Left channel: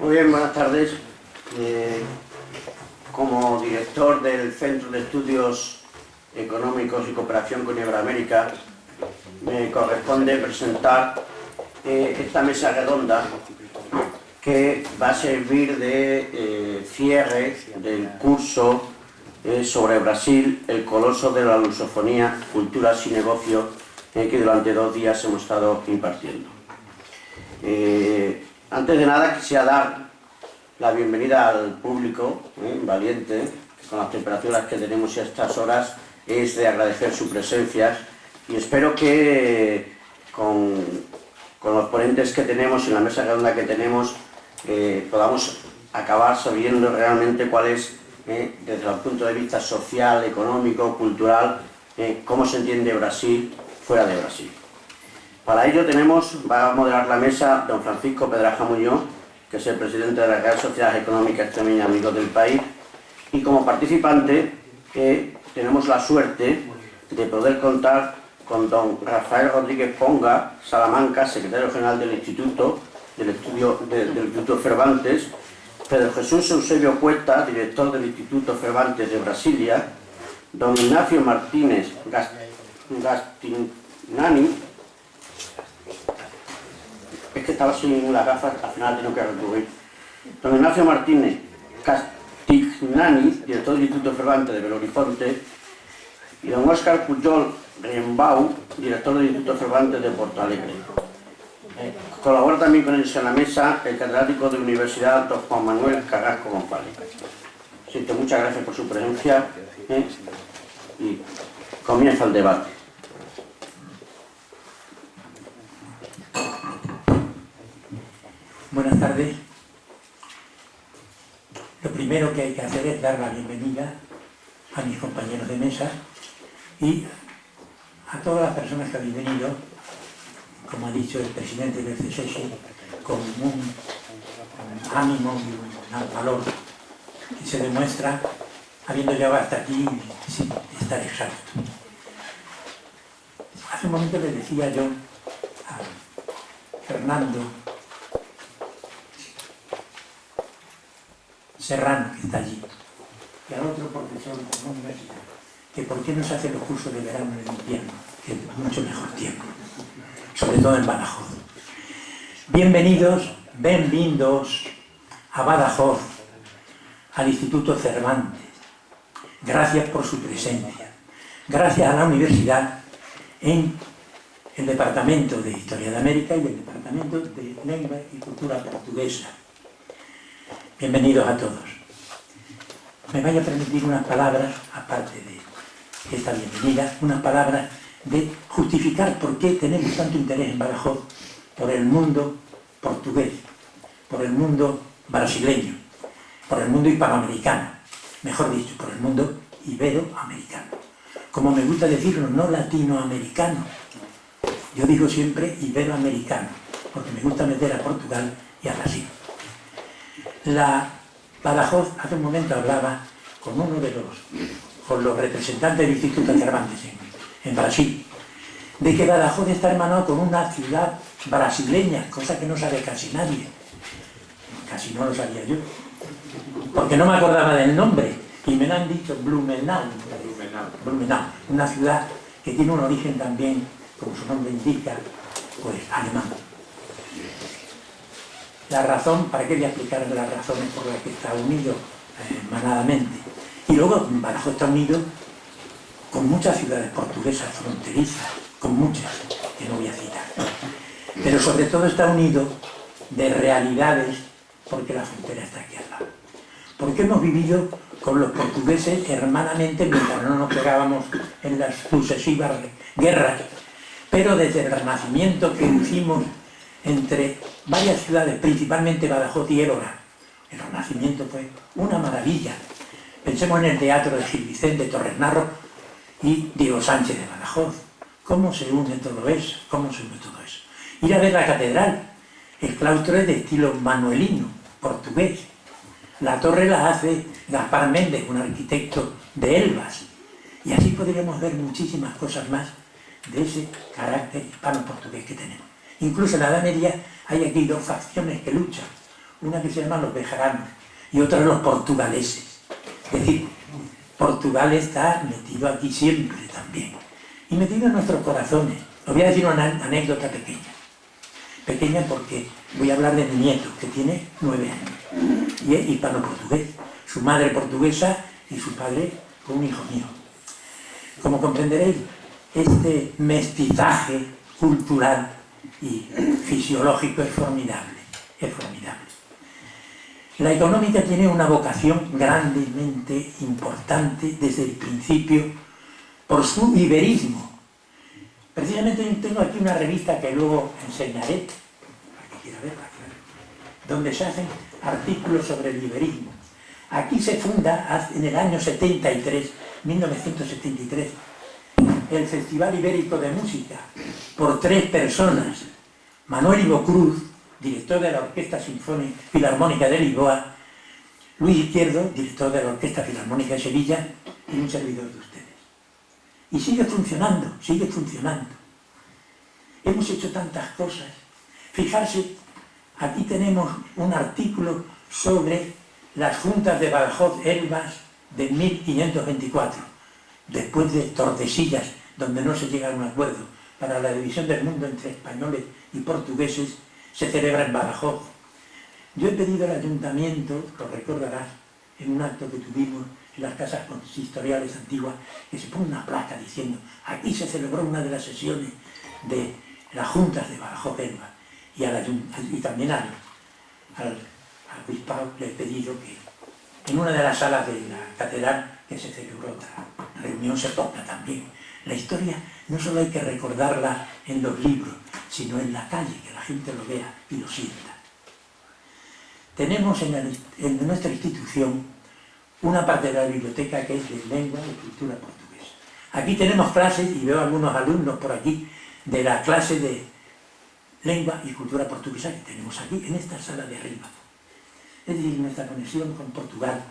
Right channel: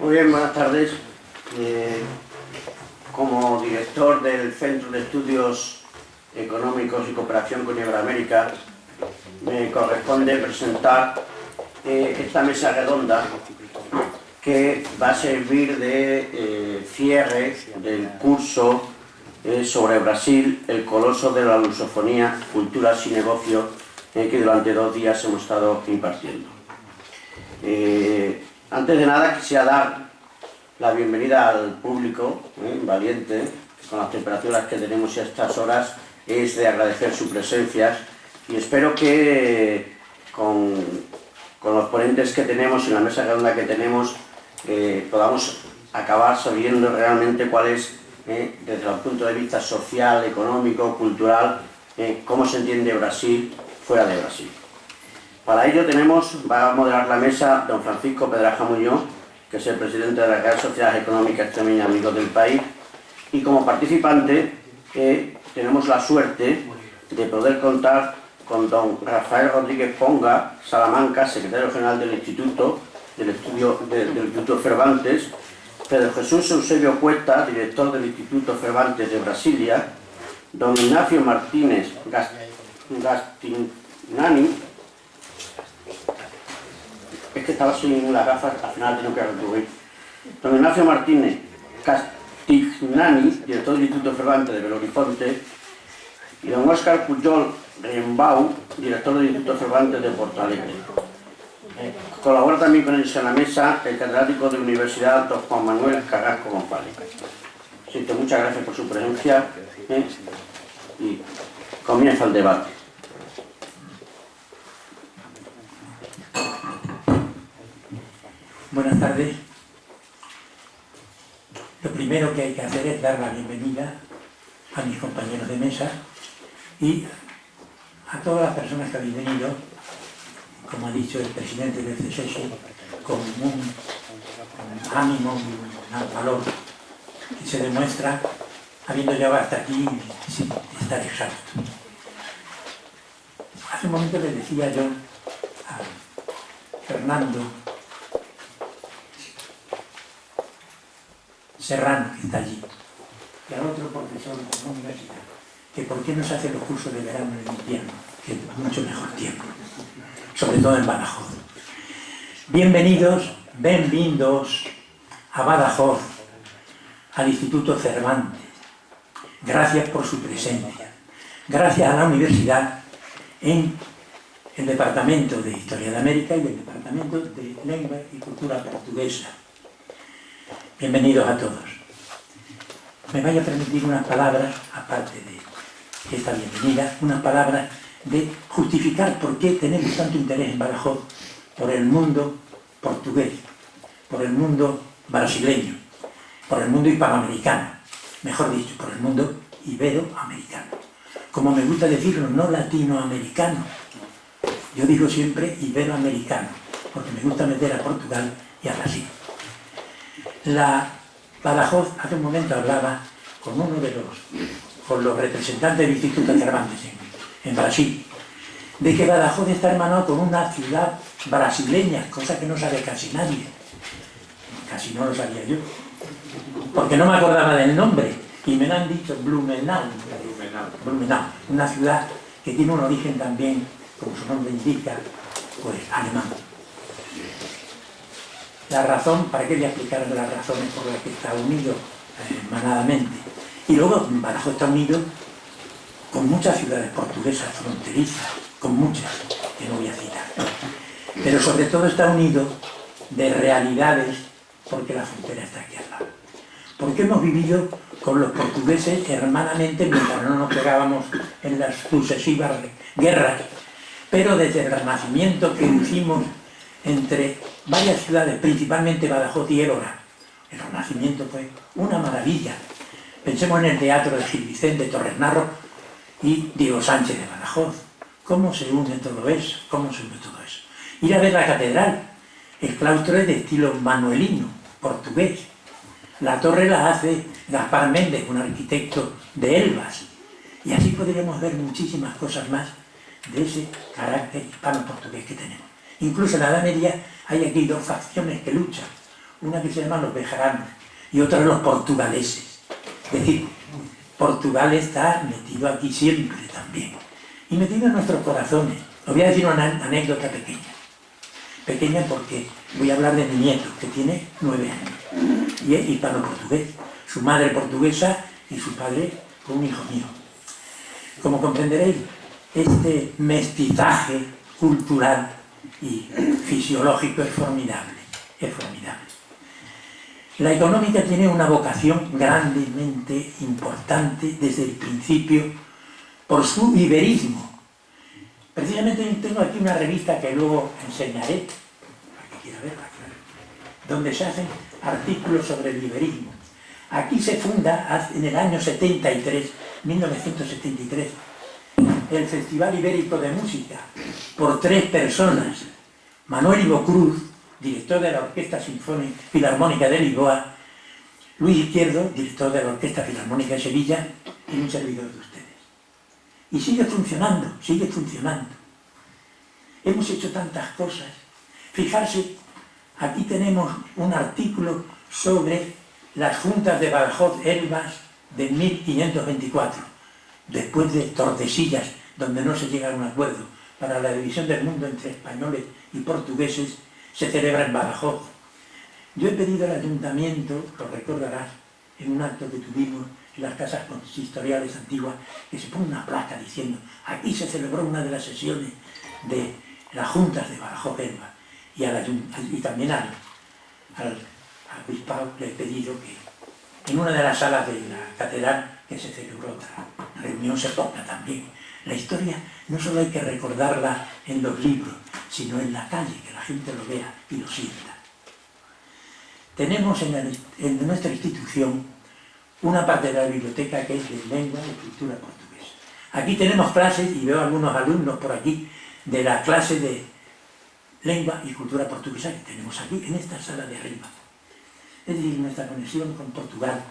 Muy bien, buenas tardes. Como director del Centro de Estudios Económicos y Cooperación con Iberoamérica, me corresponde presentar esta mesa redonda que va a servir de cierre del curso sobre Brasil, el coloso de la lusofonía, culturas y negocios, que durante 2 días hemos estado impartiendo. Antes de nada quisiera dar la bienvenida al público valiente, que con las temperaturas que tenemos a estas horas es de agradecer su presencia, y espero que con los ponentes que tenemos y la mesa redonda que tenemos podamos acabar sabiendo realmente cuál es, desde el punto de vista social, económico, cultural, cómo se entiende Brasil fuera de Brasil. Para ello va a moderar la mesa don Francisco Pedraja Muñoz, que es el presidente de la Real Sociedad Económica Extremeña Amigos del País, y como participante tenemos la suerte de poder contar con don Rafael Rodríguez Ponga Salamanca, secretario general del Instituto Cervantes, Pedro Jesús Eusebio Cuesta, director del Instituto Cervantes de Brasilia, don Ignacio Martínez Gastinani, es que estaba sin las gafas, al final tengo que recurrir, don Ignacio Martínez Castignani, director del Instituto Cervantes de Belo Horizonte, y don Óscar Pujol Riembau, director del Instituto Cervantes de Porto Alegre. Colabora también con ellos en la mesa el catedrático de la Universidad don Juan Manuel Carrasco González. Así que muchas gracias por su presencia y comienza el debate. Buenas tardes. Lo primero que hay que hacer es dar la bienvenida a mis compañeros de mesa y a todas las personas que habéis venido, como ha dicho el presidente del CSS, con un ánimo y un valor que se demuestra habiendo llegado hasta aquí sin estar exhausto. Hace un momento le decía yo a Fernando Serrano, que está allí, y al otro profesor de la universidad, que por qué no se hacen los cursos de verano en el invierno, que es mucho mejor tiempo, sobre todo en Badajoz. Bienvenidos a Badajoz, al Instituto Cervantes. Gracias por su presencia. Gracias a la universidad en el Departamento de Historia de América y el Departamento de Lengua y Cultura Portuguesa. Bienvenidos a todos. Me vaya a permitir unas palabras, aparte de esta bienvenida, unas palabras de justificar por qué tenemos tanto interés en Badajoz por el mundo portugués, por el mundo brasileño, por el mundo hispanoamericano, mejor dicho, por el mundo iberoamericano. Como me gusta decirlo, no latinoamericano. Yo digo siempre iberoamericano, porque me gusta meter a Portugal y a Brasil. Badajoz, hace un momento hablaba con los representantes del Instituto Cervantes en Brasil, de que Badajoz está hermanado con una ciudad brasileña, cosa que no sabe casi nadie. Casi no lo sabía yo, porque no me acordaba del nombre, y me lo han dicho, Blumenau, una ciudad que tiene un origen también, como su nombre indica, pues alemán. La razón, ¿para qué voy a explicar las razones por las que está unido manadamente? Y luego Badajoz está unido con muchas ciudades portuguesas fronterizas, con muchas, que no voy a citar. Pero sobre todo está unido de realidades porque la frontera está aquí al lado. Porque hemos vivido con los portugueses hermanamente mientras no nos pegábamos en las sucesivas guerras, pero desde el Renacimiento que hicimos entre varias ciudades, principalmente Badajoz y Évora. El Renacimiento fue una maravilla. Pensemos en el teatro de Gil Vicente Torres Narro y Diego Sánchez de Badajoz. ¿Cómo se une todo eso? Ir a ver la catedral. El claustro es de estilo manuelino, portugués. La torre la hace Gaspar Méndez, un arquitecto de Elvas. Y así podríamos ver muchísimas cosas más de ese carácter hispano-portugués que tenemos. Incluso en la Edad Media hay aquí 2 facciones que luchan. una que se llama los bejaranos y otra los portugaleses. Es decir, Portugal está metido aquí siempre también, y metido en nuestros corazones. Os voy a decir una anécdota pequeña. Pequeña porque voy a hablar de mi nieto, que tiene 9 años, y es hispano-portugués. Su madre portuguesa y su padre un hijo mío. Como comprenderéis, este mestizaje cultural y fisiológico es formidable, es formidable. La económica tiene una vocación grandemente importante desde el principio por su iberismo. Precisamente tengo aquí una revista que luego enseñaré, para que quiera verla, claro, donde se hacen artículos sobre el iberismo. Aquí se funda en el año 73, 1973, el Festival Ibérico de Música por 3 personas. Manuel Ivo Cruz, director de la Orquesta Filarmónica de Lisboa, Luis Izquierdo, director de la Orquesta Filarmónica de Sevilla, y un servidor de ustedes. Y sigue funcionando, sigue funcionando. Hemos hecho tantas cosas. Fijarse, aquí tenemos un artículo sobre las juntas de Badajoz-Elvas de 1524, después de Tordesillas, donde no se llega a un acuerdo para la división del mundo entre españoles y portugueses, se celebra en Badajoz. Yo he pedido al ayuntamiento, lo recordarás, en un acto que tuvimos en las casas consistoriales antiguas, que se ponga una placa diciendo: aquí se celebró una de las sesiones de las juntas de Badajoz-Elvas, y también al obispado le he pedido que en una de las salas de la catedral que se celebró otra reunión se ponga también. La historia no solo hay que recordarla en los libros, sino en la calle, que la gente lo vea y lo sienta. Tenemos en nuestra institución una parte de la biblioteca que es de lengua y cultura portuguesa. Aquí tenemos clases, y veo algunos alumnos por aquí, de la clase de lengua y cultura portuguesa que tenemos aquí, en esta sala de arriba. Es decir, nuestra conexión con Portugal,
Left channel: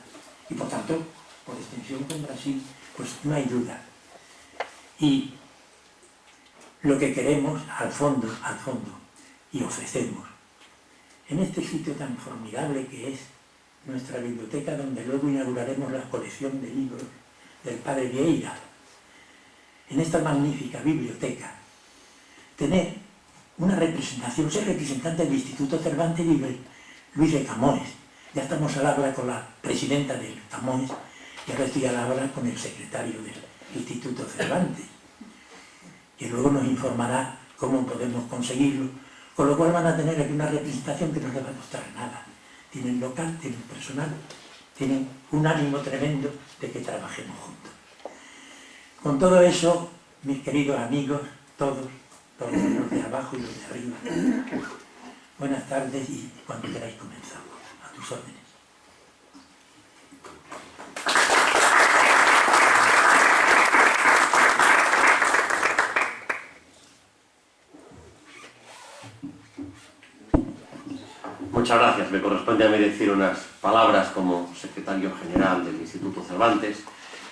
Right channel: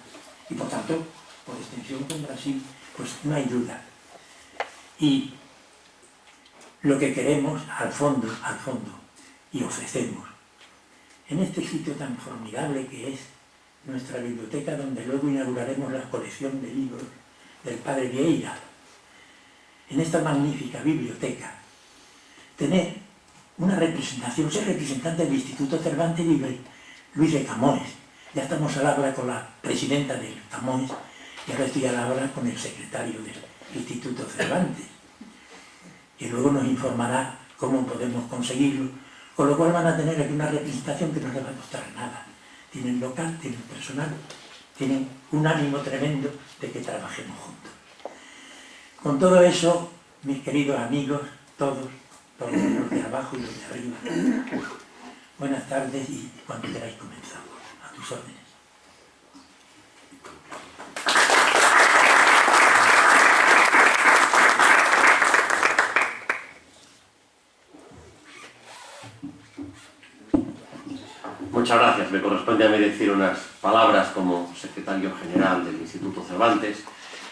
y por tanto, por extensión con Brasil, pues no hay duda. Y lo que queremos al fondo, y ofrecemos, en este sitio tan formidable que es nuestra biblioteca, donde luego inauguraremos la colección de libros del padre Vieira, en esta magnífica biblioteca, tener una representación, ser representante del Instituto Cervantes Libre, Luis de Camões. Ya estamos al habla con la presidenta del Camões, y ahora estoy al habla con el secretario del Instituto Cervantes, que luego nos informará cómo podemos conseguirlo, con lo cual van a tener aquí una representación que no les va a costar nada. Tienen local, tienen personal, tienen un ánimo tremendo de que trabajemos juntos. Con todo eso, mis queridos amigos, todos los de abajo y los de arriba, buenas tardes, y cuando queráis comenzamos. A tus órdenes. Muchas gracias. Me corresponde a mí decir unas palabras como secretario general del Instituto Cervantes.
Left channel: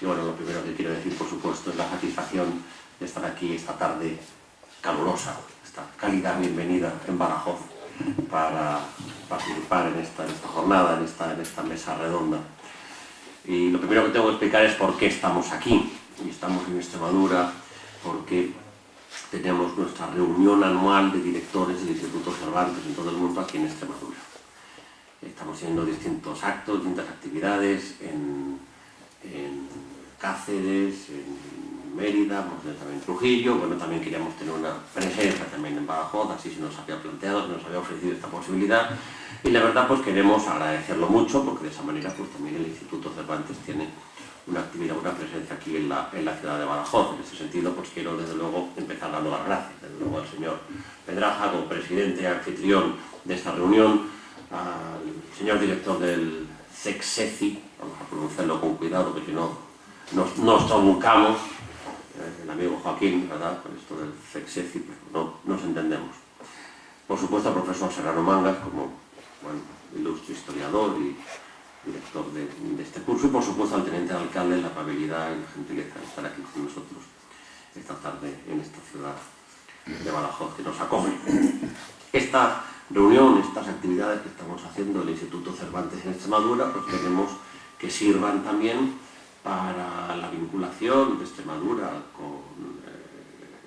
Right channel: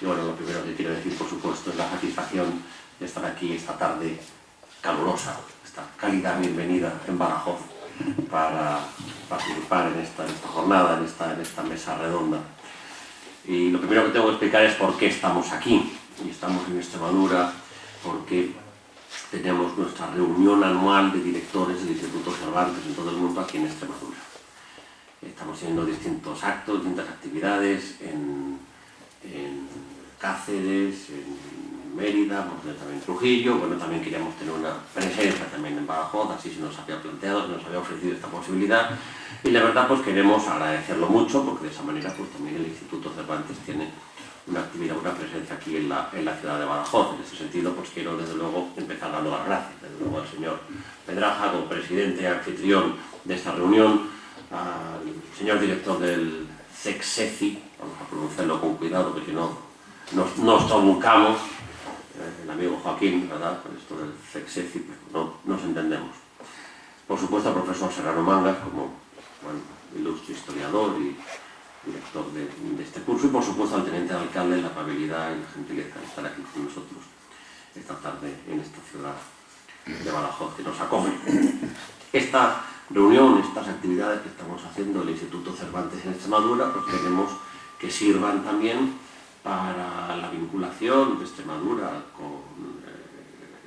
Y bueno, lo primero que quiero decir, por supuesto, es la satisfacción de estar aquí esta tarde calurosa, esta cálida bienvenida en Badajoz, para participar en esta jornada, en esta mesa redonda. Y lo primero que tengo que explicar es por qué estamos aquí. Y estamos en Extremadura porque tenemos nuestra reunión anual de directores del Instituto Cervantes en todo el mundo aquí en Extremadura. Estamos teniendo distintos actos, distintas actividades en Cáceres, en Mérida, también en Trujillo. Bueno, también queríamos tener una presencia también en Badajoz, así se nos había planteado, se nos había ofrecido esta posibilidad. Y la verdad, pues queremos agradecerlo mucho, porque de esa manera pues también el Instituto Cervantes tiene una actividad, una presencia aquí en la ciudad de Badajoz. En ese sentido, pues quiero desde luego empezar dando las gracias, desde luego al señor Pedraja, como presidente y anfitrión de esta reunión, al señor director del CECSECI, vamos a pronunciarlo con cuidado porque nos trabucamos, el amigo Joaquín, ¿verdad?, con esto del CECSECI, pero no nos entendemos. Por supuesto al profesor Serrano Mangas, como ilustre historiador y director de este curso, y por supuesto al teniente alcalde, la amabilidad y la gentileza de estar aquí con nosotros esta tarde en esta ciudad de Badajoz que nos acoge. Esta reunión, estas actividades que estamos haciendo el Instituto Cervantes en Extremadura, pues queremos que sirvan también para la vinculación de Extremadura con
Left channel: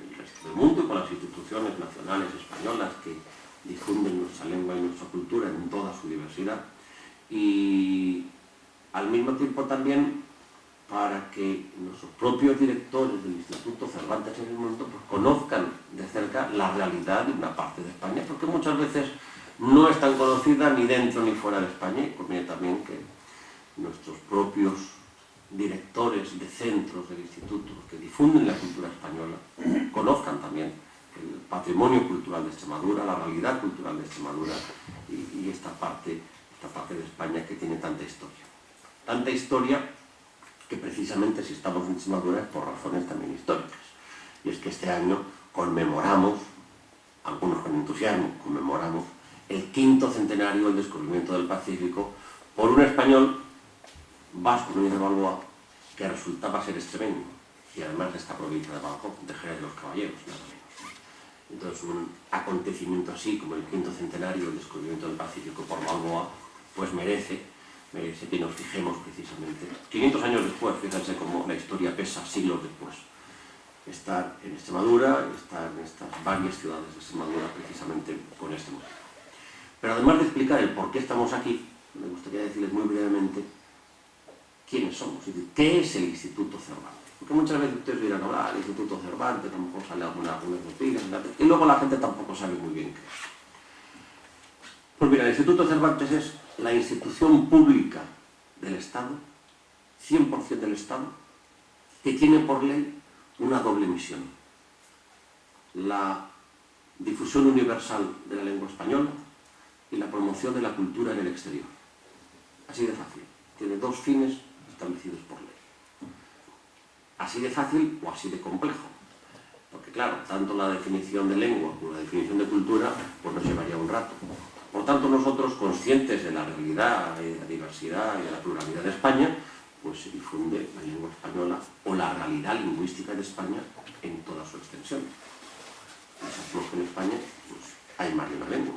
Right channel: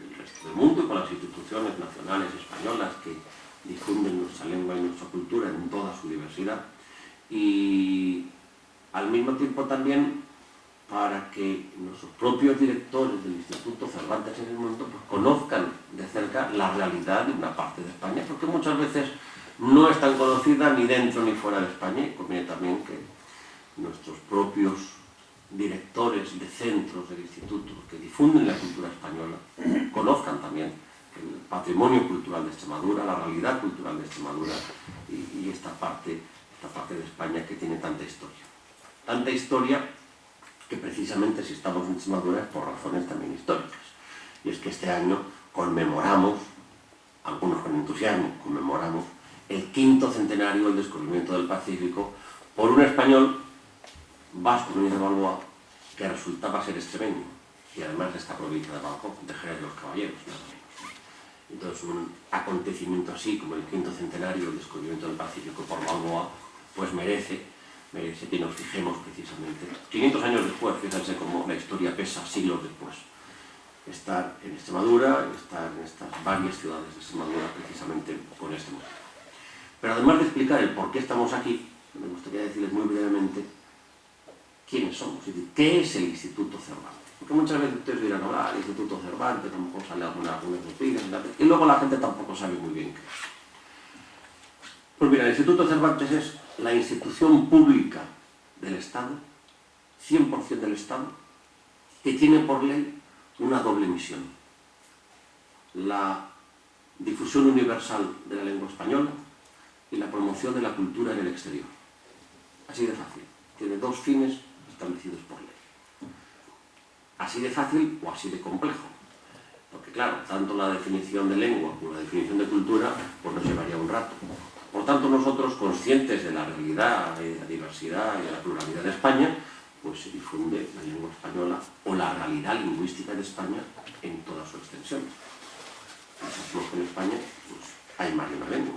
el resto del mundo y con las instituciones nacionales españolas que difunden nuestra lengua y nuestra cultura en toda su diversidad, y al mismo tiempo también para que nuestros propios directores del Instituto Cervantes en el mundo pues, conozcan de cerca la realidad de una parte de España, porque muchas veces no es tan conocida ni dentro ni fuera de España, y conviene también que nuestros propios directores de centros del instituto que difunden la cultura española conozcan también el patrimonio cultural de Extremadura, la realidad cultural de Extremadura y esta parte de España que tiene tanta historia. Tanta historia que precisamente si estamos en Extremadura es por razones también históricas. Y es que este año conmemoramos, algunos con entusiasmo, conmemoramos el 5º centenario del descubrimiento del Pacífico por un español, Vasco Núñez de Balboa, que resultaba ser extremeño, y además de esta provincia de Badajoz, de Jerez de los Caballeros, nada menos. Entonces un acontecimiento así como el 5º centenario del descubrimiento del Pacífico por Balboa, pues merece que nos fijemos precisamente. 500 años después, fíjense cómo la historia pesa siglos después. Estar en Extremadura, estar en estas varias ciudades de Extremadura precisamente con este motivo. Pero además de explicar el por qué estamos aquí, me gustaría decirles muy brevemente quiénes somos, es decir, qué es el Instituto Cervantes. Porque muchas veces ustedes dirán, el Instituto Cervantes, a lo mejor sale algunas noticias, y luego la gente tampoco sabe muy bien qué es. Pues mira, el Instituto Cervantes es la institución pública del Estado, 100% del Estado, que tiene por ley una doble misión. La difusión universal de la lengua española y la promoción de la cultura en el exterior. Así de fácil. Tiene dos fines establecidos por ley. Así de fácil o así de complejo. Porque claro, tanto la definición de lengua como la definición de cultura pues nos llevaría un rato. Por tanto, nosotros, conscientes de la realidad, de la diversidad y de la pluralidad de España, pues se difunde la lengua española o la realidad lingüística de España en toda su extensión. Sabemos que en España pues, hay más de una lengua.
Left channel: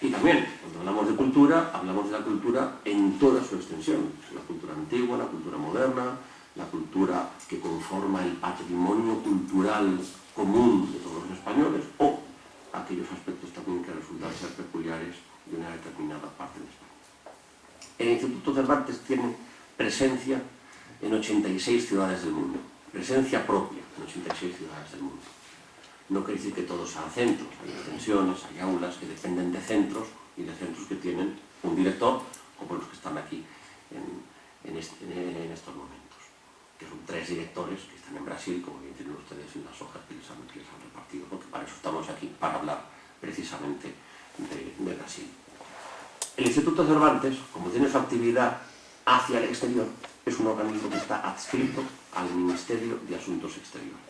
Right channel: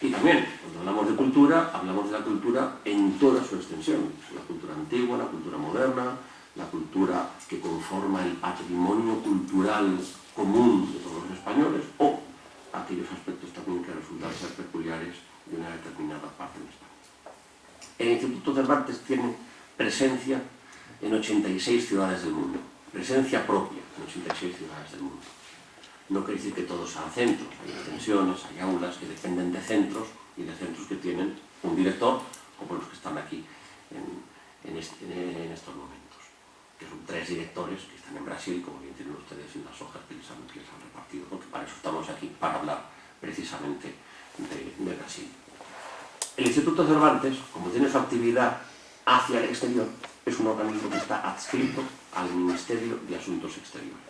Y también, cuando hablamos de cultura, hablamos de la cultura en toda su extensión. La cultura antigua, la cultura moderna, la cultura que conforma el patrimonio cultural común de todos los españoles, o aquellos aspectos también que resultan ser peculiares de una determinada parte de España. El Instituto Cervantes tiene presencia en 86 ciudades del mundo, presencia propia en 86 ciudades del mundo. No quiere decir que todos sean centros, hay extensiones, hay aulas que dependen de centros y de centros que tienen un director, como los que están aquí en estos momentos, que son 3 directores que están en Brasil, como bien tienen ustedes en las hojas que les han repartido, porque para eso estamos aquí, para hablar precisamente de Brasil. El Instituto Cervantes, como tiene su actividad hacia el exterior, es un organismo que está adscrito al Ministerio de Asuntos Exteriores.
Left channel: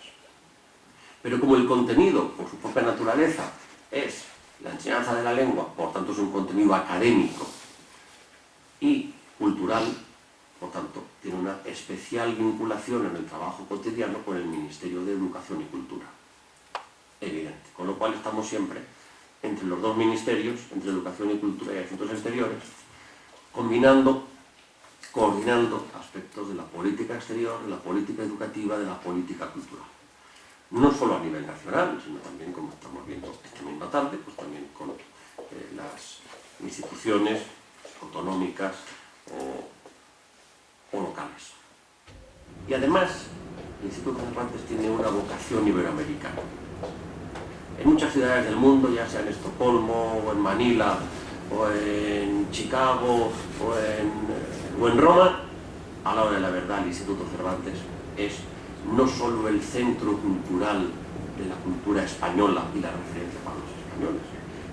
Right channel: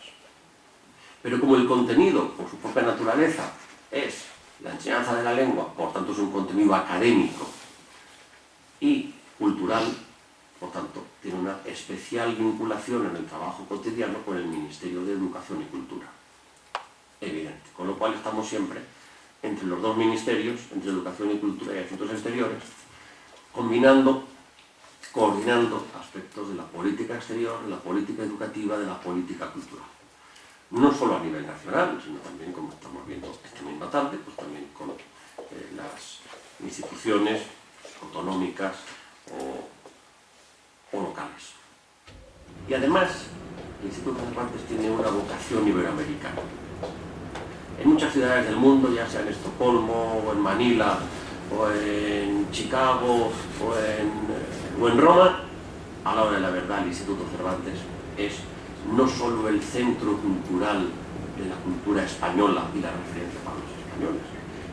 Pero como el contenido, por su propia naturaleza, es la enseñanza de la lengua, por tanto es un contenido académico y cultural, por tanto tiene una especial vinculación en el trabajo cotidiano con el Ministerio de Educación y Cultura. Evidente. Con lo cual estamos siempre entre los dos ministerios, entre Educación y Cultura y Asuntos Exteriores, coordinando aspectos de la política exterior, de la política educativa, de la política cultural. No solo a nivel nacional, sino también, como estamos viendo esta misma tarde, pues también con las instituciones autonómicas o locales. Y además, el Instituto Cervantes tiene una vocación iberoamericana. En muchas ciudades del mundo, ya sea en Estocolmo, o en Manila, o en Chicago, o en Roma, a la hora de la verdad, el Instituto Cervantes es no solo el centro cultural de la cultura española y la referencia para los españoles,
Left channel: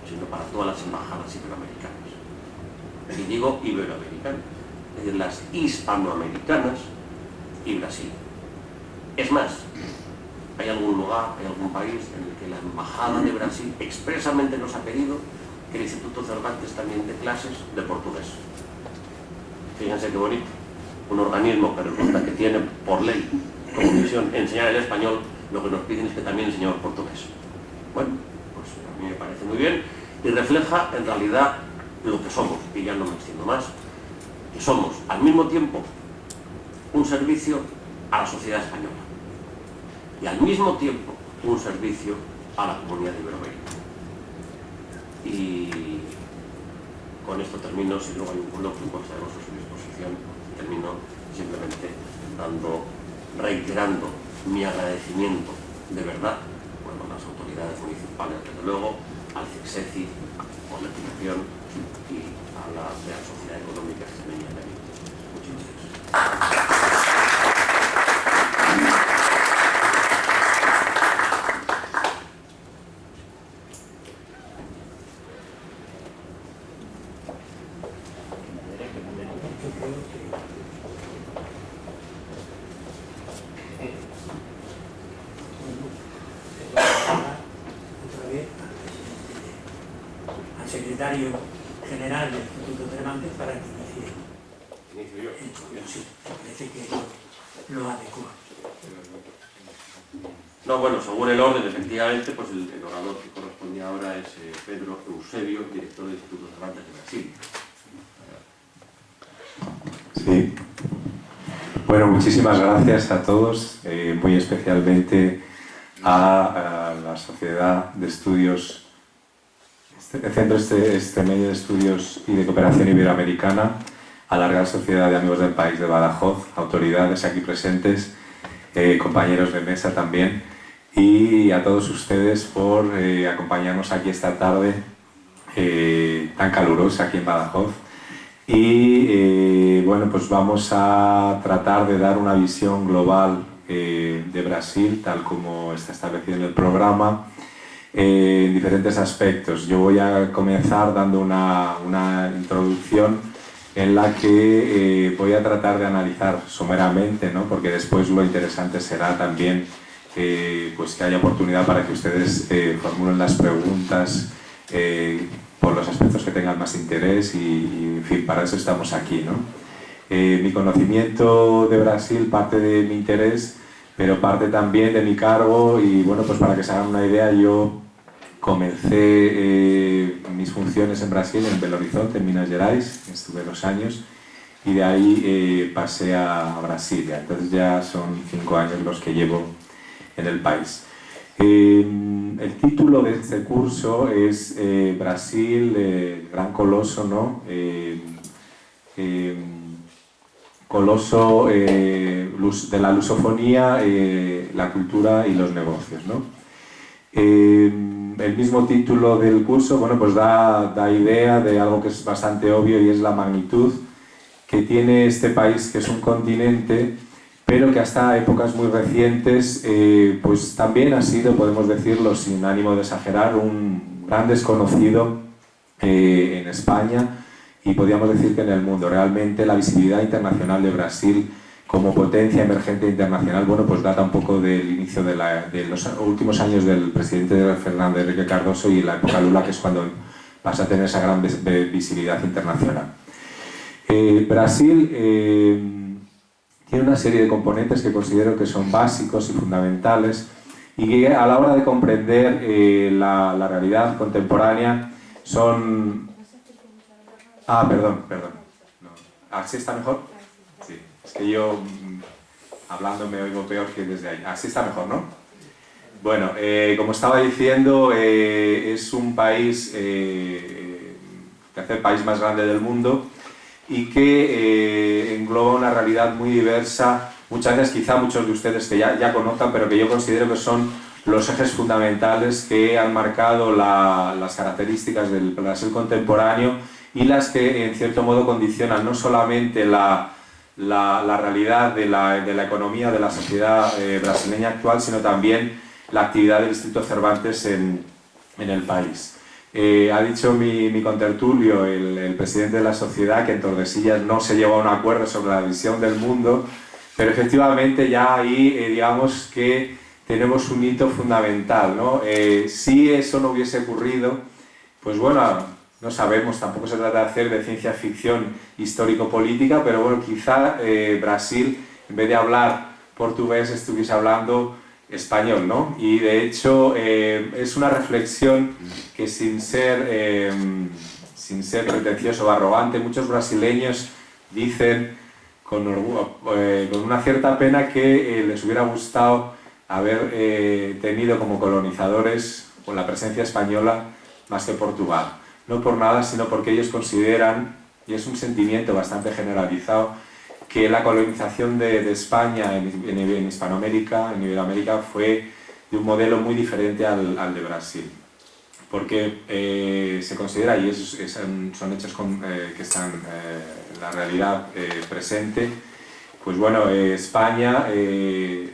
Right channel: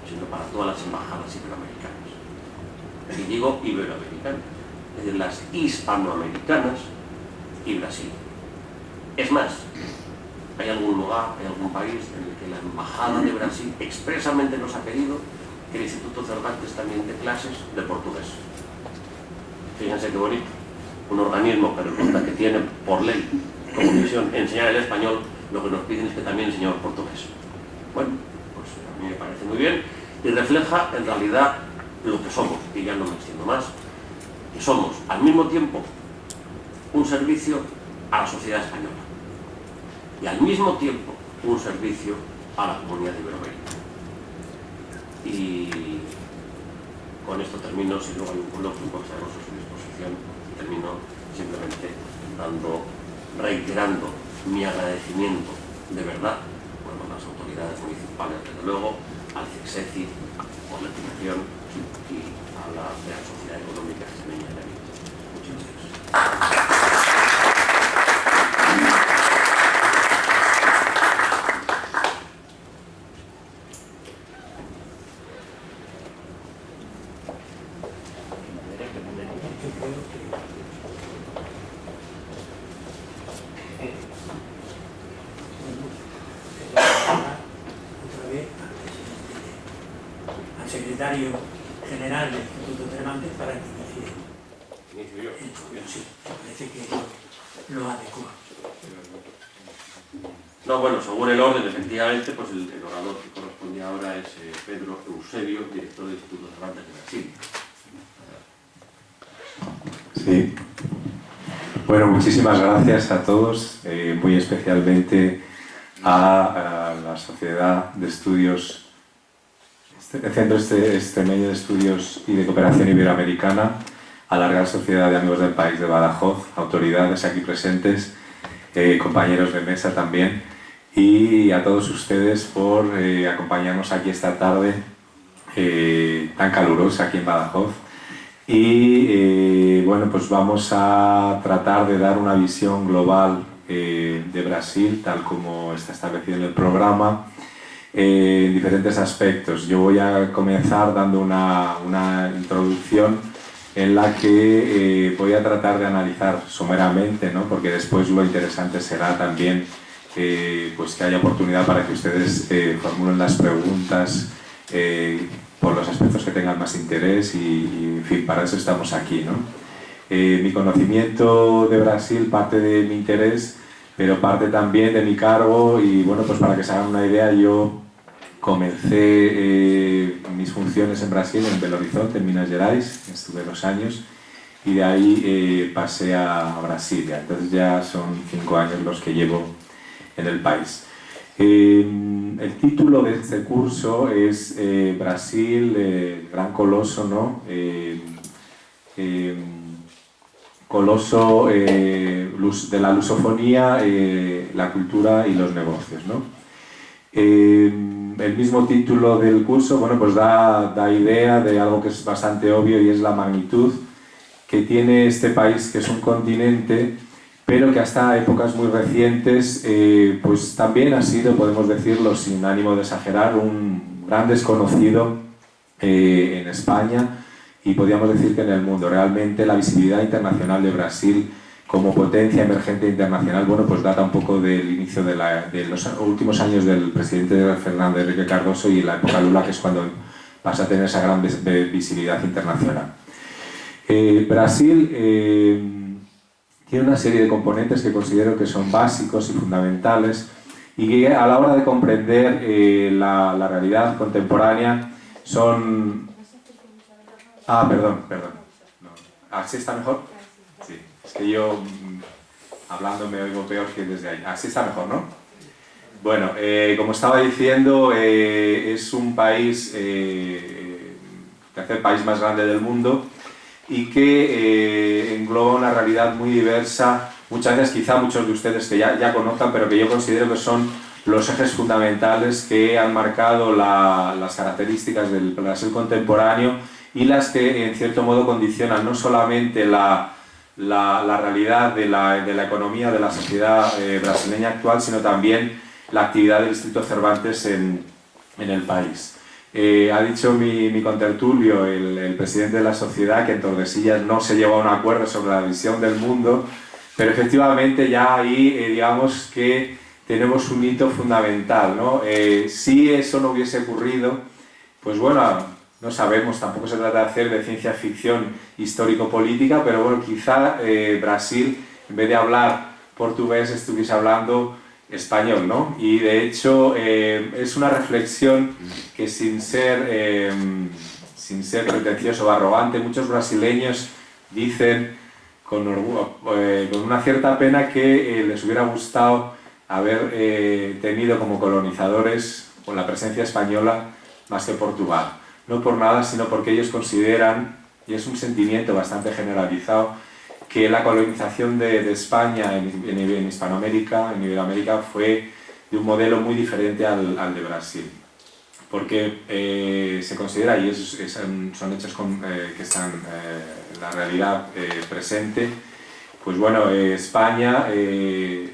sino para todas las embajadas iberoamericanas. Y digo iberoamericanas, es decir, las hispanoamericanas y Brasil. Es más, hay algún lugar, hay algún país en el que la embajada de Brasil expresamente nos ha pedido que el Instituto Cervantes también dé clases de portugués. Fíjense qué bonito. Un organismo que resulta que tiene por ley como misión enseñar el español, lo que nos piden es que también enseñemos portugués. Bueno, pues a mí me parece muy bien. Y y refleja en realidad lo que somos, y ya no me extiendo más, que somos al mismo tiempo un servicio a la sociedad española y al mismo tiempo un servicio a la comunidad iberoamericana. Y con esto termino, si luego hay un coloquio, pues estaremos a su disposición, termino simplemente reiterando mi agradecimiento de verdad, bueno, a las autoridades municipales, desde luego, al CECSECI por la financiación y a la Real Sociedad Económica Extremeña de Amigos. Muchas gracias. Al secretario general del Instituto Cervantes para que inicie. Inicio yo. Sí, parece que lo adecua. No, bueno, según el orden, efectivamente, pues el orador que corresponde ahora es Pedro Eusebio, director del Instituto Cervantes de Brasil. Sí. Bueno, muchísimas gracias a todos, muy especialmente a la Sociedad de Estudios, el Centro Extremeño de Estudios y de Cooperación Iberoamericana, a la Real Sociedad de Amigos del País de Badajoz, autoridades aquí presentes, compañeros de mesa también, y a todos ustedes por acompañarnos aquí esta tarde tan calurosa aquí en Badajoz. Y bueno, pues vamos a tratar de dar una visión global de Brasil, tal como está establecido en el programa, en diferentes aspectos. Yo voy a comenzar dando una introducción en la que voy a tratar de analizar someramente, ¿no? Porque después lo interesante será también pues que haya oportunidad para que ustedes formulen las preguntas por los aspectos que tengan más interés y en fin, para eso estamos aquí, ¿no? Mi conocimiento de Brasil parte de mi interés, pero parte también de mi cargo y bueno, pues para que se hagan una idea, yo comencé mis funciones en Brasil, en Belo Horizonte, en Minas Gerais, estuve 2 años y de ahí pasé a Brasilia, entonces ya son 5 años los que llevo en el país. El título de este curso es Brasil, el gran coloso, ¿no? Coloso de la lusofonía, la cultura y los negocios, ¿no? El mismo título del curso, bueno, pues da idea de algo que es bastante obvio y es la magnitud que tiene este país, que es un continente, pero que hasta épocas muy recientes pues también ha sido, podemos decirlo sin ánimo de exagerar, un gran desconocido en España y podríamos decir que en el mundo. Realmente la visibilidad internacional de Brasil como potencia emergente internacional, bueno, pues data un poco del inicio de los últimos años del presidente Fernando Henrique Cardoso y la época Lula, que es cuando pasa a tener esa gran visibilidad internacional. Brasil tiene una serie de componentes que considero que son básicos y fundamentales y que a la hora de comprender la realidad contemporánea son... perdón. No. ¿Así está mejor? Sí, es que yo hablando me oigo peor que desde ahí. Así está mejor, ¿no? Bueno, como estaba diciendo, es un país, tercer país más grande del mundo, y que engloba una realidad muy diversa, muchas veces quizá muchos de ustedes que ya conozcan, pero que yo considero que son los ejes fundamentales que han marcado las características del Brasil contemporáneo y las que en cierto modo condicionan no solamente la realidad de la economía de la sociedad brasileña actual, sino también la actividad del Instituto Cervantes en el país. Ha dicho mi contertulio, el presidente de la sociedad, que en Tordesillas no se llegó a un acuerdo sobre la visión del mundo, pero efectivamente ya ahí digamos que tenemos un hito fundamental, ¿no? Si eso no hubiese ocurrido, pues bueno, no sabemos, tampoco se trata de hacer de ciencia ficción histórico-política, pero bueno, quizá Brasil, en vez de hablar portugués, estuviese hablando español, ¿no? Y de hecho es una reflexión que sin ser pretencioso o arrogante, muchos brasileños dicen con una cierta pena que les hubiera gustado haber tenido como colonizadores con la presencia española más que Portugal. No por nada, sino porque ellos consideran, y es un sentimiento bastante generalizado, que la colonización de España en Hispanoamérica, en Iberoamérica, fue de un modelo muy diferente al de Brasil. Porque se considera, y son hechos que están en la realidad presente, pues bueno, España,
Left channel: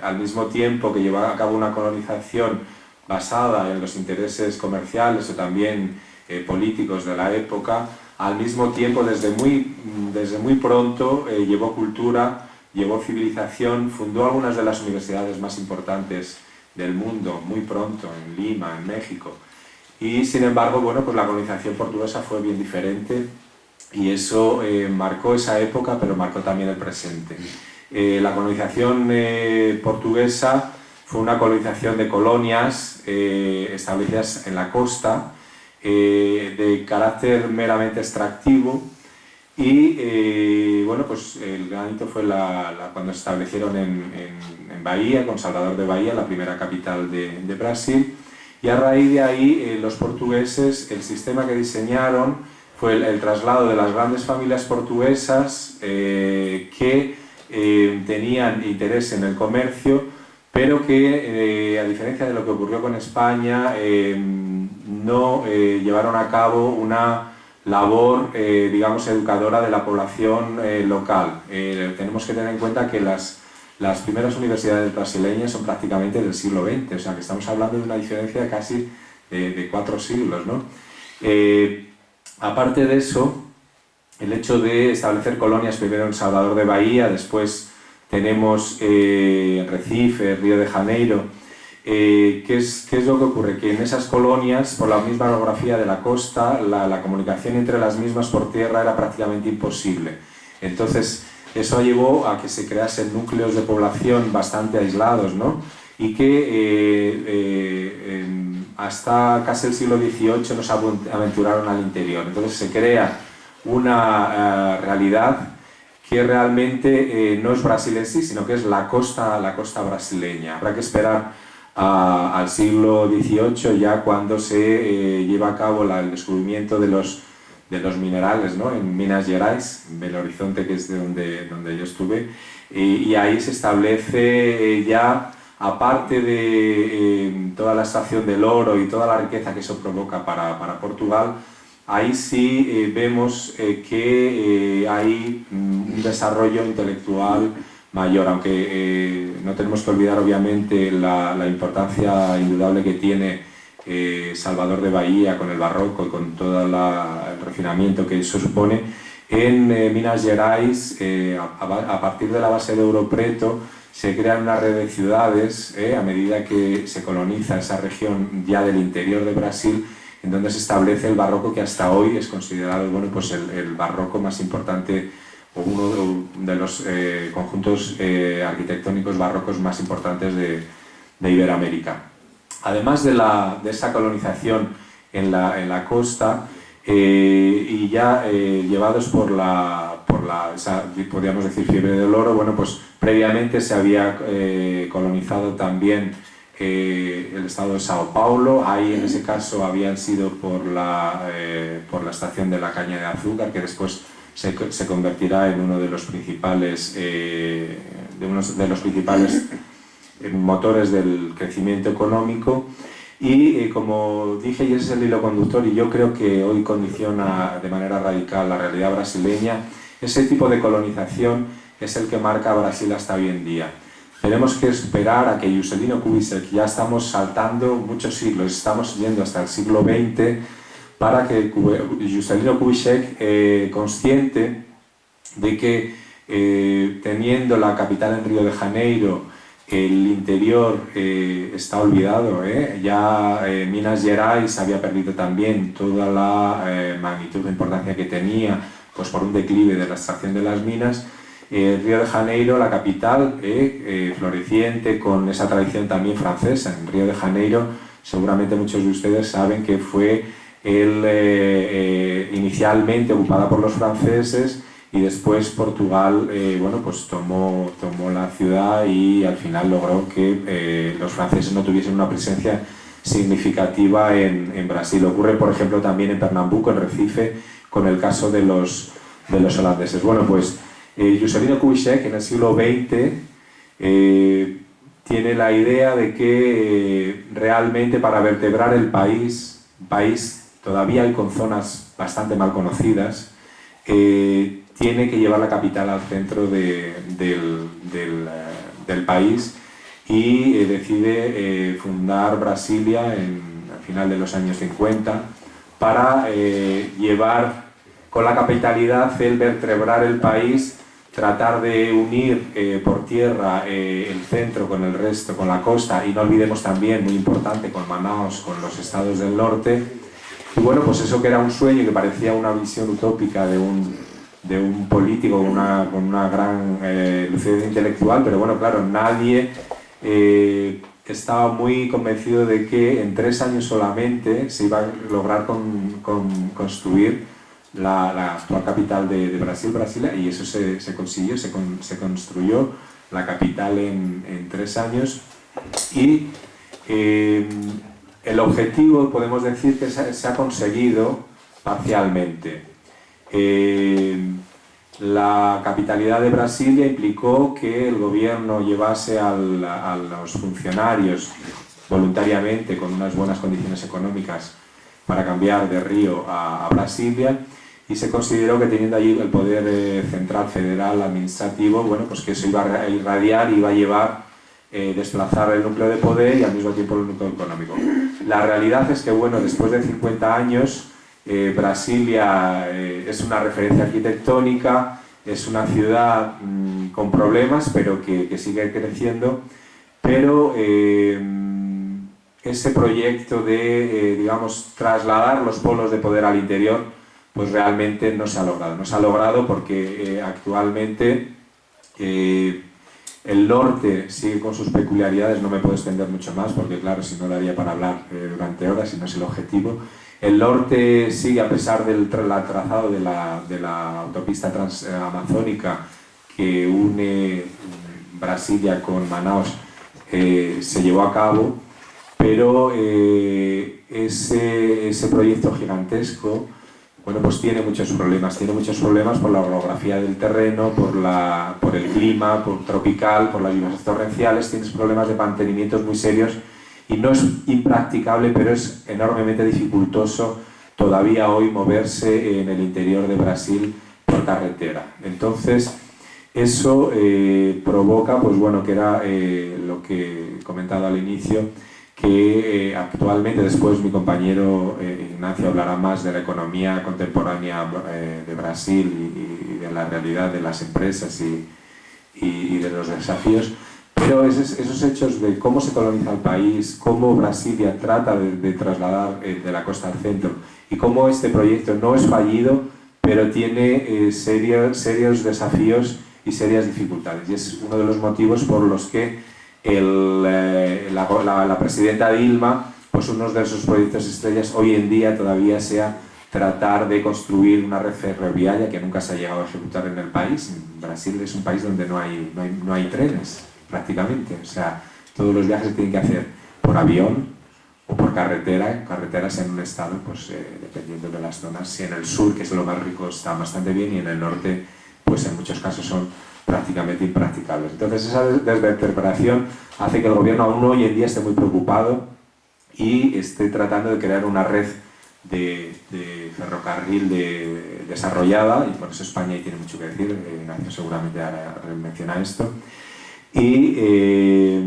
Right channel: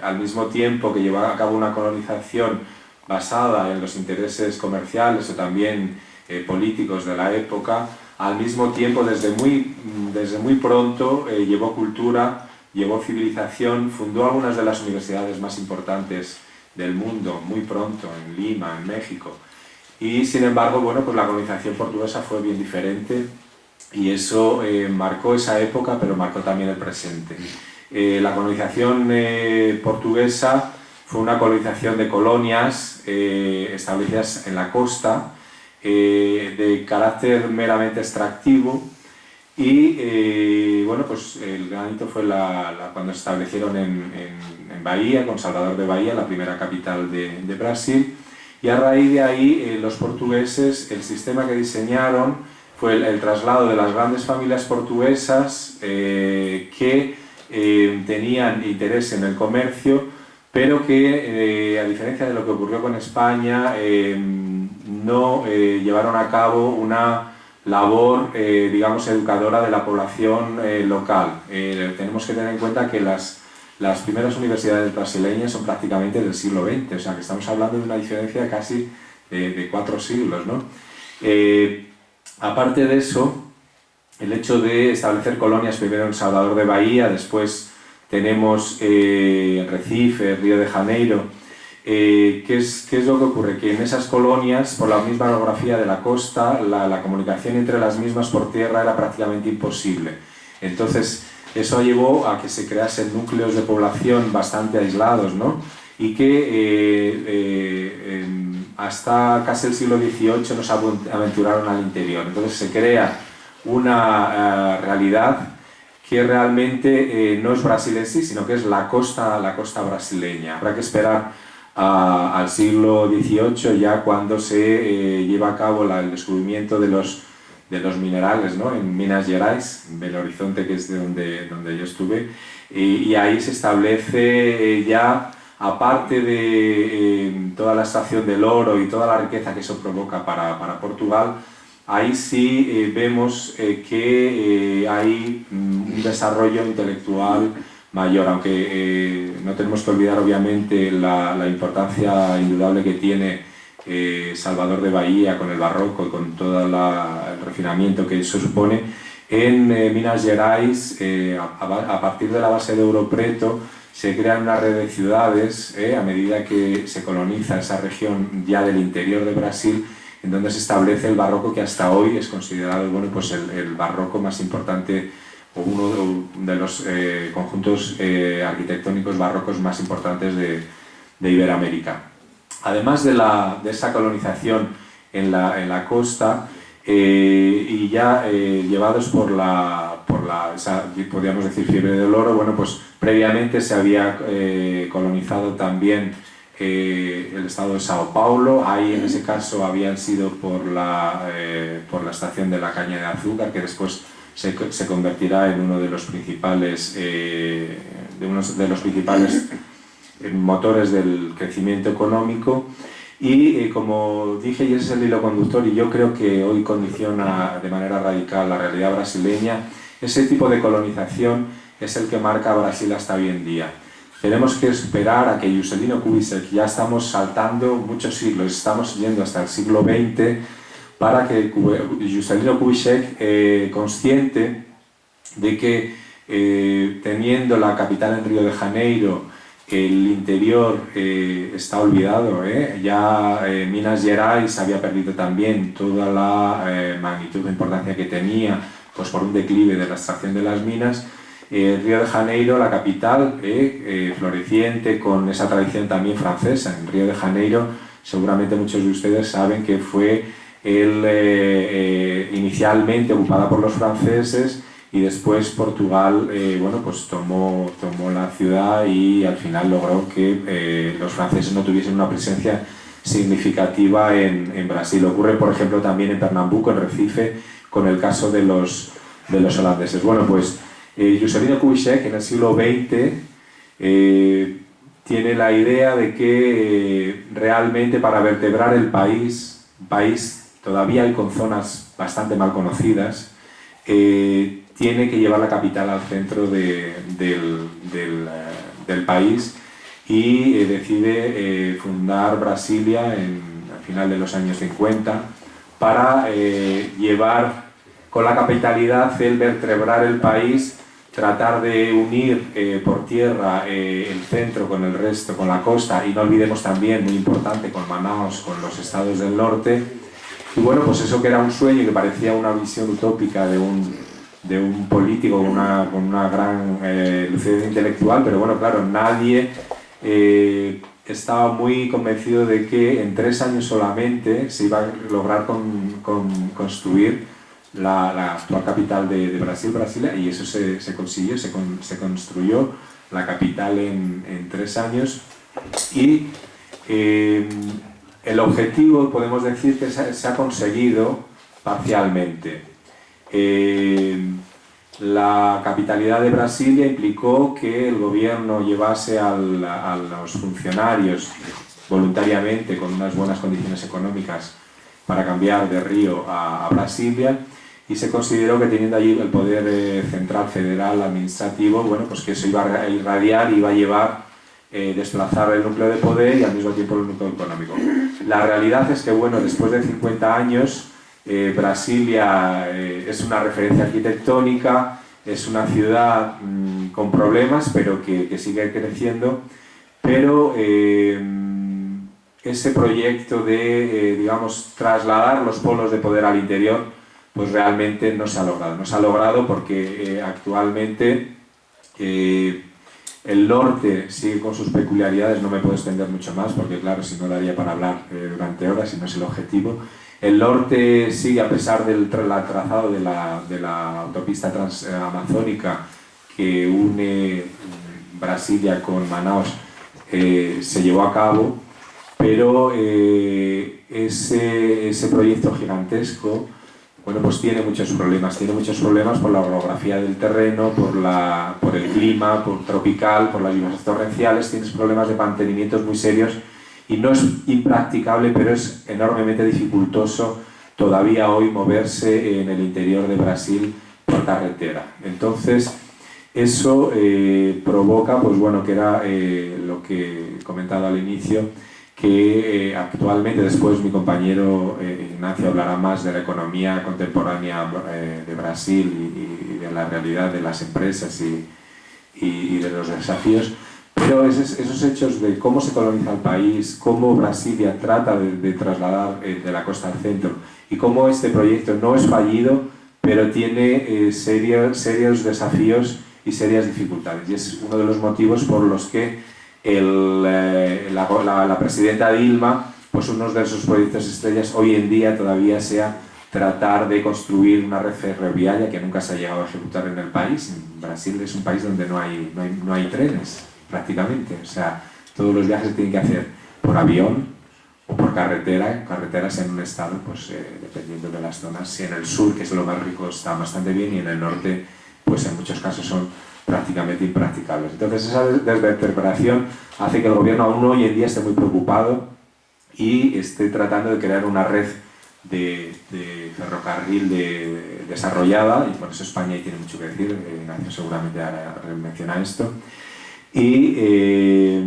al mismo tiempo que lleva a cabo una colonización basada en los intereses comerciales o también políticos de la época, al mismo tiempo, desde muy pronto, llevó cultura, llevó civilización, fundó algunas de las universidades más importantes del mundo, muy pronto, en Lima, en México. Y sin embargo, bueno, pues la colonización portuguesa fue bien diferente y eso marcó esa época, pero marcó también el presente. La colonización portuguesa fue una colonización de colonias establecidas en la costa, de carácter meramente extractivo, y bueno, pues el gran hito fue cuando se establecieron en Bahía, con Salvador de Bahía, la primera capital de Brasil, y a raíz de ahí los portugueses, el sistema que diseñaron fue el traslado de las grandes familias portuguesas que tenían interés en el comercio, pero que a diferencia de lo que ocurrió con España, no llevaron a cabo una labor, digamos, educadora de la población local. Tenemos que tener en cuenta que las primeras universidades brasileñas son prácticamente del siglo XX, o sea que estamos hablando de una diferencia casi de 4 siglos, ¿no? Aparte de eso, el hecho de establecer colonias primero en Salvador de Bahía, después tenemos Recife, Río de Janeiro. ¿Qué es lo que ocurre? Que en esas colonias, por la misma orografía de la costa, la comunicación entre las mismas por tierra era prácticamente imposible. Entonces, eso llevó a que se creasen núcleos de población bastante aislados, ¿no? Y que hasta casi el siglo XVIII no se aventuraron al interior. Entonces se crea una realidad que realmente no es Brasil en sí, sino que es la costa brasileña. Habrá que esperar al siglo XVIII, ya cuando se lleva a cabo el descubrimiento de los minerales, ¿no? En Minas Gerais, en Belo Horizonte, que es de donde yo estuve, y ahí se establece ya, aparte de toda la extracción del oro y toda la riqueza que eso provoca para Portugal, ahí sí vemos que hay un desarrollo intelectual mayor, aunque no tenemos que olvidar obviamente la importancia indudable que tiene Salvador de Bahía con el barroco y con todo el refinamiento que eso supone. En Minas Gerais, a partir de la base de Ouro Preto, se crea una red de ciudades a medida que se coloniza esa región ya del interior de Brasil, en donde se establece el barroco, que hasta hoy es considerado, bueno, pues el barroco más importante, o uno de los conjuntos arquitectónicos barrocos más importantes de Iberoamérica. Además de esa colonización en la costa, y ya llevados por esa, podríamos decir, fiebre del oro, bueno, pues previamente se había colonizado también el estado de Sao Paulo. Ahí en ese caso habían sido por la extracción de la caña de azúcar, que después se convertirá en uno de los principales motores del crecimiento económico. Y como dije, y ese es el hilo conductor, y yo creo que hoy condiciona de manera radical la realidad brasileña, ese tipo de colonización es el que marca a Brasil hasta hoy en día. Tenemos que esperar a que Juscelino Kubitschek, ya estamos saltando muchos siglos, estamos yendo hasta el siglo XX, para que Juscelino Kubitschek, consciente de que teniendo la capital en Río de Janeiro, el interior está olvidado, ya Minas Gerais había perdido también toda la magnitud de importancia que tenía, pues por un declive de la extracción de las minas, Río de Janeiro, la capital, floreciente, con esa tradición también francesa. En Río de Janeiro, seguramente muchos de ustedes saben que fue inicialmente ocupada por los franceses y después Portugal bueno, pues tomó la ciudad y al final logró que los franceses no tuviesen una presencia significativa en Brasil. Ocurre, por ejemplo, también en Pernambuco, en Recife, con el caso de los holandeses. Bueno, pues Juscelino Kubitschek en el siglo XX tiene la idea de que realmente para vertebrar el país todavía hay con zonas bastante mal conocidas, tiene que llevar la capital al centro del país y decide fundar Brasilia al final de los años 50 para llevar con la capitalidad, vertebrar el país, tratar de unir por tierra el centro con el resto, con la costa, y no olvidemos también, muy importante, con Manaus, con los estados del norte. Y bueno, pues eso que era un sueño, que parecía una visión utópica de un político con una gran lucidez intelectual, pero bueno, claro, nadie estaba muy convencido de que en 3 años solamente se iba a lograr construir la actual capital de Brasil, Brasilia, y eso se consiguió, se construyó la capital en 3 años y el objetivo podemos decir que se ha conseguido parcialmente. La capitalidad de Brasilia implicó que el gobierno llevase a los funcionarios voluntariamente con unas buenas condiciones económicas para cambiar de Río a Brasilia, y se consideró que teniendo allí el poder central, federal, administrativo, bueno, pues que eso iba a irradiar, iba a llevar, desplazar el núcleo de poder y al mismo tiempo el núcleo económico. La realidad es que, bueno, después de 50 años, Brasilia es una referencia arquitectónica, es una ciudad con problemas, pero que sigue creciendo, pero ese proyecto de, digamos, trasladar los polos de poder al interior, pues realmente no se ha logrado. No se ha logrado porque actualmente el norte sigue con sus peculiaridades, no me puedo extender mucho más porque claro, si no daría para hablar durante horas y no es el objetivo. El norte sigue, a pesar del trazado de la autopista transamazónica que une Brasilia con Manaus, se llevó a cabo, pero ese proyecto gigantesco, bueno, pues tiene muchos problemas por la orografía del terreno, por el clima, por tropical, por las lluvias torrenciales, tienes problemas de mantenimiento muy serios y no es impracticable, pero es enormemente dificultoso todavía hoy moverse en el interior de Brasil por carretera. Entonces, eso provoca, pues bueno, que era lo que he comentado al inicio, que actualmente, después mi compañero Ignacio hablará más de la economía contemporánea de Brasil y de la realidad de las empresas y de los desafíos, pero esos hechos de cómo se coloniza el país, cómo Brasilia trata de trasladar de la costa al centro y cómo este proyecto no es fallido, pero tiene serios desafíos y serias dificultades, y es uno de los motivos por los que la presidenta Dilma, pues uno de sus proyectos estrellas hoy en día todavía sea tratar de construir una red ferroviaria que nunca se ha llegado a ejecutar en el país. Brasil es un país donde no hay trenes prácticamente, o sea, todos los viajes se tienen que hacer por avión o por carreteras en un estado, pues dependiendo de las zonas. Si en el sur, que es lo más rico, está bastante bien, y en el norte, pues en muchos casos son prácticamente impracticables. Entonces esa desvertebración hace que el gobierno aún hoy en día esté muy preocupado y esté tratando de crear una red de ferrocarril desarrollada, y por eso España ahí tiene mucho que decir. Ignacio seguramente ahora menciona esto, y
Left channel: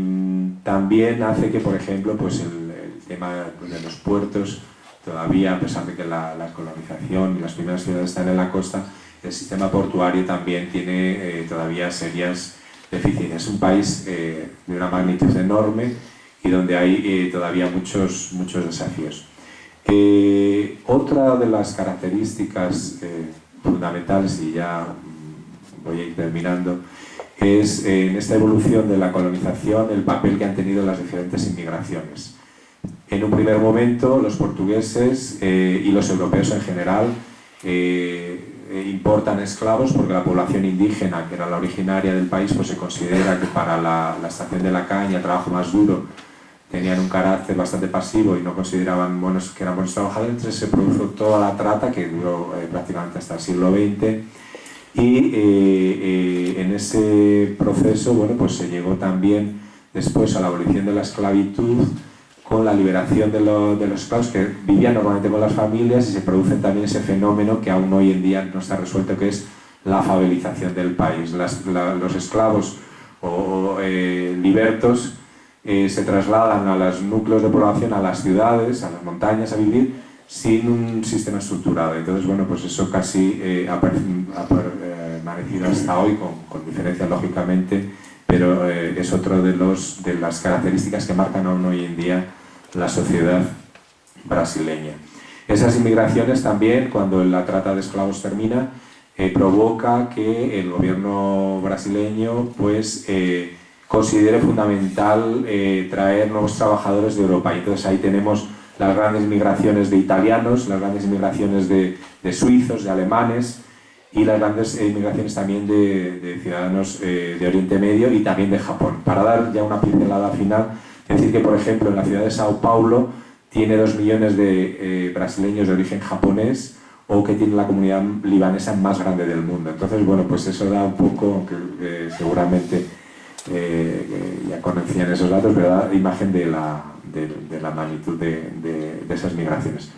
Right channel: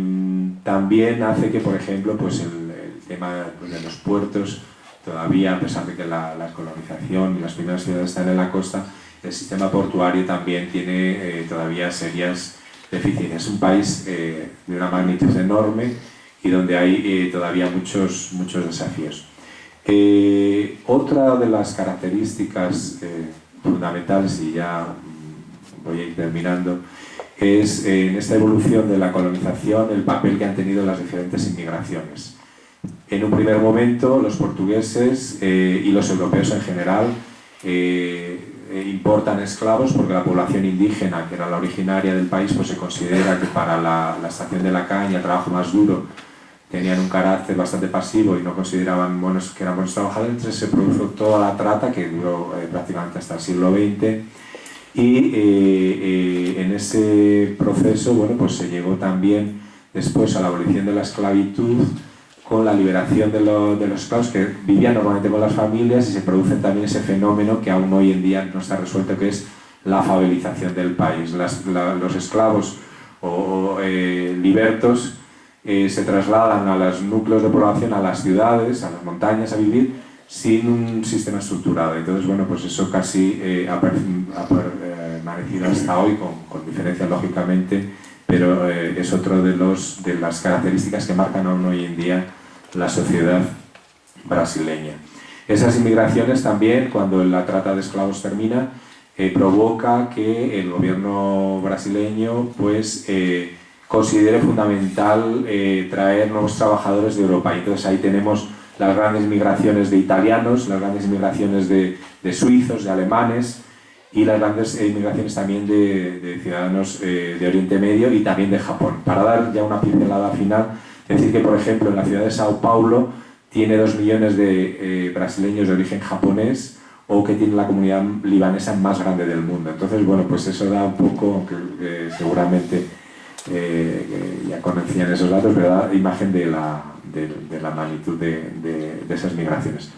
también hace que, por ejemplo, pues el tema de los puertos, todavía, a pesar de que la colonización y las primeras ciudades están en la costa, el sistema portuario también tiene todavía serias deficiencias. Es un país de una magnitud enorme y donde hay todavía muchos desafíos. Otra de las características fundamentales, y ya voy a ir terminando, es en esta evolución de la colonización el papel que han tenido las diferentes inmigraciones. En un primer momento los portugueses y los europeos en general importan esclavos porque la población indígena, que era la originaria del país, pues se considera que para la extracción de la caña, el trabajo más duro, tenían un carácter bastante pasivo y no consideraban que eran buenos trabajadores. Entonces se produjo toda la trata que duró prácticamente hasta el siglo XX y en ese proceso pues se llegó también después a la abolición de la esclavitud con la liberación de los esclavos que vivían normalmente con las familias, y se produce también ese fenómeno que aún hoy en día no está resuelto, que es la favelización del país. Los esclavos o libertos se trasladan a los núcleos de población, a las ciudades, a las montañas a vivir sin un sistema estructurado. Entonces, pues eso casi ha permanecido hasta hoy, con diferencias lógicamente, pero es otro de las características que marcan aún hoy en día la sociedad brasileña. Esas inmigraciones también, cuando la trata de esclavos termina, provoca que el gobierno brasileño considere fundamental traer nuevos trabajadores de Europa. Y entonces ahí tenemos las grandes migraciones de italianos, las grandes migraciones de suizos, de alemanes, y las grandes inmigraciones también de ciudadanos de Oriente Medio y también de Japón. Para dar ya una pincelada final, decir que, por ejemplo, en la ciudad de Sao Paulo tiene 2 millones de brasileños de origen japonés, o que tiene la comunidad libanesa más grande del mundo. Entonces, pues eso da un poco, aunque seguramente ya conocían esos datos, pero da imagen de la magnitud de esas migraciones.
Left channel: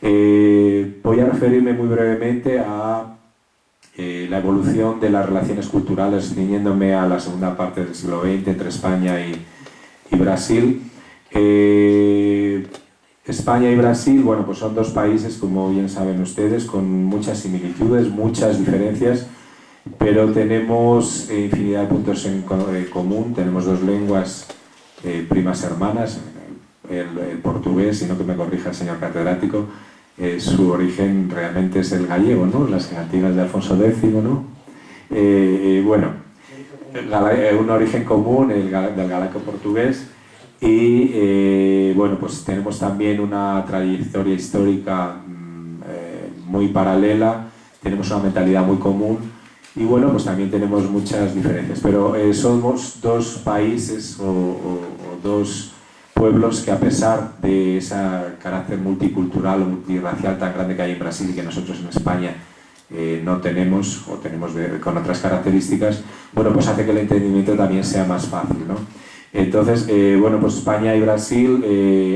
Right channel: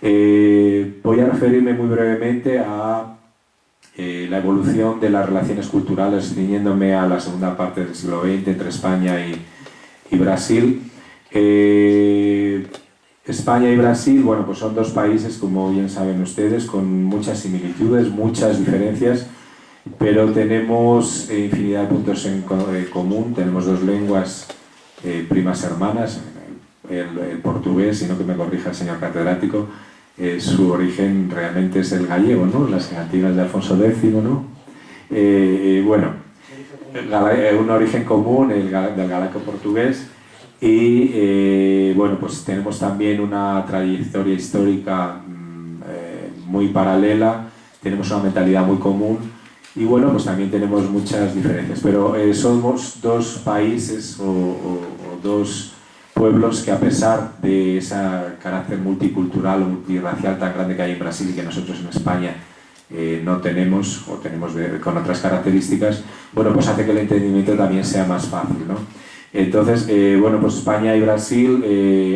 Voy a referirme muy brevemente a la evolución de las relaciones culturales, ciñéndome a la segunda parte del siglo XX entre España y Brasil. España y Brasil, pues son dos países, como bien saben ustedes, con muchas similitudes, muchas diferencias, pero tenemos infinidad de puntos en común. Tenemos 2 lenguas primas hermanas, el portugués, y no que me corrija el señor catedrático, su origen realmente es el gallego, ¿no? Las cantigas de Alfonso X, ¿no? Un origen común, del galaco portugués, y pues tenemos también una trayectoria histórica muy paralela, tenemos una mentalidad muy común, y pues también tenemos muchas diferencias, pero somos 2 países o 2 pueblos que, a pesar de ese carácter multicultural o multirracial tan grande que hay en Brasil y que nosotros en España no tenemos, o tenemos con otras características, pues hace que el entendimiento también sea más fácil, ¿no? Entonces, pues España y Brasil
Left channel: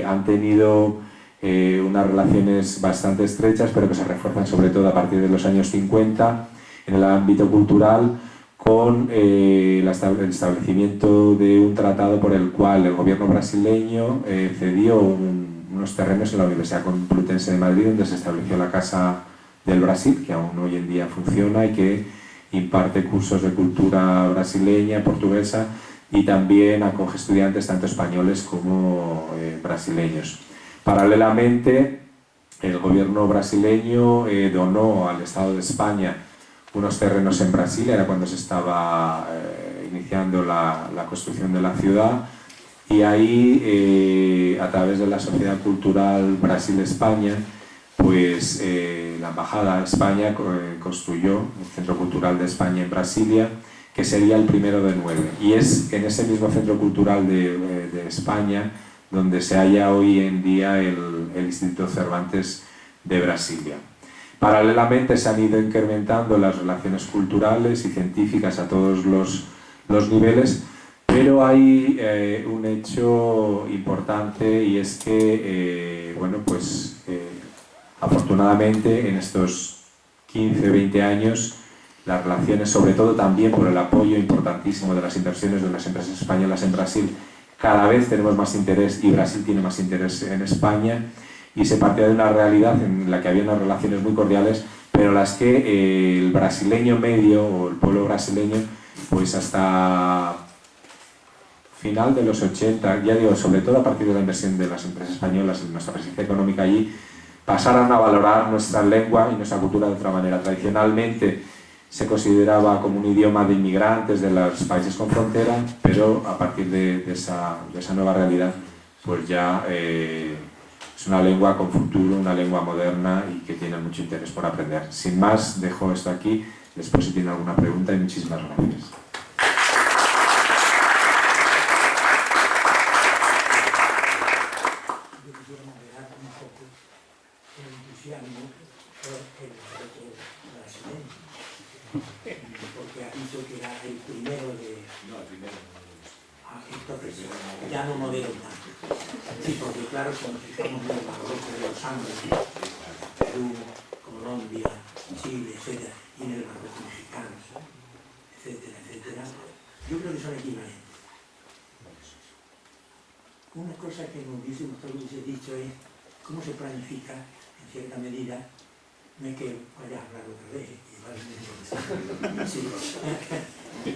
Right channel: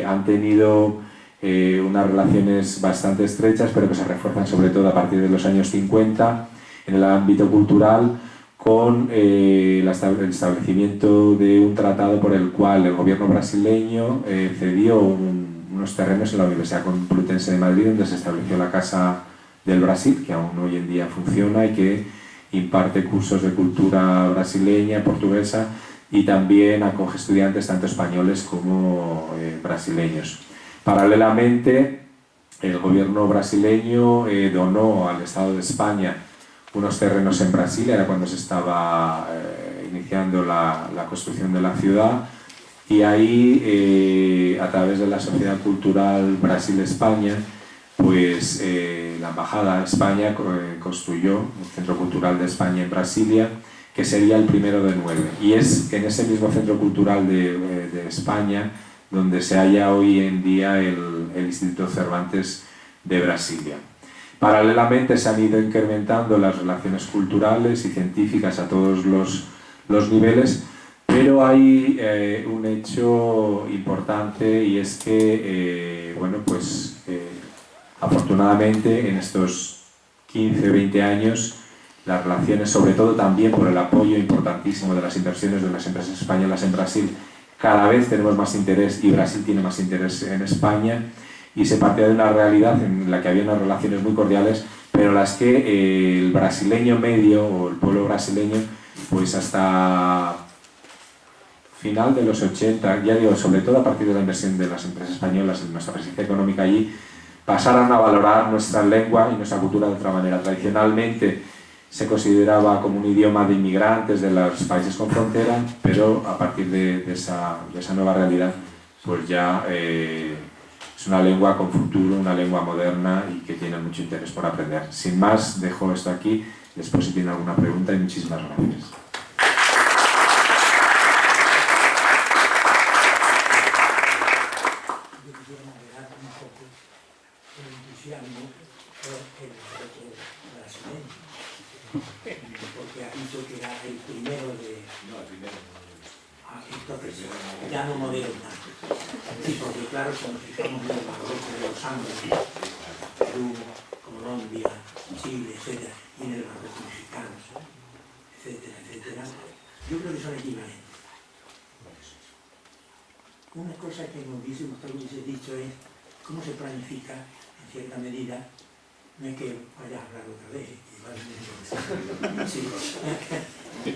han tenido unas relaciones bastante estrechas, pero que se refuerzan sobre todo a partir de los años 50 en el ámbito cultural, con el establecimiento de un tratado por el cual el gobierno brasileño cedió unos terrenos en la Universidad Complutense de Madrid, donde se estableció la Casa del Brasil, que aún hoy en día funciona y que imparte cursos de cultura brasileña, portuguesa, y también acoge estudiantes tanto españoles como brasileños. Paralelamente, el gobierno brasileño donó al Estado de España unos terrenos en Brasilia, era cuando se estaba iniciando la construcción de la ciudad, y ahí, a través de la Sociedad Cultural Brasil-España, la Embajada de España construyó el Centro Cultural de España en Brasilia, que sería el primero de 9. Y es en ese mismo Centro Cultural de España donde se halla hoy en día el Instituto Cervantes de Brasilia. Paralelamente se han ido incrementando las relaciones culturales y científicas a todos los niveles, pero hay un hecho importante, y es que afortunadamente en estos 15-20 años las relaciones, sobre todo también por el apoyo importantísimo de las inversiones de las empresas españolas en Brasil, cada vez tenemos más interés, y Brasil tiene más interés en España, y se partía de una realidad en la que había unas relaciones muy cordiales, pero las que el brasileño medio, o el pueblo brasileño, hasta final de los 80, ya digo, sobre todo a partir de la inversión de las empresas españolas en nuestra presencia económica allí, pasaron a valorar nuestra lengua y nuestra cultura de otra manera. Tradicionalmente se consideraba como un idioma de inmigrantes de los países con frontera, pero a partir de esa nueva realidad, pues ya es una lengua con futuro, una lengua moderna y que tiene mucho interés por aprender. Sin más, dejo esto aquí, después si tienen alguna pregunta y muchísimas gracias. Porque ha dicho que era el primero de... No, el primero. Entonces, ya no modelo tanto. Sí, porque claro, si nos fijamos en el barroco de los Andes, Perú, Colombia, Chile, etc., y en el barroco mexicano, etcétera, etcétera, yo creo que son equivalentes. Una cosa que me hubiese dicho es cómo se planifica, en cierta medida, no es que vaya a hablar otra vez, sí,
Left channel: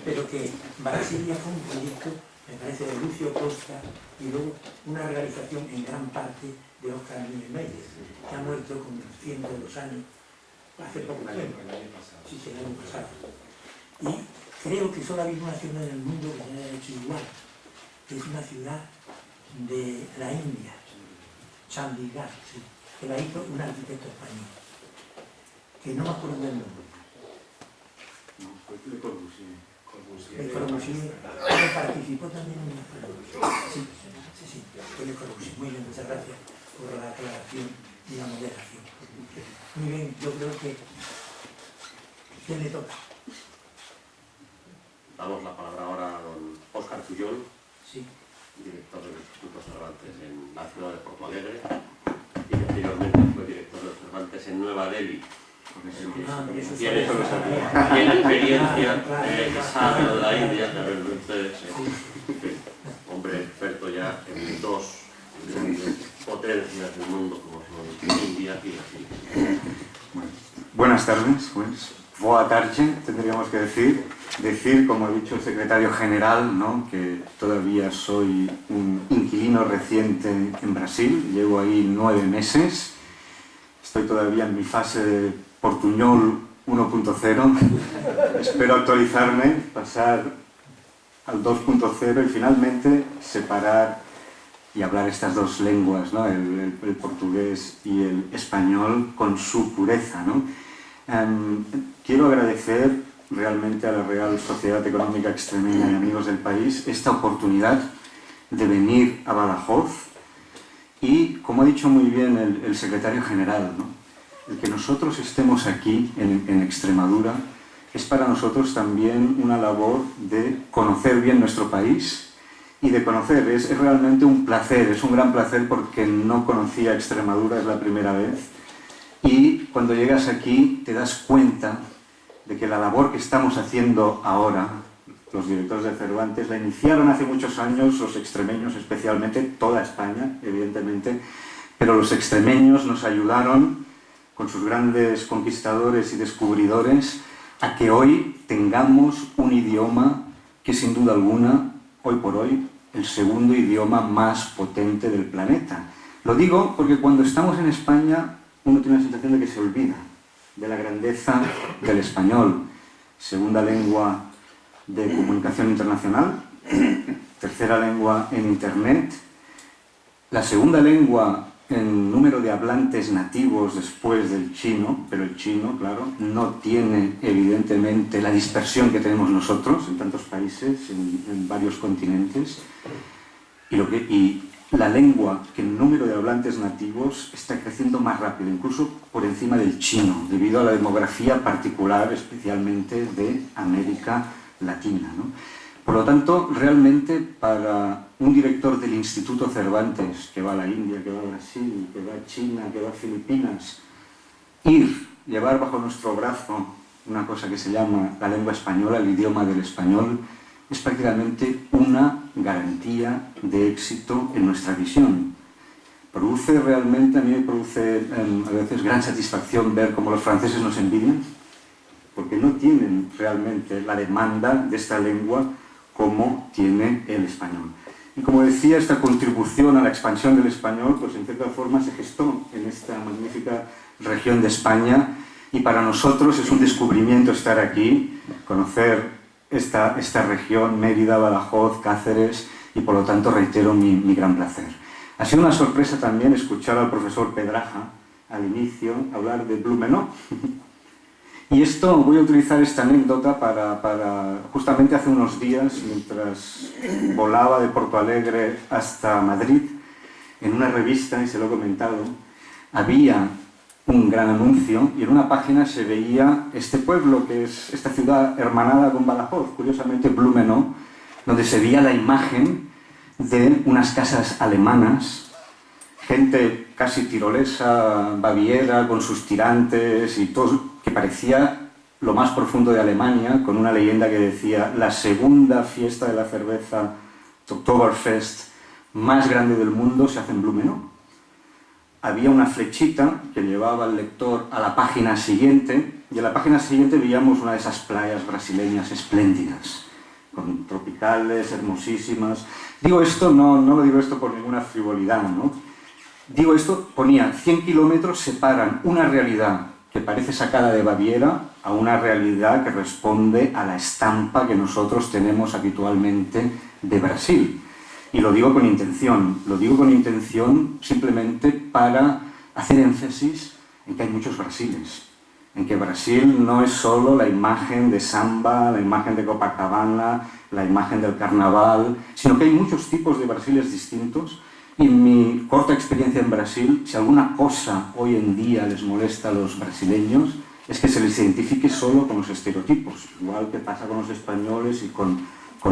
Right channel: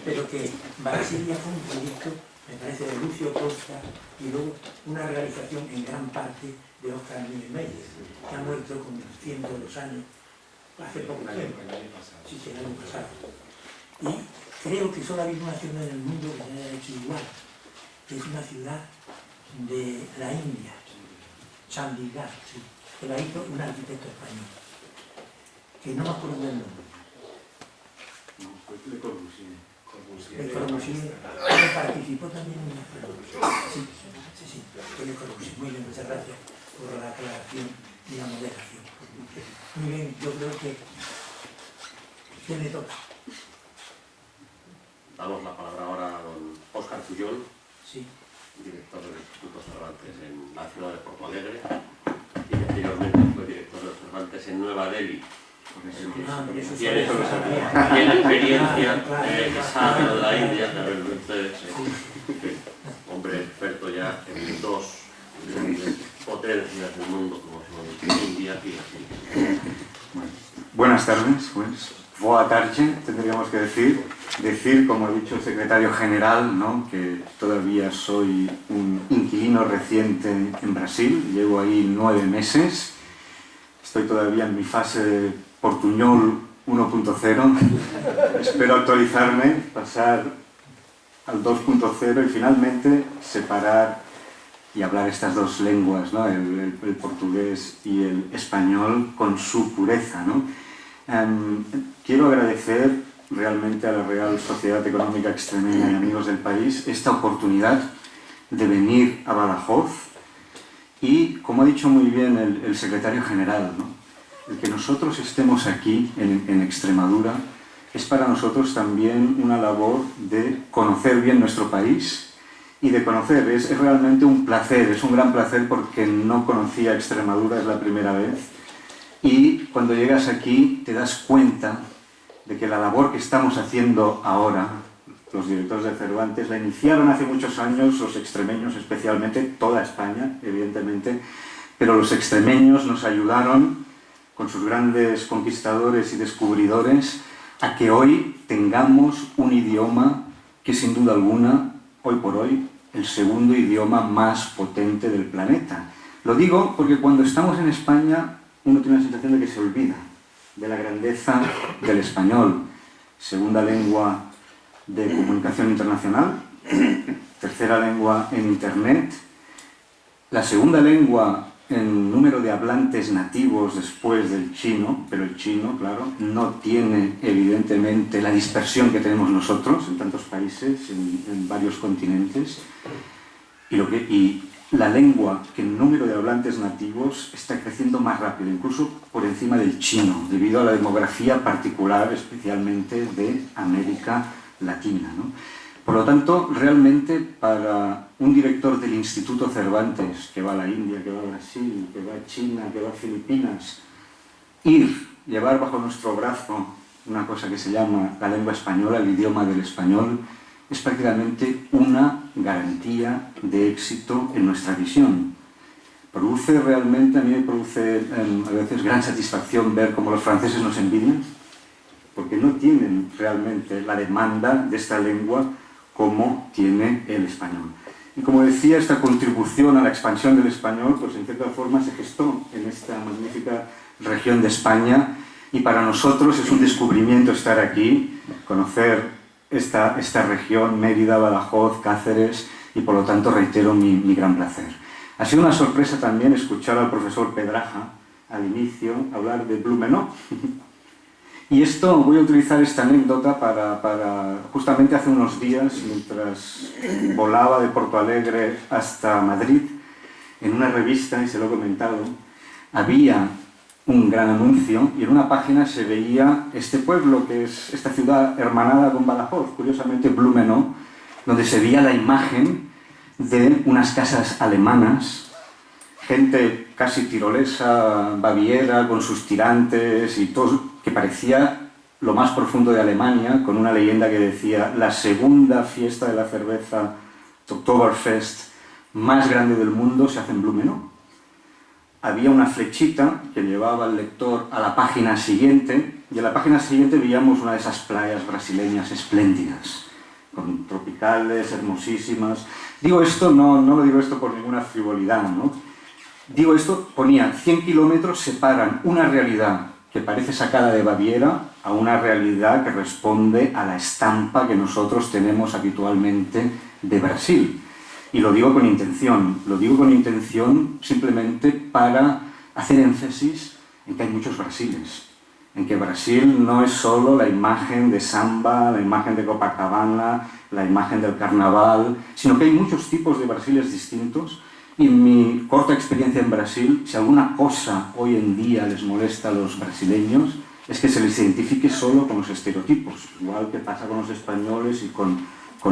pero que Brasilia fue un proyecto, me parece, de Lucio Costa y luego una realización en gran parte de Oscar Niemeyer, que ha muerto con 102 años, hace poco tiempo, sí, el año pasado. Y creo que solo ha habido una ciudad en el mundo que se haya hecho igual, que es una ciudad de la India, Chandigarh, sí, que la hizo un arquitecto español, que no me acuerdo del nombre. No, fue Le Corbusier. Le Corbusier participó también en el... Sí, fue Le Corbusier. Muy bien, muchas gracias por la aclaración y la moderación. Muy bien, yo creo que... ¿Quién le toca? Damos la palabra ahora a don Óscar Pujol, sí, director del Instituto Cervantes en la ciudad de Porto Alegre, y que anteriormente fue director de Cervantes en Nueva Delhi. Tiene experiencia sabe de la India, de ustedes, hombre experto ya en dos potencias del mundo como son India y la China. Bueno, buenas tardes, pues. Boa tarde, tendríamos que decir, como ha dicho el secretario general, ¿no?, que todavía soy un inquilino reciente en Brasil, llevo ahí 9 meses, estoy todavía en mi fase portuñol 1.0, espero actualizarme, pasar al 2.0 y finalmente separar y hablar estas dos lenguas, ¿no?, el portugués y el español con su pureza, ¿no? Quiero agradecer realmente a la Real Sociedad Económica Extremeña y amigos del país esta oportunidad de venir a Badajoz y, como ha dicho muy bien el secretario general, ¿no?, el que nosotros estemos aquí en Extremadura es para nosotros también una labor de conocer bien nuestro país y de conocer, es realmente un placer, es un gran placer porque no conocía Extremadura, es la primera vez. Y cuando llegas aquí te das cuenta de que la labor que estamos haciendo ahora, los directores de Cervantes, la iniciaron hace muchos años los extremeños, especialmente toda España, evidentemente, pero los extremeños nos ayudaron con sus grandes conquistadores y descubridores a que hoy tengamos un idioma que sin duda alguna, hoy por hoy, el segundo idioma más potente del planeta. Lo digo porque cuando estamos en España uno tiene la sensación de que se olvida de la grandeza del español, segunda lengua de comunicación internacional, tercera lengua en Internet, la segunda lengua en número de hablantes nativos después del chino, pero el chino, claro, no tiene evidentemente la dispersión que tenemos nosotros en tantos países, en varios continentes, y la lengua que en número de hablantes nativos está creciendo más rápido, incluso por encima del chino, debido a la demografía particular, especialmente de América Latina, ¿no? Por lo tanto, realmente para un director del Instituto Cervantes, que va a la India, que va a Brasil, que va a China, que va a Filipinas, llevar bajo nuestro brazo una cosa que se llama la lengua española, el idioma del español, es prácticamente una garantía de éxito en nuestra visión. Produce realmente, a mí me produce a veces gran satisfacción ver cómo los franceses nos envidian, porque no tienen realmente la demanda de esta lengua como tiene el español. Y como decía, esta contribución a la expansión del español, pues en cierta forma se gestó en esta magnífica región de España, y para nosotros es un descubrimiento estar aquí, conocer esta región, Mérida, Badajoz, Cáceres, y por lo tanto reitero mi gran placer. Ha sido una sorpresa también escuchar al profesor Pedraja al inicio hablar de Blumenau. Y esto, voy a utilizar esta anécdota para justamente hace unos días, mientras volaba de Porto Alegre hasta Madrid, en una revista, y se lo he comentado, había un gran anuncio y en una página se veía este pueblo, que es esta ciudad hermanada con Badajoz, curiosamente Blumenau, donde se veía la imagen de unas casas alemanas, gente casi tirolesa, baviera, con sus tirantes y todo, que parecía lo más profundo de Alemania, con una leyenda que decía la segunda fiesta de la cerveza, Oktoberfest, más grande del mundo, se hace en Blumenau. Había una flechita que llevaba al lector a la página siguiente, y en la página siguiente veíamos una de esas playas brasileñas espléndidas, con tropicales, hermosísimas. Digo esto, no lo digo esto por ninguna frivolidad, ¿no? Digo esto, ponía 100 kilómetros separan una realidad que parece sacada de Baviera a una realidad que responde a la estampa que nosotros tenemos habitualmente de Brasil. Y lo digo con intención simplemente para hacer énfasis en que hay muchos Brasiles, en que Brasil no es solo la imagen de samba, la imagen de Copacabana, la imagen del carnaval, sino que hay muchos tipos de Brasiles distintos. Y en mi corta experiencia en Brasil, si alguna cosa hoy en día les molesta a los brasileños, es que se les identifique solo con los estereotipos, igual que pasa con los españoles y con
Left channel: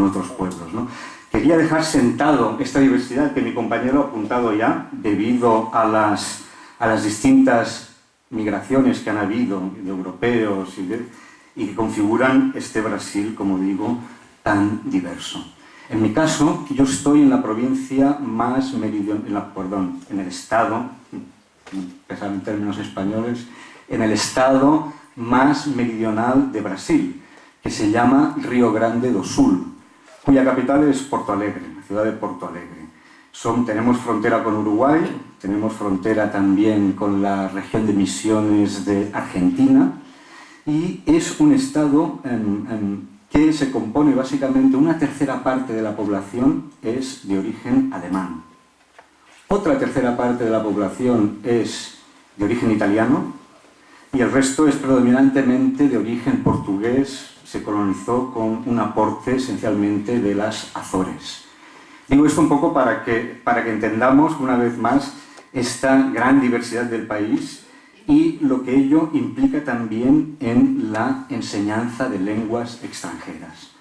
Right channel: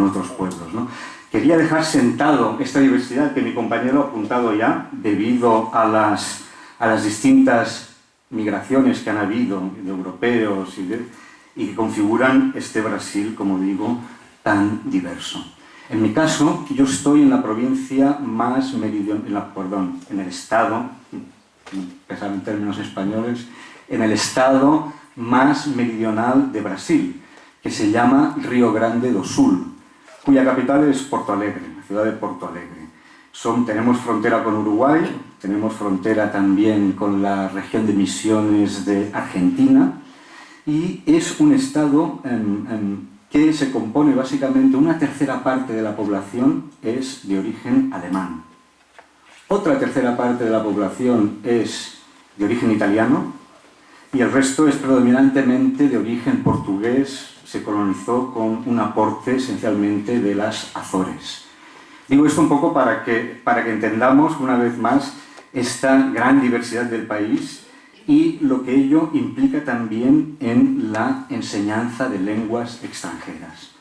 otros pueblos, ¿no? Quería dejar sentado esta diversidad que mi compañero ha apuntado ya, debido a las distintas migraciones que han habido de europeos y que configuran este Brasil, como digo, tan diverso. En mi caso, yo estoy en la provincia más meridional, en el estado, empezar en términos españoles, en el estado más meridional de Brasil, que se llama Río Grande do Sul, cuya capital es Porto Alegre, la ciudad de Porto Alegre. Tenemos frontera con Uruguay, tenemos frontera también con la región de Misiones de Argentina, y es un estado que se compone básicamente, una tercera parte de la población es de origen alemán. Otra tercera parte de la población es de origen italiano y el resto es predominantemente de origen portugués. Se colonizó con un aporte esencialmente de las Azores. Digo esto un poco para que entendamos una vez más esta gran diversidad del país y lo que ello implica también en la enseñanza de lenguas extranjeras.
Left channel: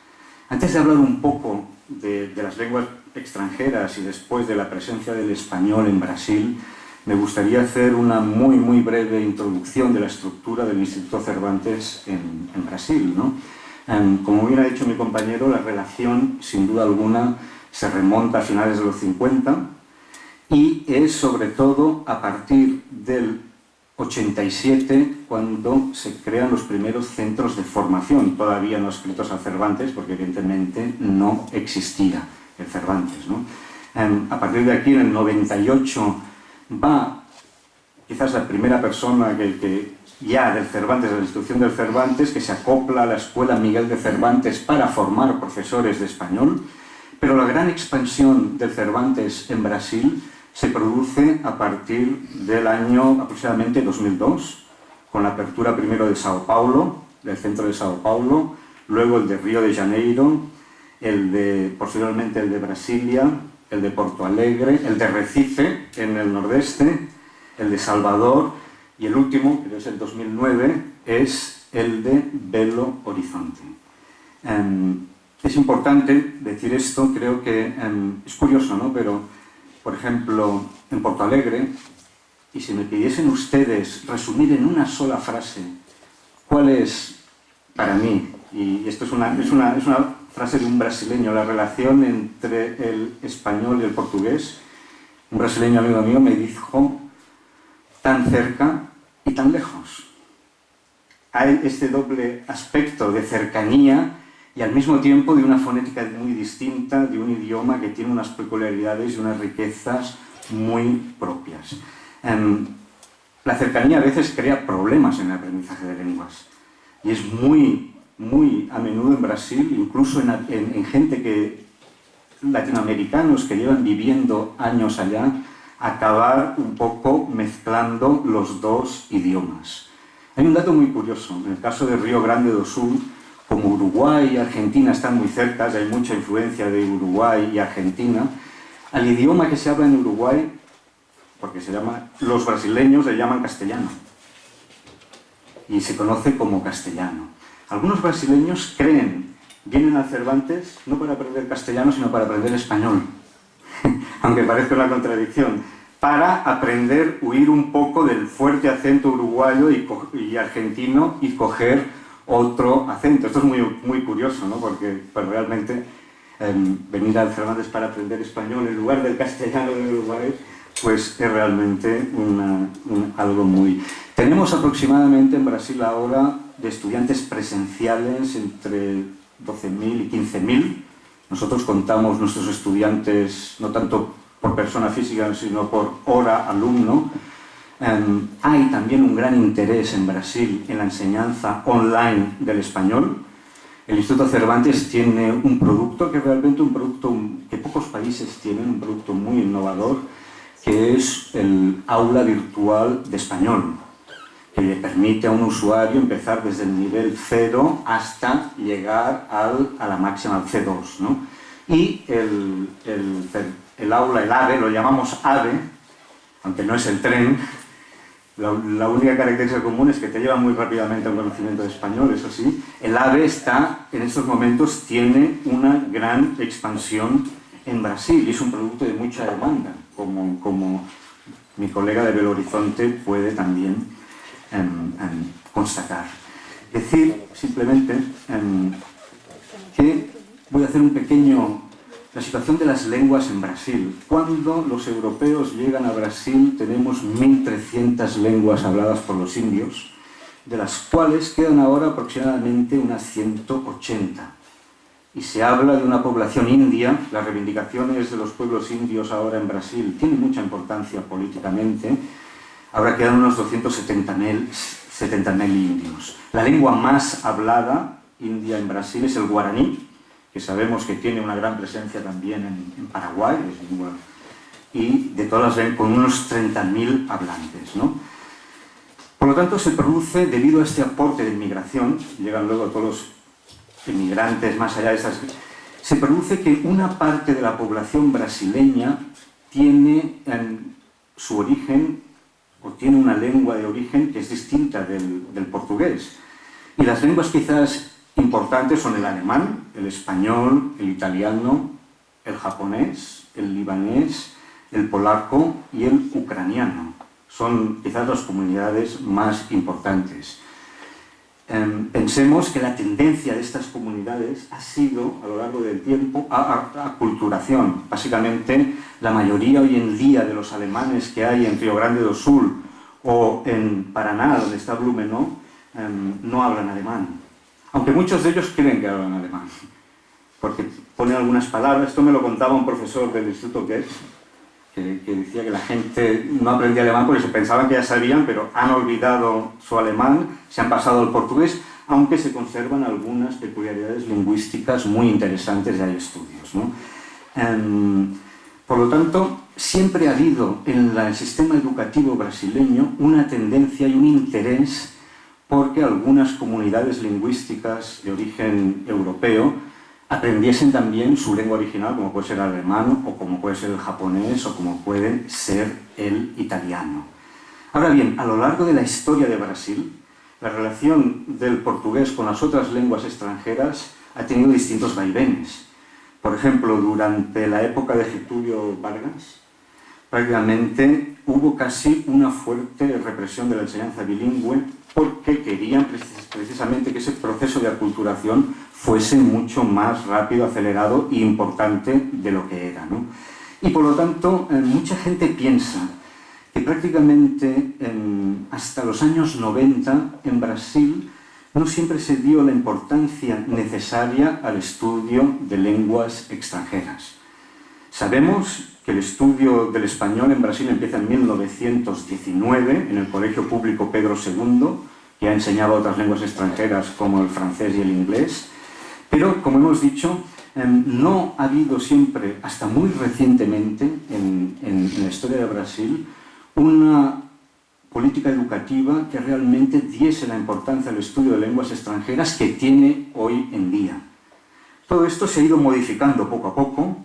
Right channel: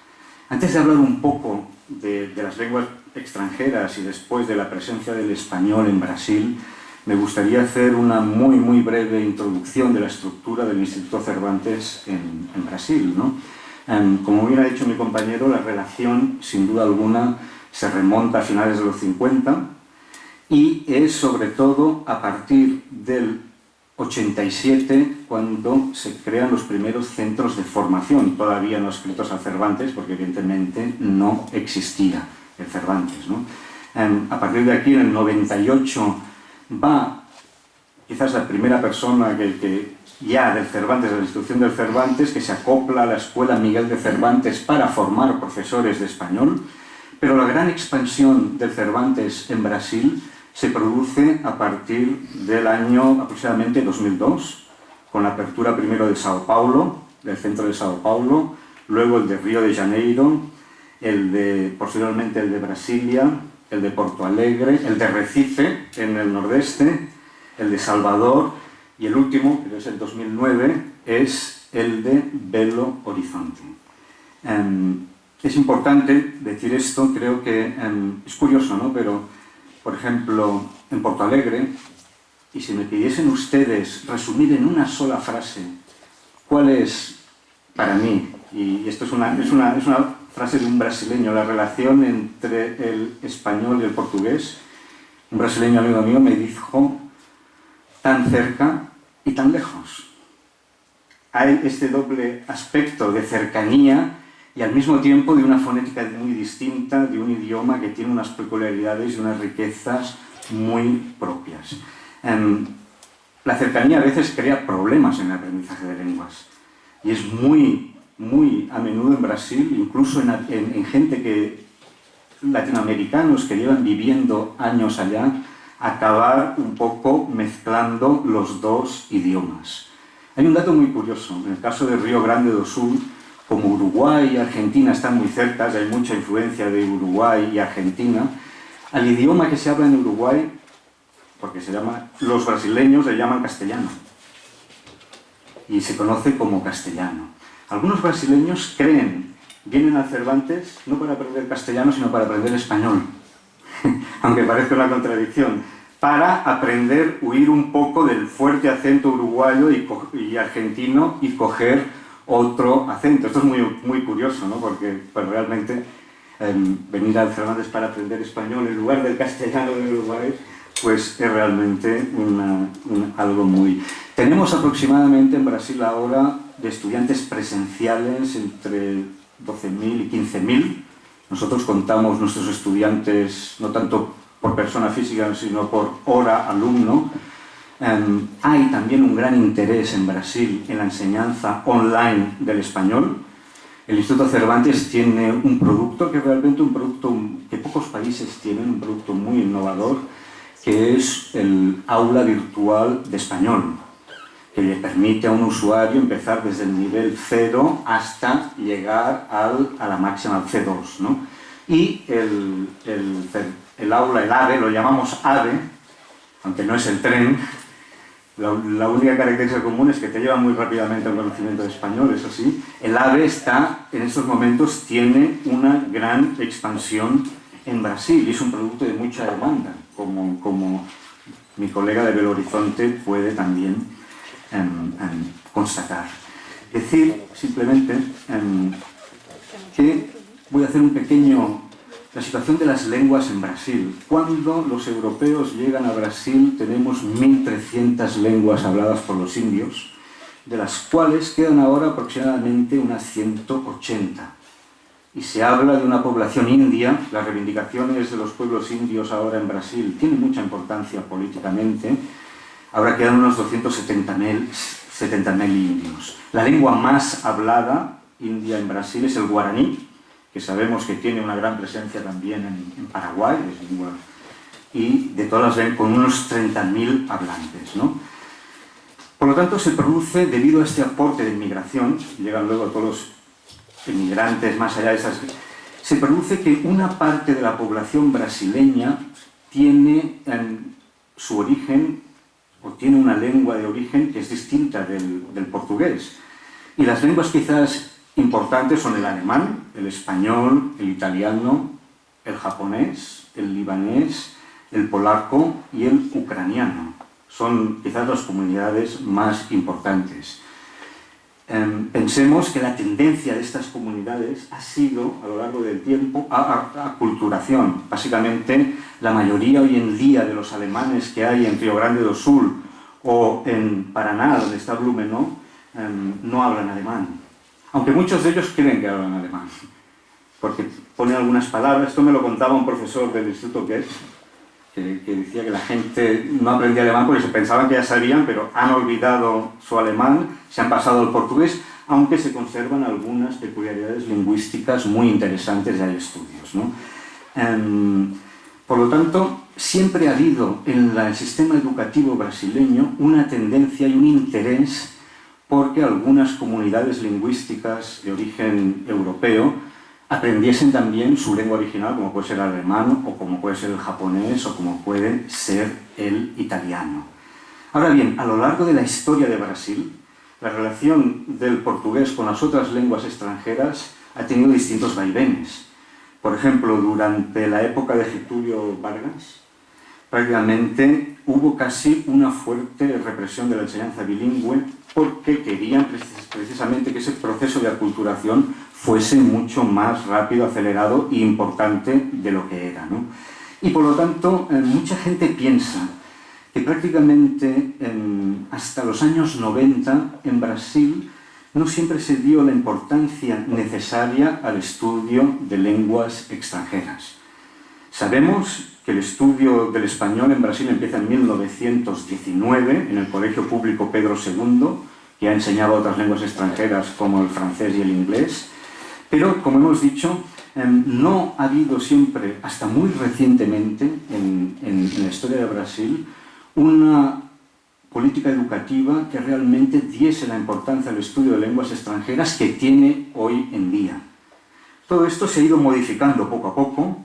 Antes de hablar un poco de las lenguas extranjeras y después de la presencia del español en Brasil, me gustaría hacer una muy breve introducción de la estructura del Instituto Cervantes en Brasil, ¿no? Como bien ha dicho mi compañero, la relación, sin duda alguna, se remonta a finales de los 50 y es sobre todo a partir del 87 cuando se crean los primeros centros de formación, todavía no escritos al Cervantes, porque evidentemente no existía el Cervantes, ¿no? A partir de aquí, en el 98, va quizás la primera persona que ya del Cervantes, de la institución del Cervantes, que se acopla a la Escuela Miguel de Cervantes para formar profesores de español, pero la gran expansión del Cervantes en Brasil se produce a partir del año aproximadamente 2002, con la apertura primero de Sao Paulo, del centro de Sao Paulo, luego el de Río de Janeiro, posteriormente el de Brasilia, el de Porto Alegre, el de Recife, en el nordeste, el de Salvador, y el último, que es el 2009, es el de Belo Horizonte. Es importante decir esto, creo que es curioso, ¿no? Pero, por ejemplo, en Porto Alegre, y si me pidiesen ustedes resumir en una sola frase cuál es, para mí, y esto es una frase de un brasileño, la relación entre el español y el portugués, un brasileño amigo mío me dijo: tan cerca y tan lejos. Hay este doble aspecto de cercanía y al mismo tiempo de una fonética muy distinta, de un idioma que tiene unas peculiaridades y unas riquezas muy propias. la cercanía a veces crea problemas en el aprendizaje de lenguas. Y es muy a menudo en Brasil, incluso en gente latinoamericanos que llevan viviendo años allá, acabar un poco mezclando los dos idiomas. Hay un dato muy curioso. En el caso de Río Grande do Sul, como Uruguay y Argentina están muy cerca, hay mucha influencia de Uruguay y Argentina, al idioma que se habla en Uruguay, porque los brasileños le llaman castellano, y se conoce como castellano. Algunos brasileños vienen al Cervantes no para aprender castellano, sino para aprender español, aunque parezca una contradicción, para aprender, huir un poco del fuerte acento uruguayo y argentino y coger otro acento. Esto es muy curioso, ¿no? Porque pues, realmente venir al Cervantes para aprender español en lugar del castellano de Uruguay, pues es realmente algo muy... Tenemos aproximadamente en Brasil ahora de estudiantes presenciales entre 12.000 y 15.000. Nosotros contamos nuestros estudiantes no tanto por persona física, sino por hora alumno. Hay también un gran interés en Brasil en la enseñanza online del español. El Instituto Cervantes tiene un producto que es realmente un producto que pocos países tienen, un producto muy innovador, que es el aula virtual de español, que le permite a un usuario empezar desde el nivel 0 hasta llegar a la máxima, al C2, ¿no? Y el aula, el AVE, lo llamamos AVE, aunque no es el tren. La única característica común es que te lleva muy rápidamente al conocimiento de español, eso sí. El AVE en estos momentos tiene una gran expansión en Brasil y es un producto de mucha demanda, como mi colega de Belo Horizonte puede también constatar. Decir simplemente que voy a hacer la situación de las lenguas en Brasil. Cuando los europeos llegan a Brasil tenemos 1.300 lenguas habladas por los indios, de las cuales quedan ahora aproximadamente unas 180. Y se habla de una población india. Las reivindicaciones de los pueblos indios ahora en Brasil tienen mucha importancia políticamente. Ahora quedan unos 270.000 indios. La lengua más hablada india en Brasil es el guaraní, que sabemos que tiene una gran presencia también en Paraguay, y de todas las con unos 30.000 hablantes, ¿no? Por lo tanto, se produce, debido a este aporte de inmigración, llegan luego todos los inmigrantes más allá de esas... Se produce que una parte de la población brasileña tiene su origen, o tiene una lengua de origen que es distinta del portugués. Y las lenguas quizás importantes son el alemán, el español, el italiano, el japonés, el libanés, el polaco y el ucraniano. Son quizás las comunidades más importantes. Pensemos que la tendencia de estas comunidades ha sido, a lo largo del tiempo, a aculturación. Básicamente, la mayoría hoy en día de los alemanes que hay en Río Grande do Sul o en Paraná, donde está Blumenau, no hablan alemán. Aunque muchos de ellos creen que hablan alemán, porque ponen algunas palabras. Esto me lo contaba un profesor del Instituto Goethe, que decía que la gente no aprendía alemán porque se pensaban que ya sabían, pero han olvidado su alemán, se han pasado al portugués, aunque se conservan algunas peculiaridades lingüísticas muy interesantes y hay estudios, ¿no? Por lo tanto, siempre ha habido en el sistema educativo brasileño una tendencia y un interés porque algunas comunidades lingüísticas de origen europeo aprendiesen también su lengua original, como puede ser el alemán, o como puede ser el japonés, o como puede ser el italiano. Ahora bien, a lo largo de la historia de Brasil, la relación del portugués con las otras lenguas extranjeras ha tenido distintos vaivenes. Por ejemplo, durante la época de Getúlio Vargas, prácticamente hubo casi una fuerte represión de la enseñanza bilingüe porque querían precisamente que ese proceso de aculturación fuese mucho más rápido, acelerado e importante de lo que era, ¿no? Y por lo tanto, mucha gente piensa que prácticamente hasta los años 90 en Brasil no siempre se dio la importancia necesaria al estudio de lenguas extranjeras. Sabemos que el estudio del español en Brasil empieza en 1919 en el Colegio Público Pedro II, que ha enseñado otras lenguas extranjeras como el francés y el inglés, pero, como hemos dicho, no ha habido siempre, hasta muy recientemente en la historia de Brasil, una política educativa que realmente diese la importancia al estudio de lenguas extranjeras que tiene hoy en día. Todo esto se ha ido modificando poco a poco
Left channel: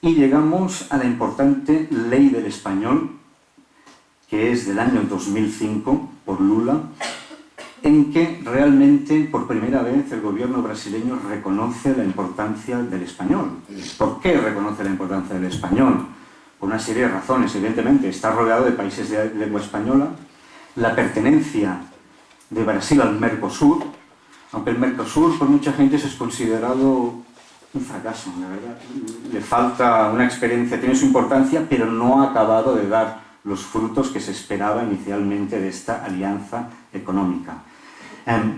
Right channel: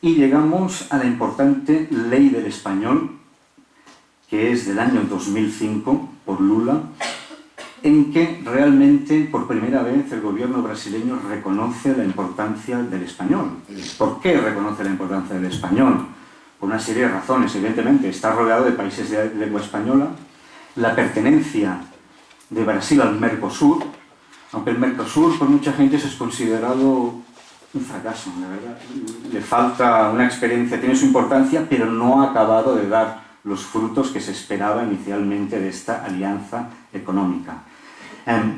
y llegamos a la importante Ley del Español, que es del año 2005, por Lula, en que realmente por primera vez el gobierno brasileño reconoce la importancia del español. ¿Por qué reconoce la importancia del español? Por una serie de razones. Evidentemente, está rodeado de países de lengua española, la pertenencia de Brasil al Mercosur, aunque el Mercosur por mucha gente es considerado un fracaso, la verdad. Le falta una experiencia, tiene su importancia, pero no ha acabado de dar los frutos que se esperaba inicialmente de esta alianza económica.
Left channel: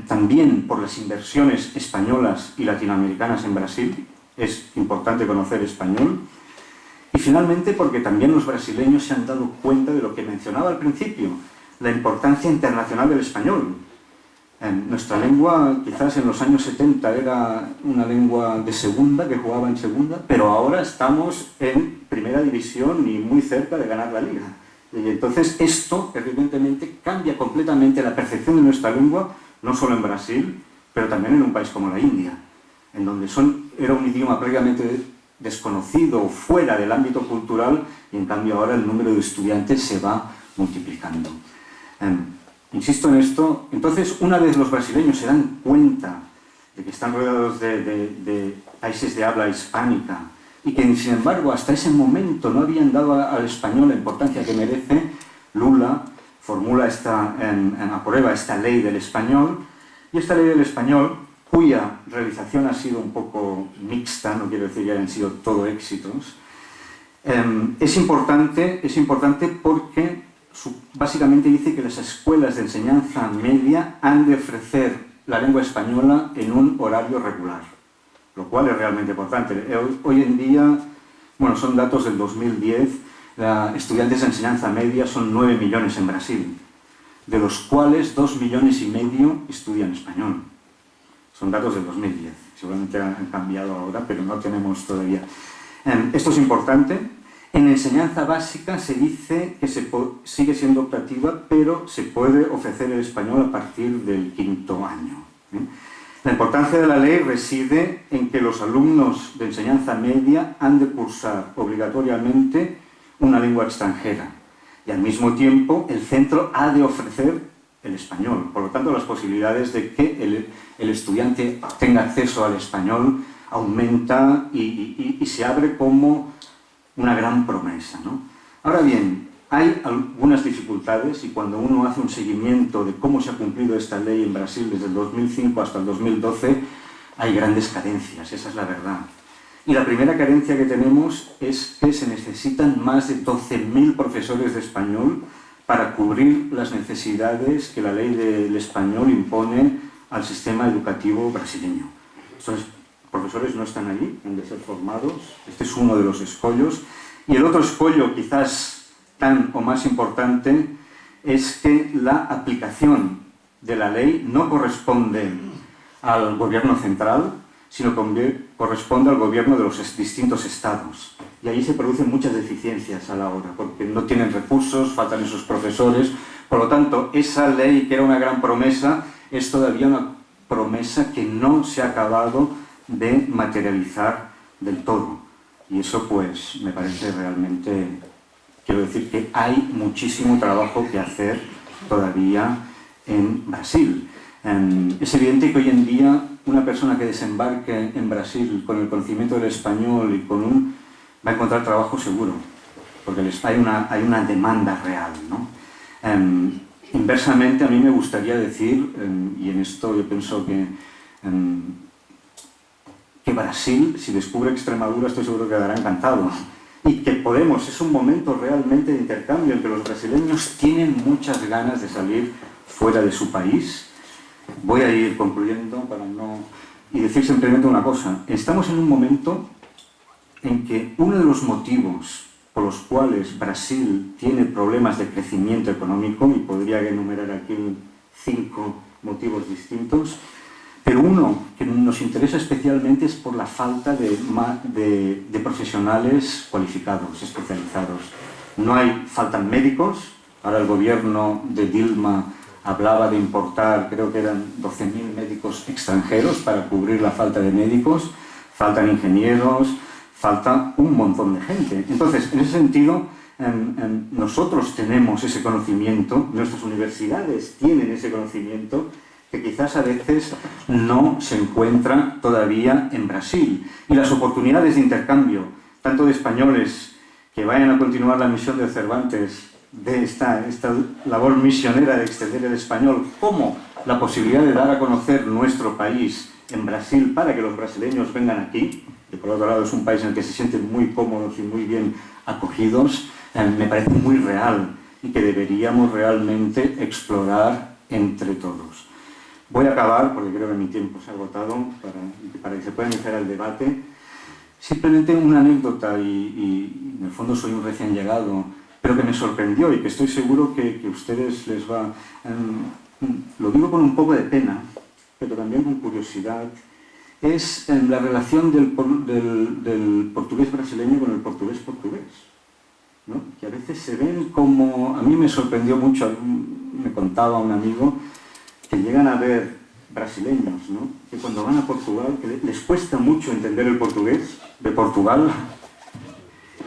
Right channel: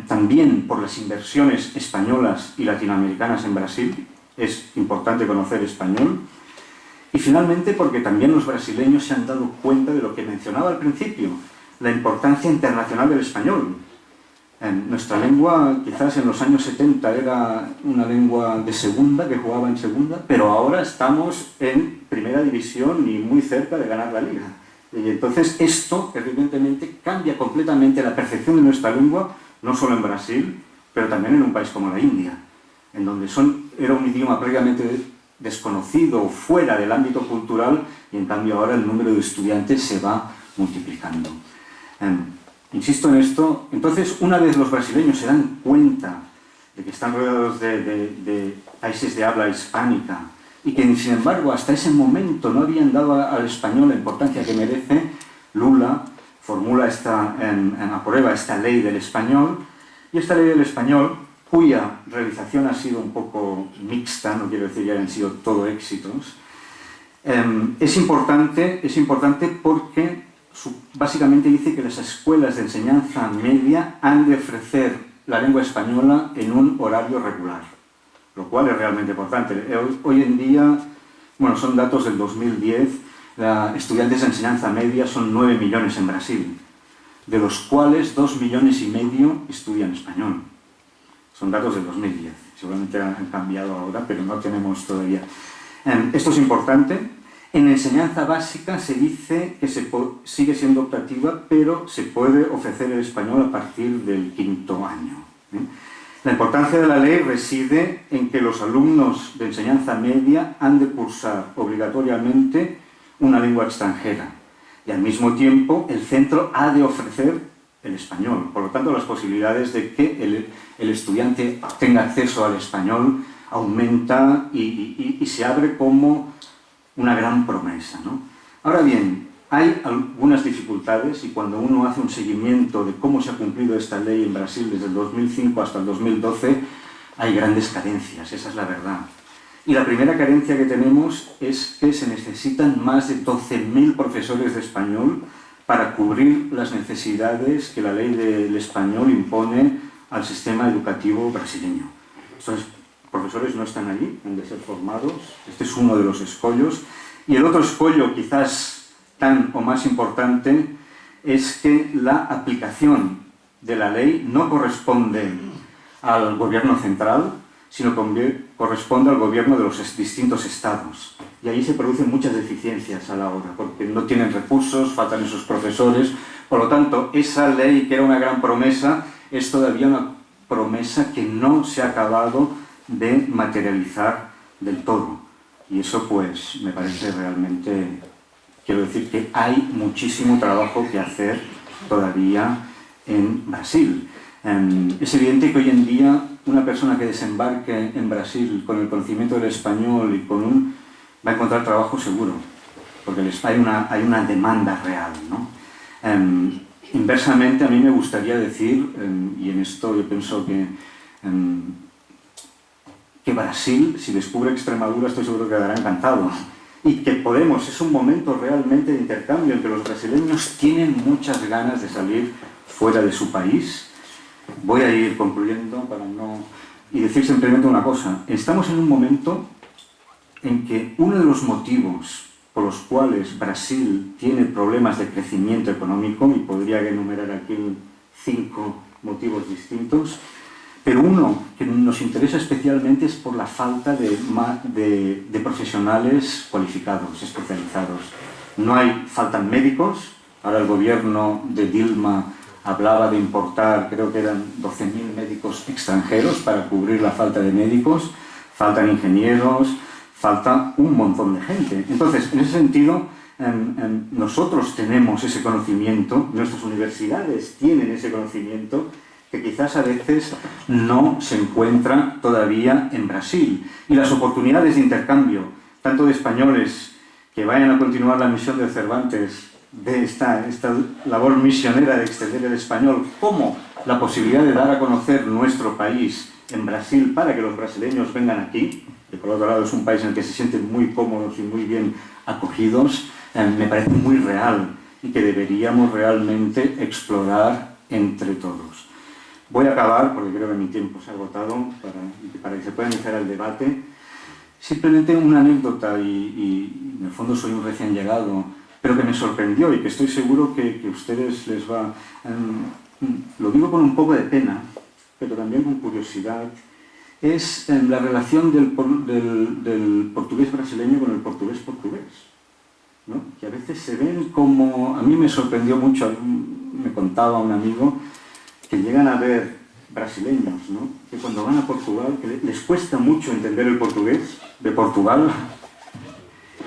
También por las inversiones españolas y latinoamericanas en Brasil, es importante conocer español. Y finalmente porque también los brasileños se han dado cuenta de lo que mencionaba al principio, la importancia internacional del español. Nuestra lengua quizás en los años 70 era una lengua de segunda, que jugaba en segunda, pero ahora estamos en primera división y muy cerca de ganar la liga. Y entonces esto evidentemente cambia completamente la percepción de nuestra lengua, no solo en Brasil, pero también en un país como la India, en donde era un idioma prácticamente desconocido o fuera del ámbito cultural, y en cambio ahora el número de estudiantes se va multiplicando. Insisto en esto. Entonces, una vez los brasileños se dan cuenta de que están rodeados de países de habla hispánica y que, sin embargo, hasta ese momento no habían dado al español la importancia que merece, Lula aprueba esta ley del español, y esta ley del español, cuya realización ha sido un poco mixta, no quiero decir que hayan sido todo éxitos, es importante porque básicamente dice que las escuelas de enseñanza media han de ofrecer la lengua española en un horario regular, lo cual es realmente importante. Hoy en día, bueno, son datos del 2010, estudiantes de enseñanza media son 9 millones en Brasil, de los cuales 2,5 millones estudian español. Son datos del 2010, seguramente han cambiado ahora, pero no tenemos todavía. Esto es importante. En enseñanza básica se dice que sigue siendo optativa, pero se puede ofrecer el español a partir del 5º año. La importancia de la ley reside en que los alumnos de enseñanza media han de cursar obligatoriamente una lengua extranjera, y al mismo tiempo el centro ha de ofrecer el español. Por lo tanto, las posibilidades de que el estudiante tenga acceso al español aumenta y se abre como una gran promesa, ¿no? Ahora bien, hay algunas dificultades, y cuando uno hace un seguimiento de cómo se ha cumplido esta ley en Brasil desde el 2005 hasta el 2012, hay grandes carencias, esa es la verdad. Y la primera carencia que tenemos es que se necesitan más de 12.000 profesores de español para cubrir las necesidades que la ley del español impone al sistema educativo brasileño. Entonces, profesores no están allí, han de ser formados. Este es uno de los escollos. Y el otro escollo, quizás tan o más importante, es que la aplicación de la ley no corresponde al gobierno central, sino que corresponde al gobierno de los distintos estados. Y ahí se producen muchas deficiencias a la hora, porque no tienen recursos, faltan esos profesores. Por lo tanto, esa ley, que era una gran promesa, es todavía una promesa que no se ha acabado de materializar del todo. Y eso, pues, me parece realmente, quiero decir que hay muchísimo trabajo que hacer todavía en Brasil. Es evidente que hoy en día una persona que desembarque en Brasil con el conocimiento del español y va a encontrar trabajo seguro, porque hay una demanda real, ¿no? Inversamente, a mí me gustaría decir, y en esto yo pienso que Brasil, si descubre Extremadura, estoy seguro que quedará encantado. Y que es un momento realmente de intercambio en que los brasileños tienen muchas ganas de salir fuera de su país. Voy a ir concluyendo y decir simplemente una cosa. Estamos en un momento en que uno de los motivos por los cuales Brasil tiene problemas de crecimiento económico, y podría enumerar aquí 5 motivos distintos, pero uno que nos interesa especialmente es por la falta de profesionales cualificados, especializados. Faltan médicos. Ahora el gobierno de Dilma hablaba de importar, creo que eran 12.000 médicos extranjeros para cubrir la falta de médicos, faltan ingenieros, falta un montón de gente. Entonces, en ese sentido, nosotros tenemos ese conocimiento, nuestras universidades tienen ese conocimiento, que quizás a veces no se encuentra todavía en Brasil. Y las oportunidades de intercambio, tanto de españoles que vayan a continuar la misión de Cervantes, de esta labor misionera de extender el español, como la posibilidad de dar a conocer nuestro país en Brasil para que los brasileños vengan aquí, que por otro lado es un país en el que se sienten muy cómodos y muy bien acogidos, me parece muy real y que deberíamos realmente explorar entre todos. Voy a acabar, porque creo que mi tiempo se ha agotado, para que se pueda iniciar el debate. Simplemente una anécdota, y en el fondo soy un recién llegado, pero que me sorprendió y que estoy seguro que a ustedes les va... lo digo con un poco de pena, pero también con curiosidad, es la relación del portugués brasileño con el portugués portugués, ¿no? Que a veces se ven como... A mí me sorprendió mucho, me contaba un amigo, que llegan a ver brasileños, ¿no? Que cuando van a Portugal, que les cuesta mucho entender el portugués de Portugal,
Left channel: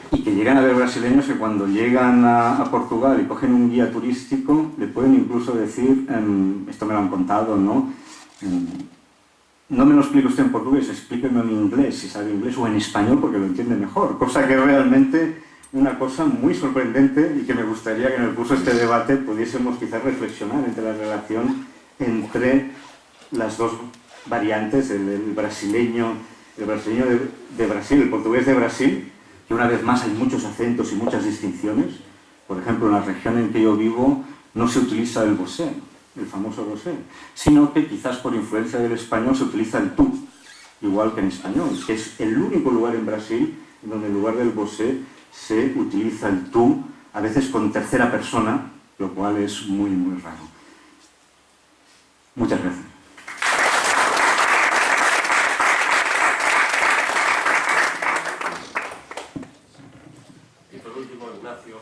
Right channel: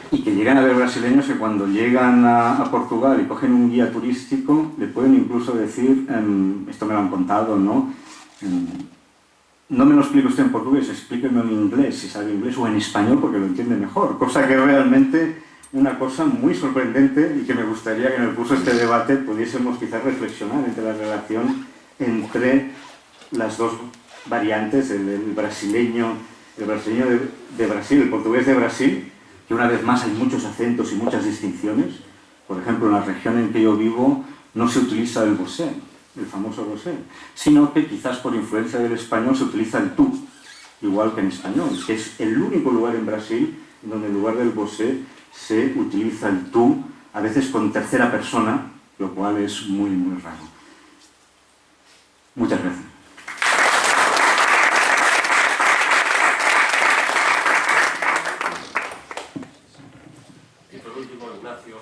y que llegan a ver brasileños que cuando llegan a Portugal y cogen un guía turístico, le pueden incluso decir, esto me lo han contado, ¿no? No me lo explique usted en portugués, explíqueme en inglés, si sabe inglés, o en español, porque lo entiende mejor, cosa que es realmente una cosa muy sorprendente y que me gustaría que en el curso de este debate pudiésemos quizás reflexionar entre la relación entre las dos variantes, el brasileño de Brasil, el portugués de Brasil, que una vez más hay muchos acentos y muchas distinciones. Por ejemplo, en la región en que yo vivo no se utiliza el vosé, el famoso vosé, sino que quizás por influencia del español se utiliza el tú, igual que en español, que es el único lugar en Brasil en donde en lugar del vosé se utiliza el tú, a veces con tercera persona, lo cual es muy, muy raro. Muchas gracias. Y por último, Ignacio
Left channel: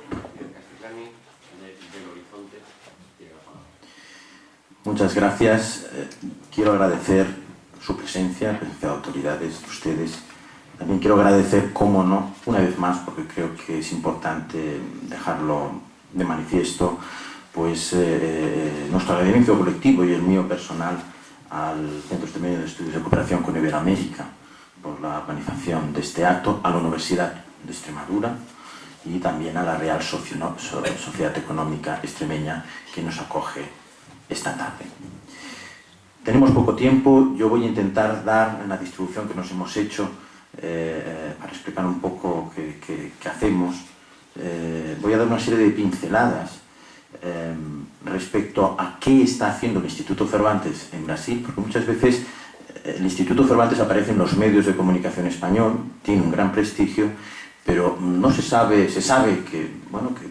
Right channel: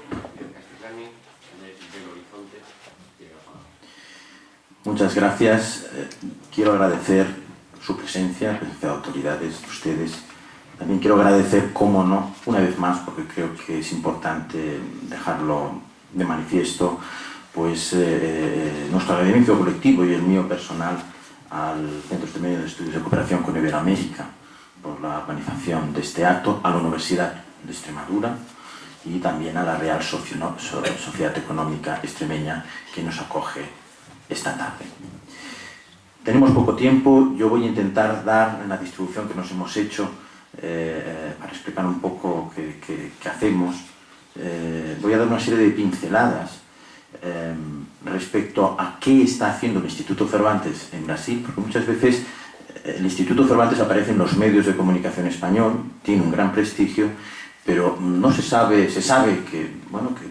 Castellani, del Horizonte. Muchas gracias. Quiero agradecer su presencia de autoridades, de ustedes. También quiero agradecer, cómo no, una vez más, porque creo que es importante dejarlo de manifiesto, pues nuestro agradecimiento colectivo y el mío personal al Centro Extremeño de Estudios de Cooperación con Iberoamérica por la organización de este acto, a la Universidad de Extremadura y también a la Real Sociedad Económica Extremeña que nos acoge esta tarde. Tenemos poco tiempo, yo voy a intentar dar en la distribución que nos hemos hecho para explicar un poco qué hacemos. Voy a dar una serie de pinceladas respecto a qué está haciendo el Instituto Cervantes en Brasil, porque muchas veces el Instituto Cervantes aparece en los medios de comunicación español, tiene un gran prestigio, pero no se sabe que, bueno, que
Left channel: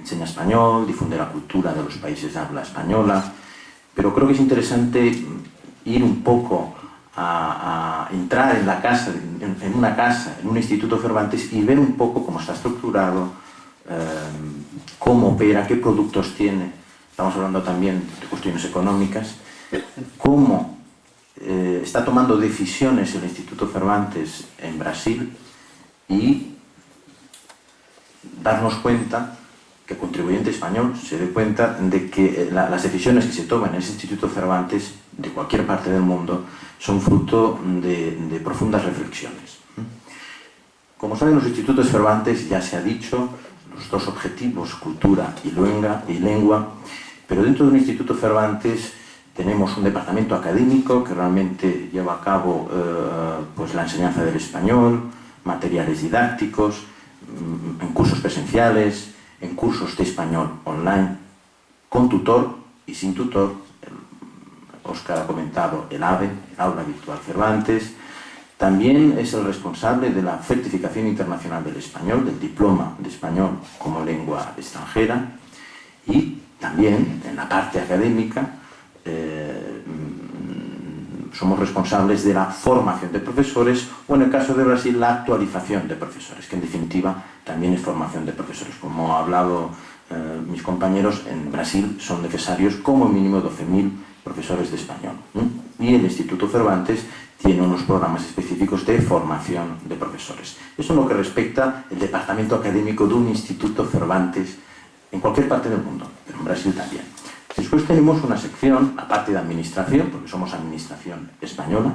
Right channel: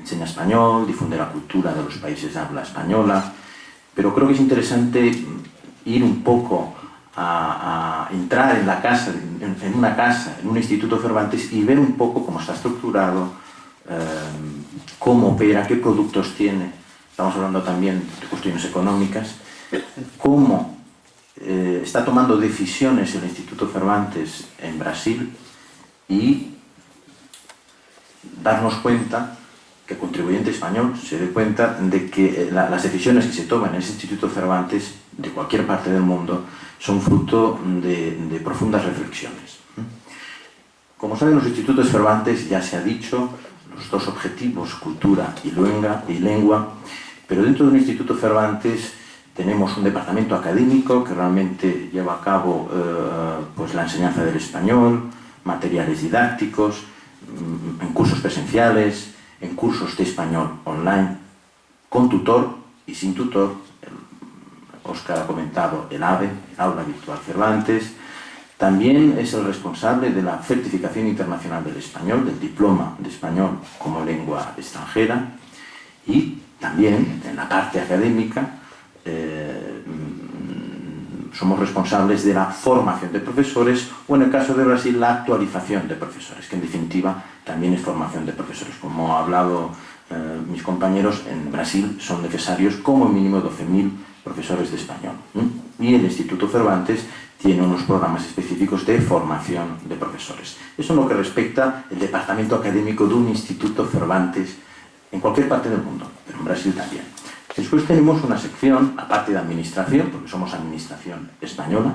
enseña español, difunde la cultura de los países de habla española, pero creo que es interesante ir un poco a entrar en la casa, en una casa, en un Instituto Cervantes y ver un poco cómo está estructurado, cómo opera, qué productos tiene. Estamos hablando también de cuestiones económicas, cómo está tomando decisiones el Instituto Cervantes en Brasil y darnos cuenta que el contribuyente español se dé cuenta de que las decisiones que se toman en ese Instituto Cervantes de cualquier parte del mundo son fruto de profundas reflexiones. Como saben, los institutos Cervantes, ya se ha dicho, los dos objetivos, cultura y lengua, pero dentro de un Instituto Cervantes tenemos un departamento académico que realmente lleva a cabo pues la enseñanza del español, materiales didácticos, en cursos presenciales, en cursos de español online, con tutor y sin tutor. Óscar ha comentado el AVE, el Aula Virtual Cervantes. También es el responsable de la certificación internacional del español, del diploma de español como lengua extranjera, y también en la parte académica somos responsables de la formación de profesores o, en el caso de Brasil, la actualización de profesores, que en definitiva también es formación de profesores. Como han hablado mis compañeros, en Brasil son necesarios como mínimo 12.000 profesores de español. Y el Instituto Cervantes tiene unos programas específicos de formación de profesores. Eso en lo que respecta al departamento académico de un Instituto Cervantes en cualquier parte del mundo, pero en Brasil también. Después tenemos una sección, aparte de administración, porque somos administración española.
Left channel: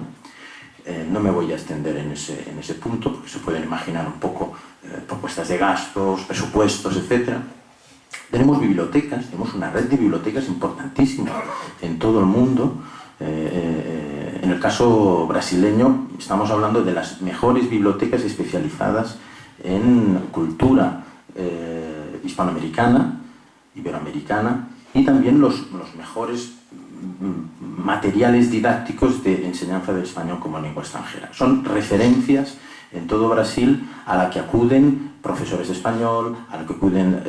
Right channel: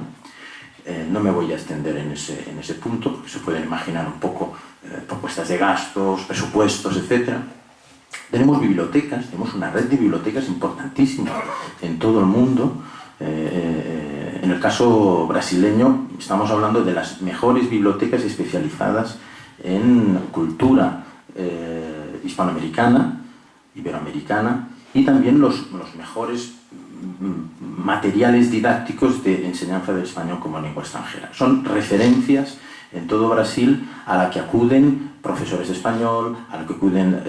No me voy a extender en ese punto, porque se pueden imaginar un poco propuestas de gastos, presupuestos, etc. Tenemos bibliotecas, tenemos una red de bibliotecas importantísima en todo el mundo. En el caso brasileño estamos hablando de las mejores bibliotecas especializadas en cultura hispanoamericana, iberoamericana, y también los mejores materiales didácticos de enseñanza del español como lengua extranjera. Son referencias en todo Brasil a la que acuden profesores de español, a la que acuden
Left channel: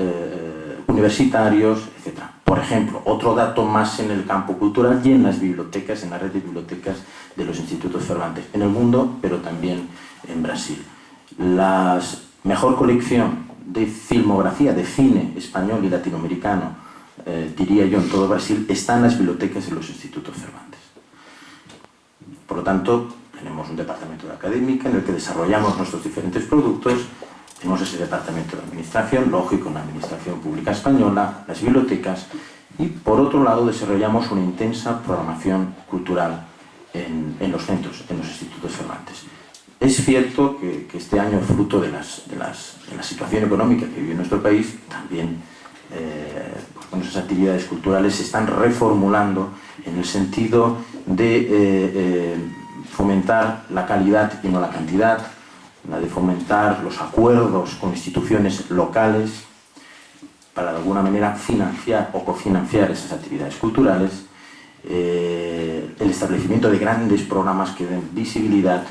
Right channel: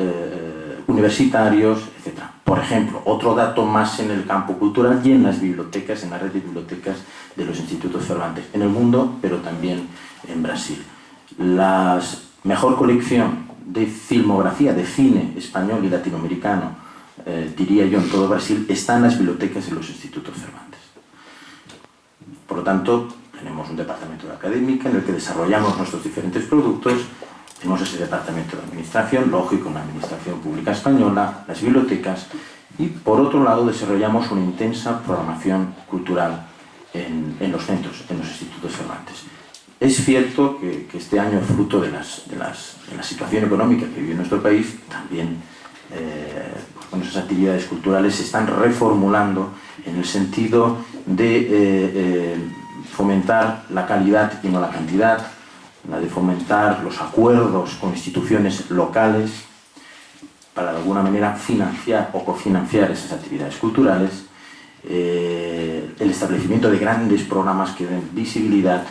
universitarios, etc. Por ejemplo, otro dato más en el campo cultural y en las bibliotecas, en la red de bibliotecas de los institutos Cervantes, en el mundo, pero también en Brasil. La mejor colección de filmografía, de cine español y latinoamericano, diría yo, en todo Brasil, está en las bibliotecas de los institutos Cervantes. Por lo tanto, tenemos un departamento de académica en el que desarrollamos nuestros diferentes productos. Tenemos ese departamento de administración, lógico, la administración pública española, las bibliotecas, y por otro lado desarrollamos una intensa programación cultural en los centros, en los institutos Cervantes. Es cierto que este año, fruto de la situación económica que vive nuestro país, también esas actividades culturales se están reformulando en el sentido de fomentar la calidad y no la cantidad, la de fomentar los acuerdos con instituciones locales para de alguna manera financiar o cofinanciar esas actividades culturales, el establecimiento de grandes programas que den visibilidad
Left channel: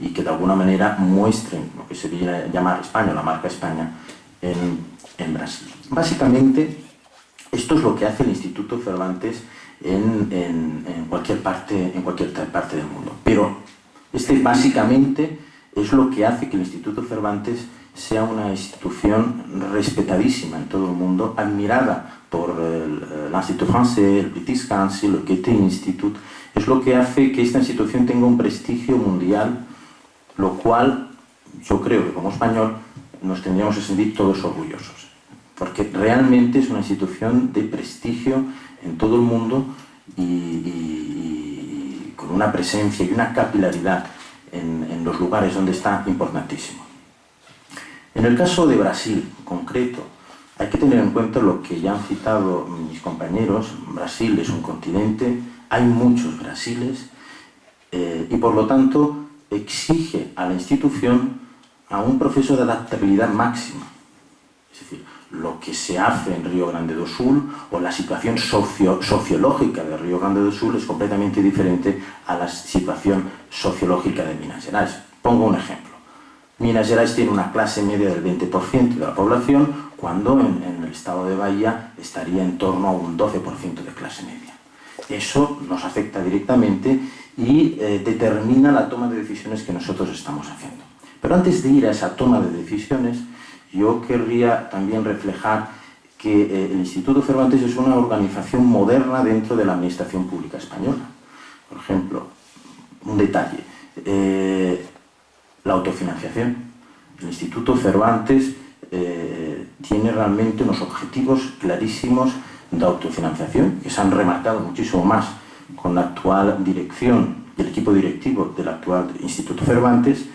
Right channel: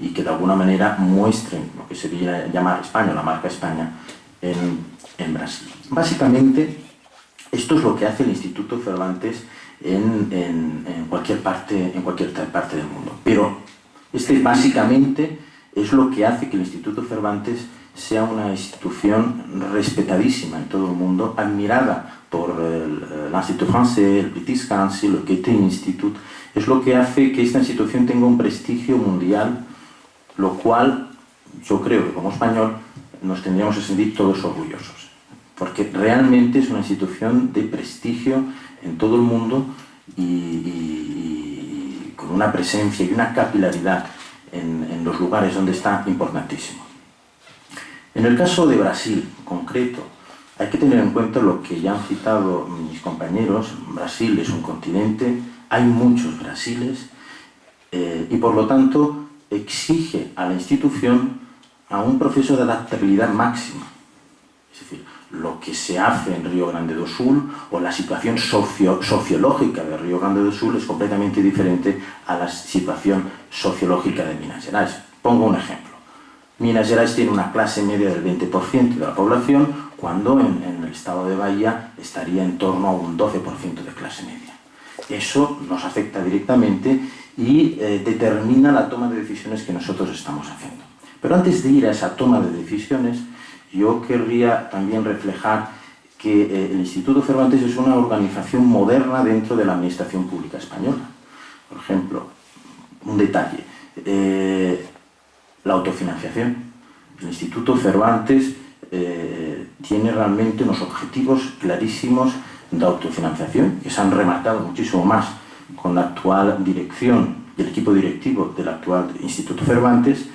y que de alguna manera muestren lo que se llama España, la marca España, en Brasil. Básicamente, esto es lo que hace el Instituto Cervantes en cualquier parte del mundo. Pero básicamente es lo que hace que el Instituto Cervantes sea una institución respetadísima en todo el mundo, admirada por l'Institut Français, el British Council, el Goethe Institute. Es lo que hace que esta institución tenga un prestigio mundial, lo cual yo creo que como español nos tendríamos que sentir todos orgullosos, porque realmente es una institución de prestigio en todo el mundo y con una presencia y una capilaridad en los lugares donde está importantísimo. En el caso de Brasil, en concreto, hay que tener en cuenta lo que ya han citado mis compañeros. Brasil es un continente, hay muchos Brasiles y por lo tanto exige a la institución a un proceso de adaptabilidad máxima. Es decir, lo que se hace en Río Grande do Sul o la situación sociológica de Río Grande do Sul es completamente diferente a la situación sociológica de Minas Gerais. Pongo un ejemplo. Minas Gerais tiene una clase media del 20% de la población, cuando en el estado de Bahía estaría en torno a un 12% de clase media. Eso nos afecta directamente y determina la toma de decisiones que nosotros estamos haciendo. Pero antes de ir a esa toma de decisiones, yo querría también reflejar que el Instituto Cervantes es una organización moderna dentro de la administración pública española. Por ejemplo, un detalle, la autofinanciación. El Instituto Cervantes tiene realmente unos objetivos clarísimos de autofinanciación que se han remarcado muchísimo más con la actual dirección y el equipo directivo del actual Instituto Cervantes,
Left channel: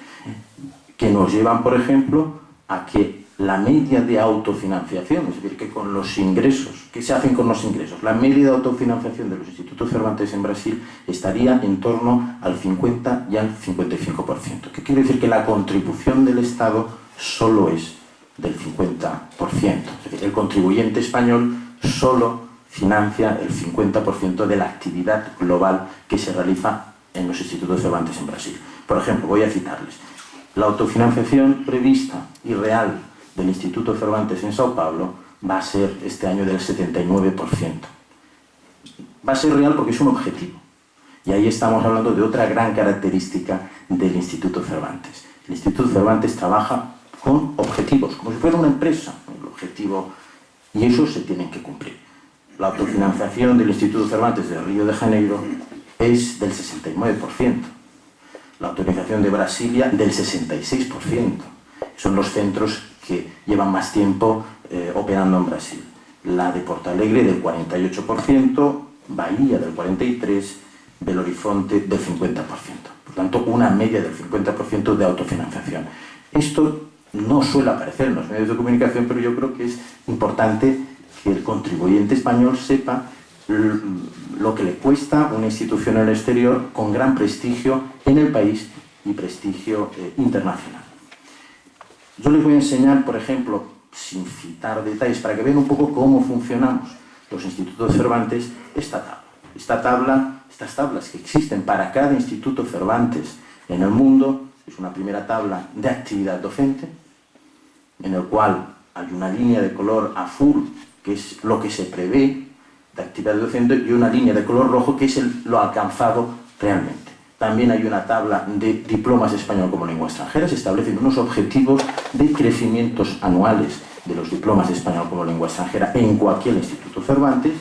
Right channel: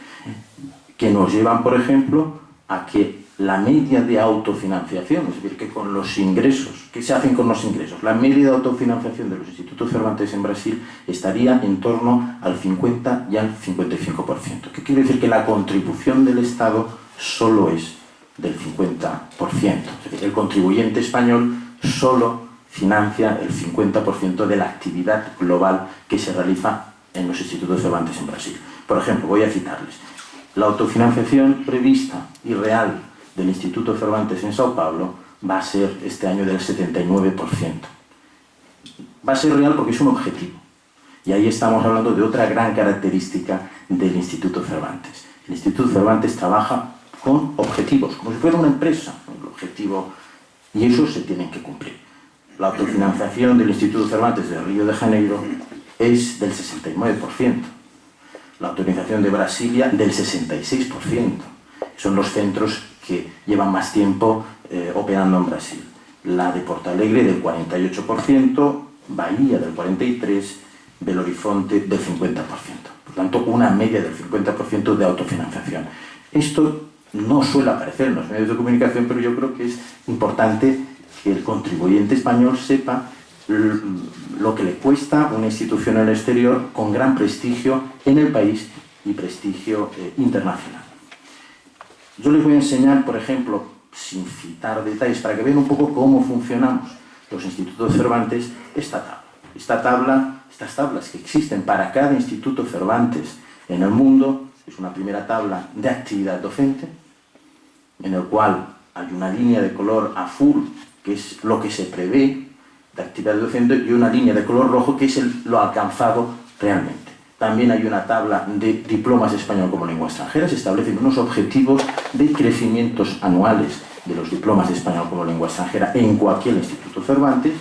que nos llevan, por ejemplo, a que la media de autofinanciación, es decir, que con los ingresos, ¿qué se hacen con los ingresos? La media de autofinanciación de los institutos Cervantes en Brasil estaría en torno al 50 y al 55%. ¿Qué quiere decir? Que la contribución del Estado solo es del 50%. Es decir, el contribuyente español solo financia el 50% de la actividad global que se realiza en los institutos Cervantes en Brasil. Por ejemplo, voy a citarles. La autofinanciación prevista y real del Instituto Cervantes en Sao Paulo va a ser este año del 79%. Va a ser real porque es un objetivo. Y ahí estamos hablando de otra gran característica del Instituto Cervantes. El Instituto Cervantes trabaja con objetivos, como si fuera una empresa. El objetivo, y esos se tienen que cumplir. La autofinanciación del Instituto Cervantes de Río de Janeiro es del 69%. La autorización de Brasilia del 66%. Son los centros que llevan más tiempo operando en Brasil. La de Porto Alegre del 48%, Bahía del 43%, Belo Horizonte del 50%. Por tanto, una media del 50% de autofinanciación. Esto no suele aparecer en los medios de comunicación, pero yo creo que es importante que el contribuyente español sepa lo que le cuesta una institución en el exterior con gran prestigio en el país y prestigio internacional. Yo les voy a enseñar, por ejemplo, sin citar detalles, para que vean un poco cómo funcionamos los institutos Cervantes, estas tablas que existen para cada instituto Cervantes en el mundo. Es una primera tabla de actividad docente, en el cual hay una línea de color azul, que es lo que se prevé de actividad docente, y una línea de color rojo, que es lo alcanzado realmente. También hay una tabla de diplomas de español como lengua extranjera. Se establecen unos objetivos de crecimientos anuales de los diplomas de español como lengua extranjera en cualquier instituto Cervantes.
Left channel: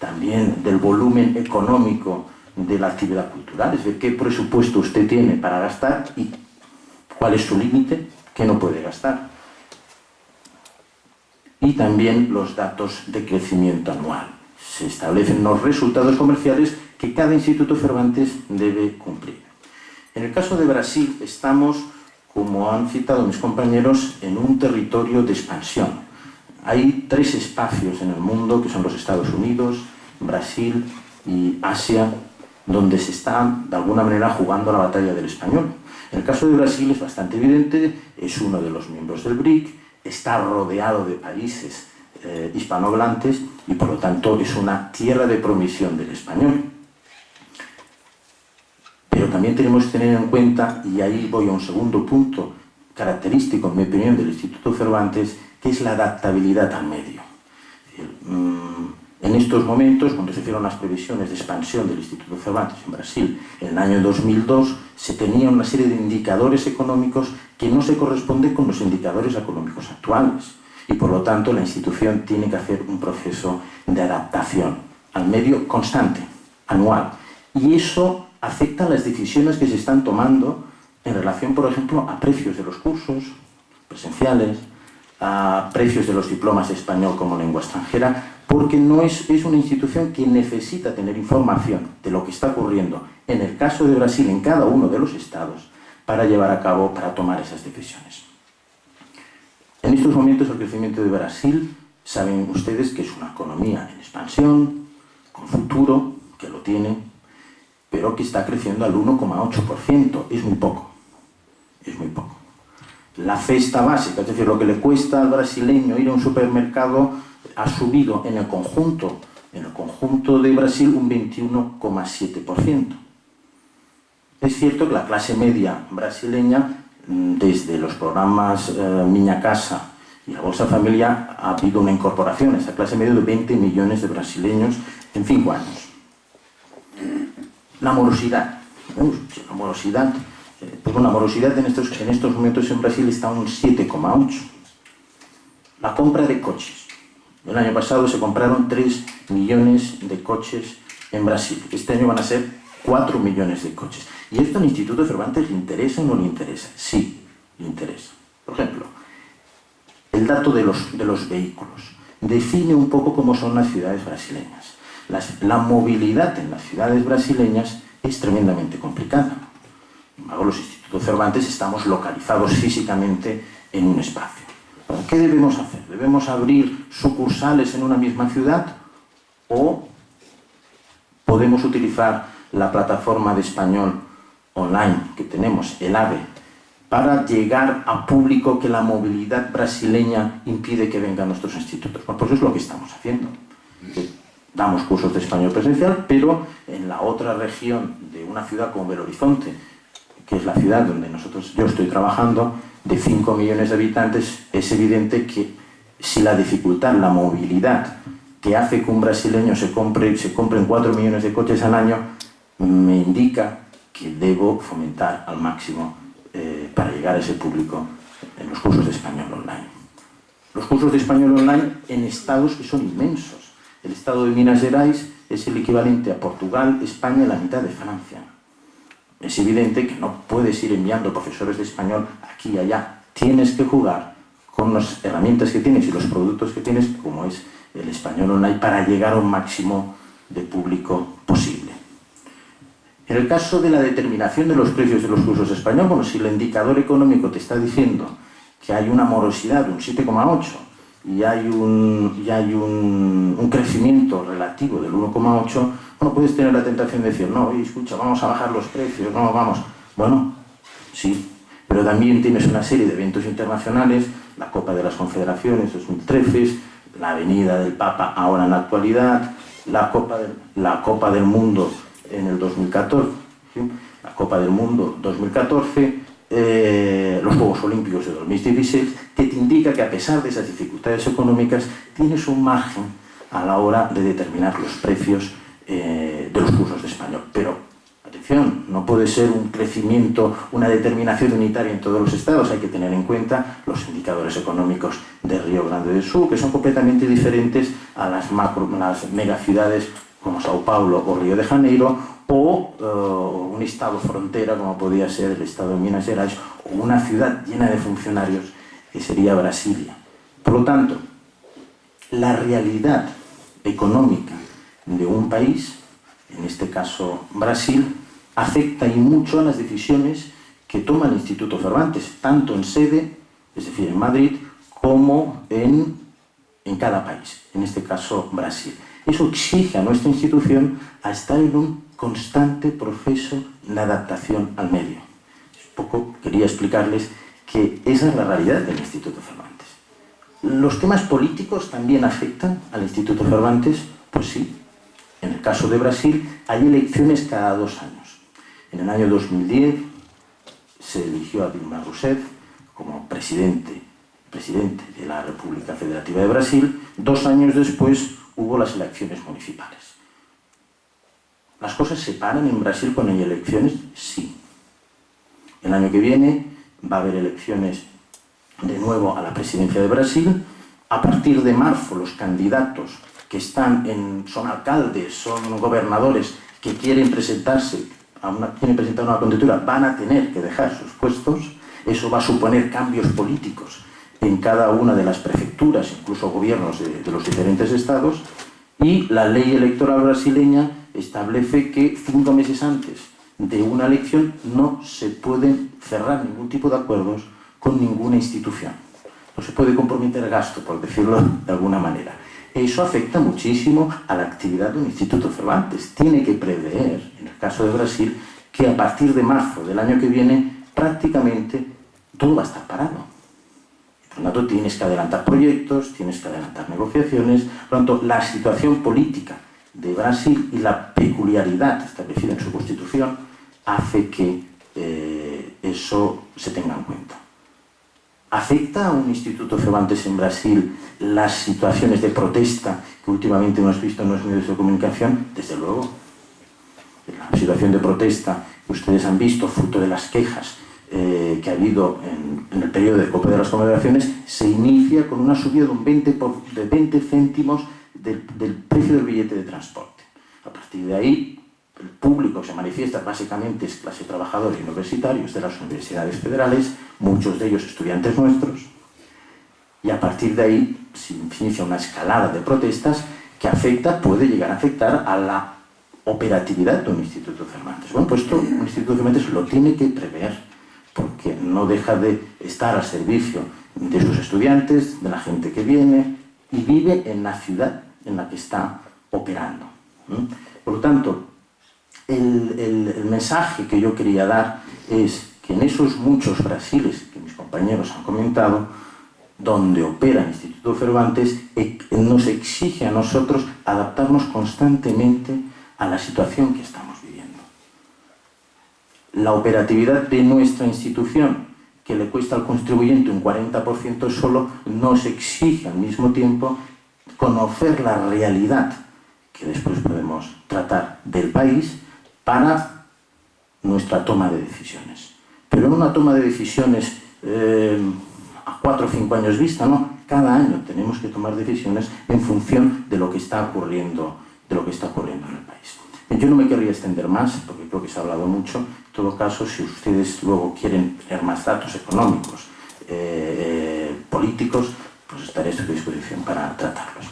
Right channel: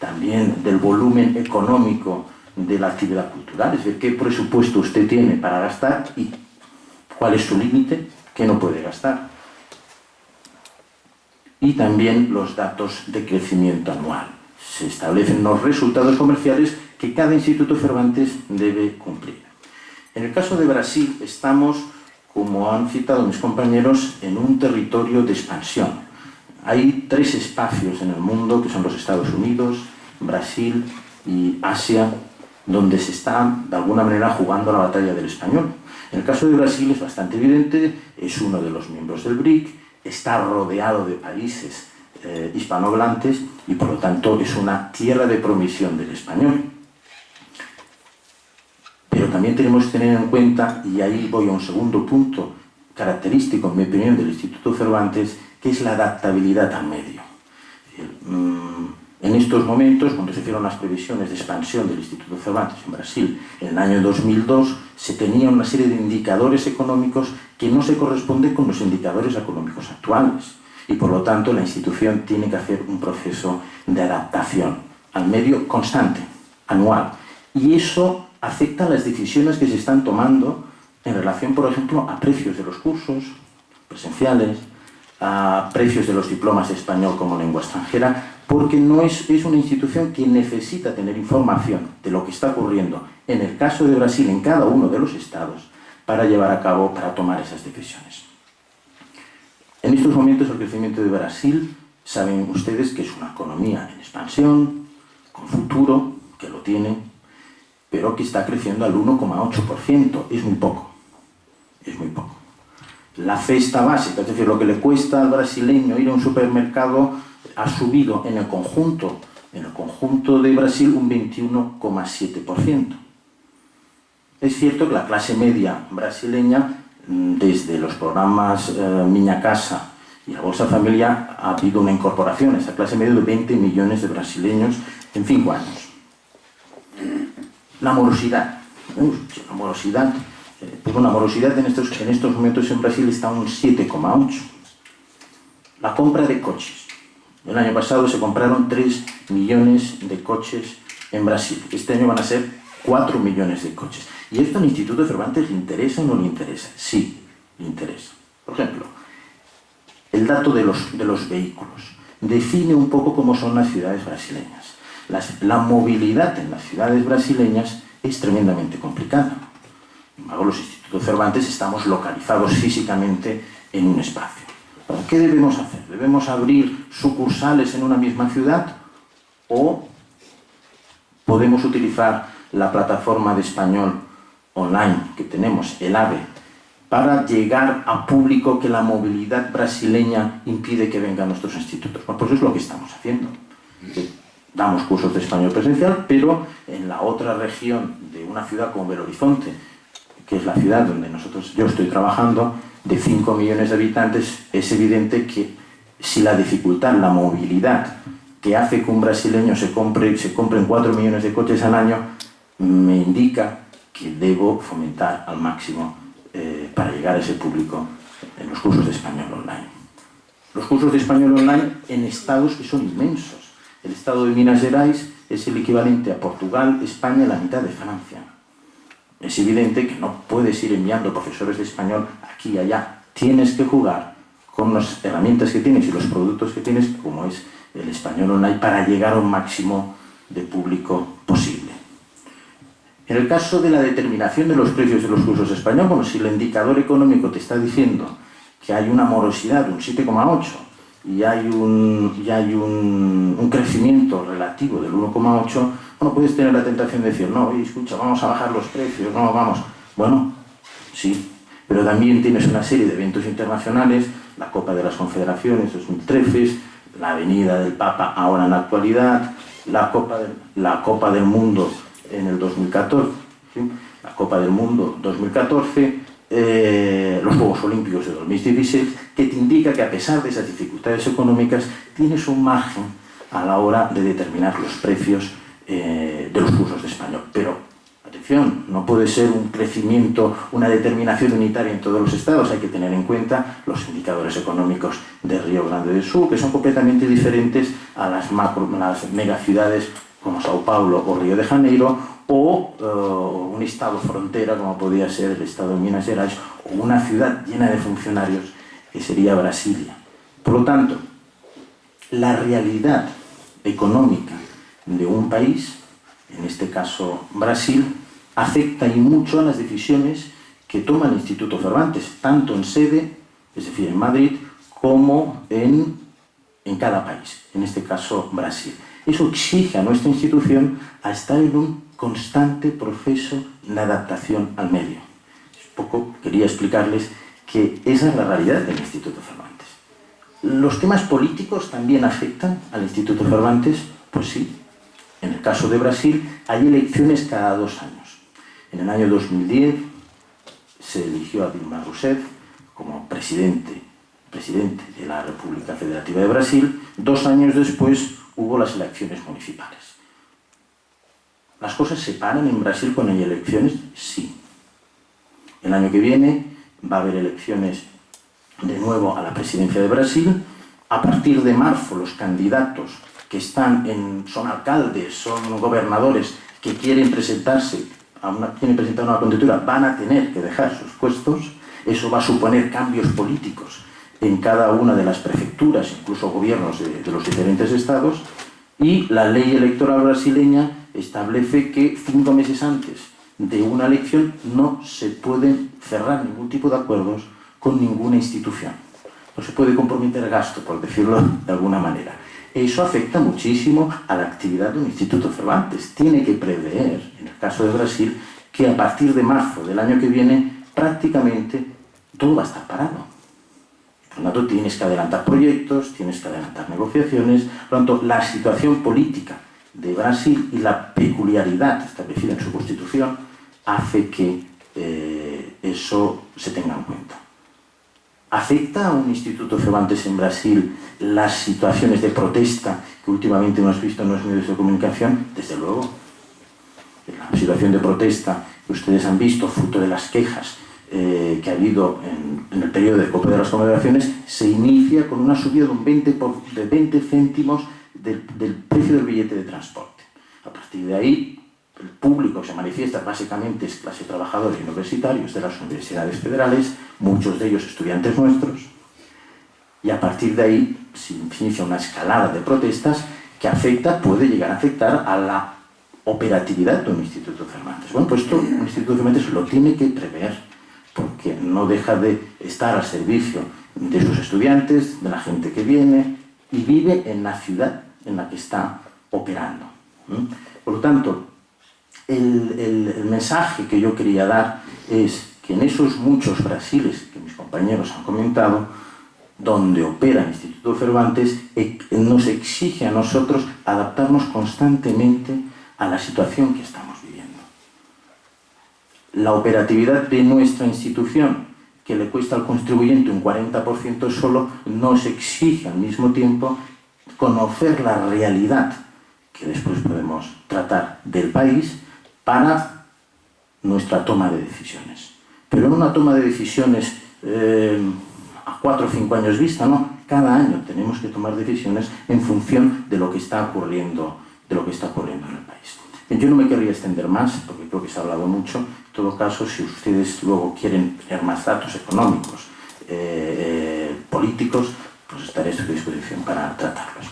También del volumen económico de la actividad cultural, es decir, qué presupuesto usted tiene para gastar y cuál es su límite, qué no puede gastar. Y también los datos de crecimiento anual. Se establecen los resultados comerciales que cada instituto Cervantes debe cumplir. En el caso de Brasil estamos, como han citado mis compañeros, en un territorio de expansión. Hay 3 espacios en el mundo, que son los Estados Unidos, Brasil y Asia, donde se está, de alguna manera, jugando la batalla del español. En el caso de Brasil es bastante evidente, es uno de los miembros del BRIC, está rodeado de países hispanohablantes y, por lo tanto, es una tierra de promisión del español. Pero también tenemos que tener en cuenta, y ahí voy a un segundo punto característico, en mi opinión, del Instituto Cervantes, que es la adaptabilidad al medio. En estos momentos, cuando se hicieron las previsiones de expansión del Instituto Cervantes en Brasil, en el año 2002, se tenía una serie de indicadores económicos que no se corresponden con los indicadores económicos actuales. Y, por lo tanto, la institución tiene que hacer un proceso de adaptación al medio constante, anual. Y eso afecta a las decisiones que se están tomando en relación, por ejemplo, a precios de los cursos presenciales, a precios de los diplomas de español como lengua extranjera, porque no es una institución que necesita tener información de lo que está ocurriendo en el caso de Brasil en cada uno de los estados para llevar a cabo, para tomar esas decisiones. En estos momentos el crecimiento de Brasil, saben ustedes que es una economía en expansión, con futuro, que lo tiene, pero que está creciendo al 1,8%, es muy poco, es muy poco. La cesta básica, es decir, lo que le cuesta al brasileño ir a un supermercado, ha subido en el conjunto de Brasil un 21,7%. Es cierto que la clase media brasileña, desde los programas Minha Casa y la Bolsa Familia, ha habido una incorporación a esa clase media de 20 millones de brasileños en 5 años. La morosidad. La morosidad. Pues una morosidad en estos momentos en Brasil está un 7,8. La compra de coches. El año pasado se compraron 3 millones de coches en Brasil. Este año van a ser 4 millones de coches. ¿Y esto al Instituto Cervantes le interesa o no le interesa? Sí, le interesa. Por ejemplo, el dato de los vehículos define un poco cómo son las ciudades brasileñas. La movilidad en las ciudades brasileñas es tremendamente complicada. Sin embargo, los institutos Cervantes estamos localizados físicamente en un espacio. ¿Qué debemos hacer? ¿Debemos abrir sucursales en una misma ciudad o podemos utilizar la plataforma de español online que tenemos, el AVE, para llegar a público que la movilidad brasileña impide que vengan a nuestros institutos? Pues eso es lo que estamos haciendo. Damos cursos de español presencial, pero en la otra región de una ciudad como Belo Horizonte, que es la ciudad donde yo estoy trabajando, de 5 millones de habitantes, es evidente que si la dificultad, la movilidad que hace que un brasileño se compren 4 millones de coches al año, me indica que debo fomentar al máximo para llegar a ese público en los cursos de español online. Los cursos de español online en estados que son inmensos. El estado de Minas Gerais es el equivalente a Portugal, España y la mitad de Francia. Es evidente que no puedes ir enviando profesores de español aquí y allá. Tienes que jugar con las herramientas que tienes y los productos que tienes, como es el español online, para llegar a un máximo de público posible. En el caso de la determinación de los precios de los cursos de español, bueno, si el indicador económico te está diciendo que hay una morosidad de un 7,8 y hay un crecimiento relativo del 1,8, bueno, puedes tener la tentación de decir, no, oye, escucha, vamos a bajar los precios, no, vamos. Bueno, sí, pero también tienes una serie de eventos internacionales, la Copa de las Confederaciones 2013, la Avenida del Papa ahora en la actualidad, la Copa del Mundo en el 2014, ¿sí? La Copa del Mundo 2014, los Juegos Olímpicos de 2016, que te indica que a pesar de esas dificultades económicas tienes un margen a la hora de determinar los precios de los cursos de español. Pero, atención, no puede ser un crecimiento, una determinación unitaria en todos los estados. Hay que tener en cuenta los indicadores económicos de Río Grande do Sul, que son completamente diferentes a las megaciudades como Sao Paulo o Río de Janeiro, o un estado frontera como podía ser el estado de Minas Gerais, o una ciudad llena de funcionarios que sería Brasilia. Por lo tanto, la realidad económica de un país, en este caso Brasil, afecta y mucho a las decisiones que toma el Instituto Cervantes, tanto en sede, es decir, en Madrid, como en cada país, en este caso Brasil. Eso exige a nuestra institución a estar en un constante proceso de adaptación al medio. Quería explicarles que esa es la realidad del Instituto Cervantes. ¿Los temas políticos también afectan al Instituto Cervantes? Pues sí. En el caso de Brasil hay elecciones cada 2 años. En el año 2010 se eligió a Dilma Rousseff como presidente de la República Federativa de Brasil. 2 años después hubo las elecciones municipales. ¿Las cosas se paran en Brasil cuando hay elecciones? Sí. El año que viene va a haber elecciones de nuevo a la presidencia de Brasil. A partir de marzo, los candidatos que son alcaldes, son gobernadores que quieren presentar una candidatura, van a tener que dejar sus puestos. Eso va a suponer cambios políticos en cada una de las prefecturas, incluso gobiernos de los diferentes estados, y la ley electoral brasileña establece que 5 meses antes de una elección no se pueden cerrar ningún tipo de acuerdos con ninguna institución. No se puede comprometer gasto, por decirlo de alguna manera. Eso afecta muchísimo a la actividad de un Instituto Cervantes. Tiene que prever, en el caso de Brasil, que a partir de marzo del año que viene prácticamente todo va a estar parado. Por lo tanto, tienes que adelantar proyectos, tienes que adelantar negociaciones. Por lo tanto, la situación política de Brasil y la peculiaridad establecida en su constitución hace que eso se tenga en cuenta. ¿Afecta a un Instituto Cervantes en Brasil las situaciones de protesta que últimamente hemos visto en los medios de comunicación? Desde luego. La situación de protesta que ustedes han visto, fruto de las quejas que ha habido en el periodo de Copa de las Confederaciones, se inicia con una subida de 20 céntimos del precio del billete de transporte. A partir de ahí, el público que se manifiesta básicamente es clase trabajadora y universitarios de las universidades federales, muchos de ellos estudiantes nuestros, y a partir de ahí se inicia una escalada de protestas que puede llegar a afectar a la operatividad de un Instituto Cervantes. Bueno, pues esto un Instituto Cervantes lo tiene que prever, porque no deja de estar al servicio de sus estudiantes, de la gente que viene y vive en la ciudad en la que está operando. Por lo tanto, el mensaje que yo quería dar es que en esos muchos Brasiles que mis compañeros han comentado, donde opera el Instituto Cervantes, nos exige a nosotros adaptarnos constantemente a la situación que estamos viviendo. la operatividad de nuestra institución, que le cuesta al contribuyente un 40% solo, nos exige al mismo tiempo conocer la realidad que después podemos tratar del país para nuestra toma de decisiones. Pero en una toma de decisiones a 4 o 5 años vista, no. Cada año tenemos que tomar decisiones en función de lo que está ocurriendo, en el país. Yo no me querría extender más, porque creo que se ha hablado mucho. En todo caso, si ustedes luego quieren tener más datos económicos, políticos, pues estaré a su disposición para tratarlos.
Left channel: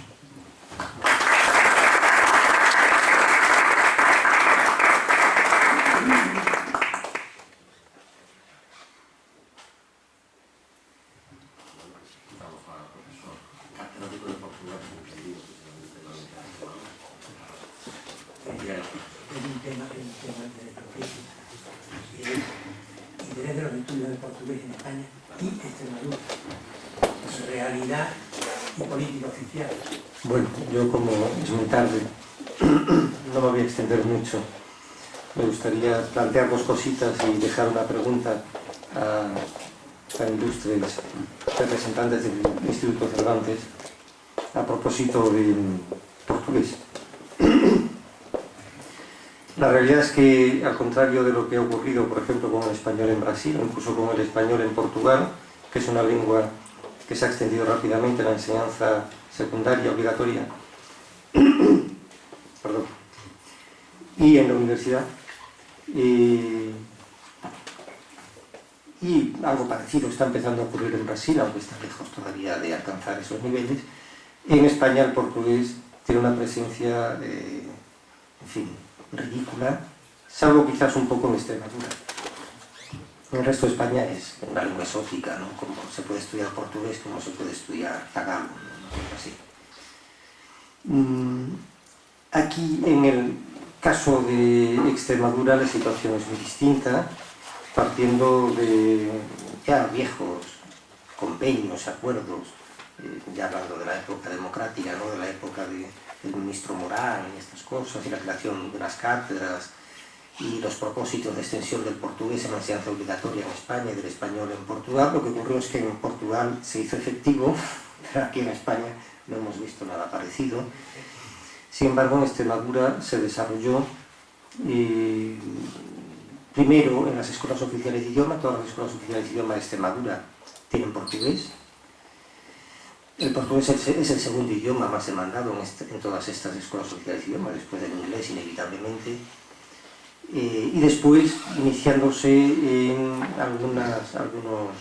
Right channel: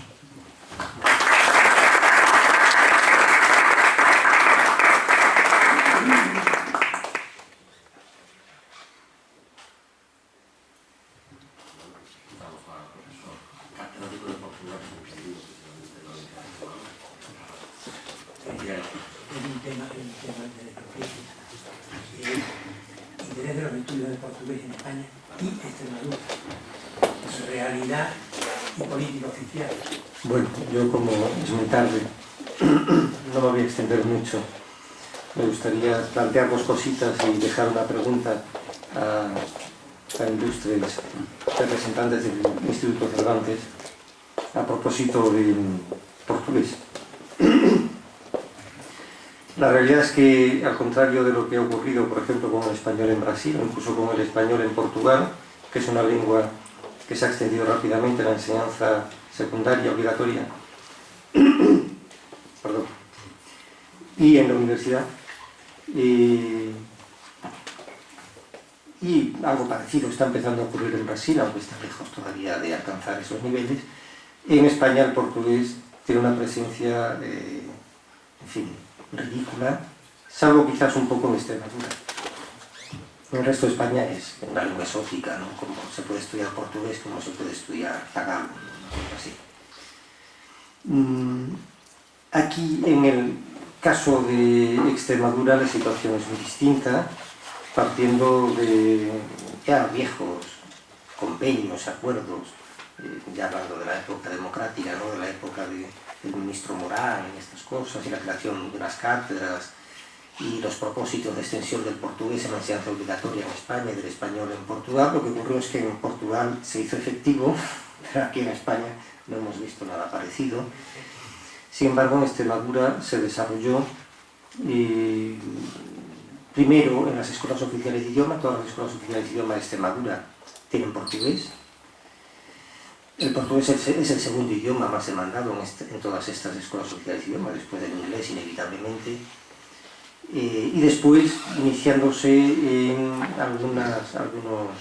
Interés de los estudios de portugués en España y Extremadura, su realidad y política oficial. Bueno, yo como es muy tarde, no me voy a extender mucho. Me gustaría plantear 2 cositas y dejar una pregunta a ilustres representantes del Instituto Cervantes a propósito del portugués. La realidad es que, al contrario de lo que ha ocurrido, por ejemplo, con el español en Brasil, o incluso con el español en Portugal, que es una lengua que se ha extendido rápidamente en la enseñanza secundaria obligatoria, perdón, y en la universidad, y algo parecido está empezando a ocurrir en Brasil, aunque está lejos todavía de alcanzar esos niveles. En España el portugués tiene una presencia, en fin, ridícula, salvo quizás un poco en Extremadura. En el resto de España es una lengua exótica, ¿no? Como se puede estudiar portugués, como se puede estudiar tagalo, ¿no? Así. Aquí, en el caso de Extremadura, la situación es muy distinta, partiendo de ya viejos convenios, acuerdos, ya hablando de la época democrática, ¿no? De la época del ministro Morán y estas cosas, y la creación de unas cátedras y los propósitos de extensión del portugués en la enseñanza obligatoria en España y del español en Portugal. Lo que ocurrió es que en Portugal se hizo efectivo, pero aquí en España no hemos visto nada parecido. Sin embargo, en Extremadura se desarrolló primero en las escuelas oficiales de idioma. Todas las escuelas oficiales de idioma de Extremadura tienen portugués. El portugués es el segundo idioma más demandado en todas estas escuelas oficiales de idioma, después del inglés inevitablemente, y después iniciándose en algunos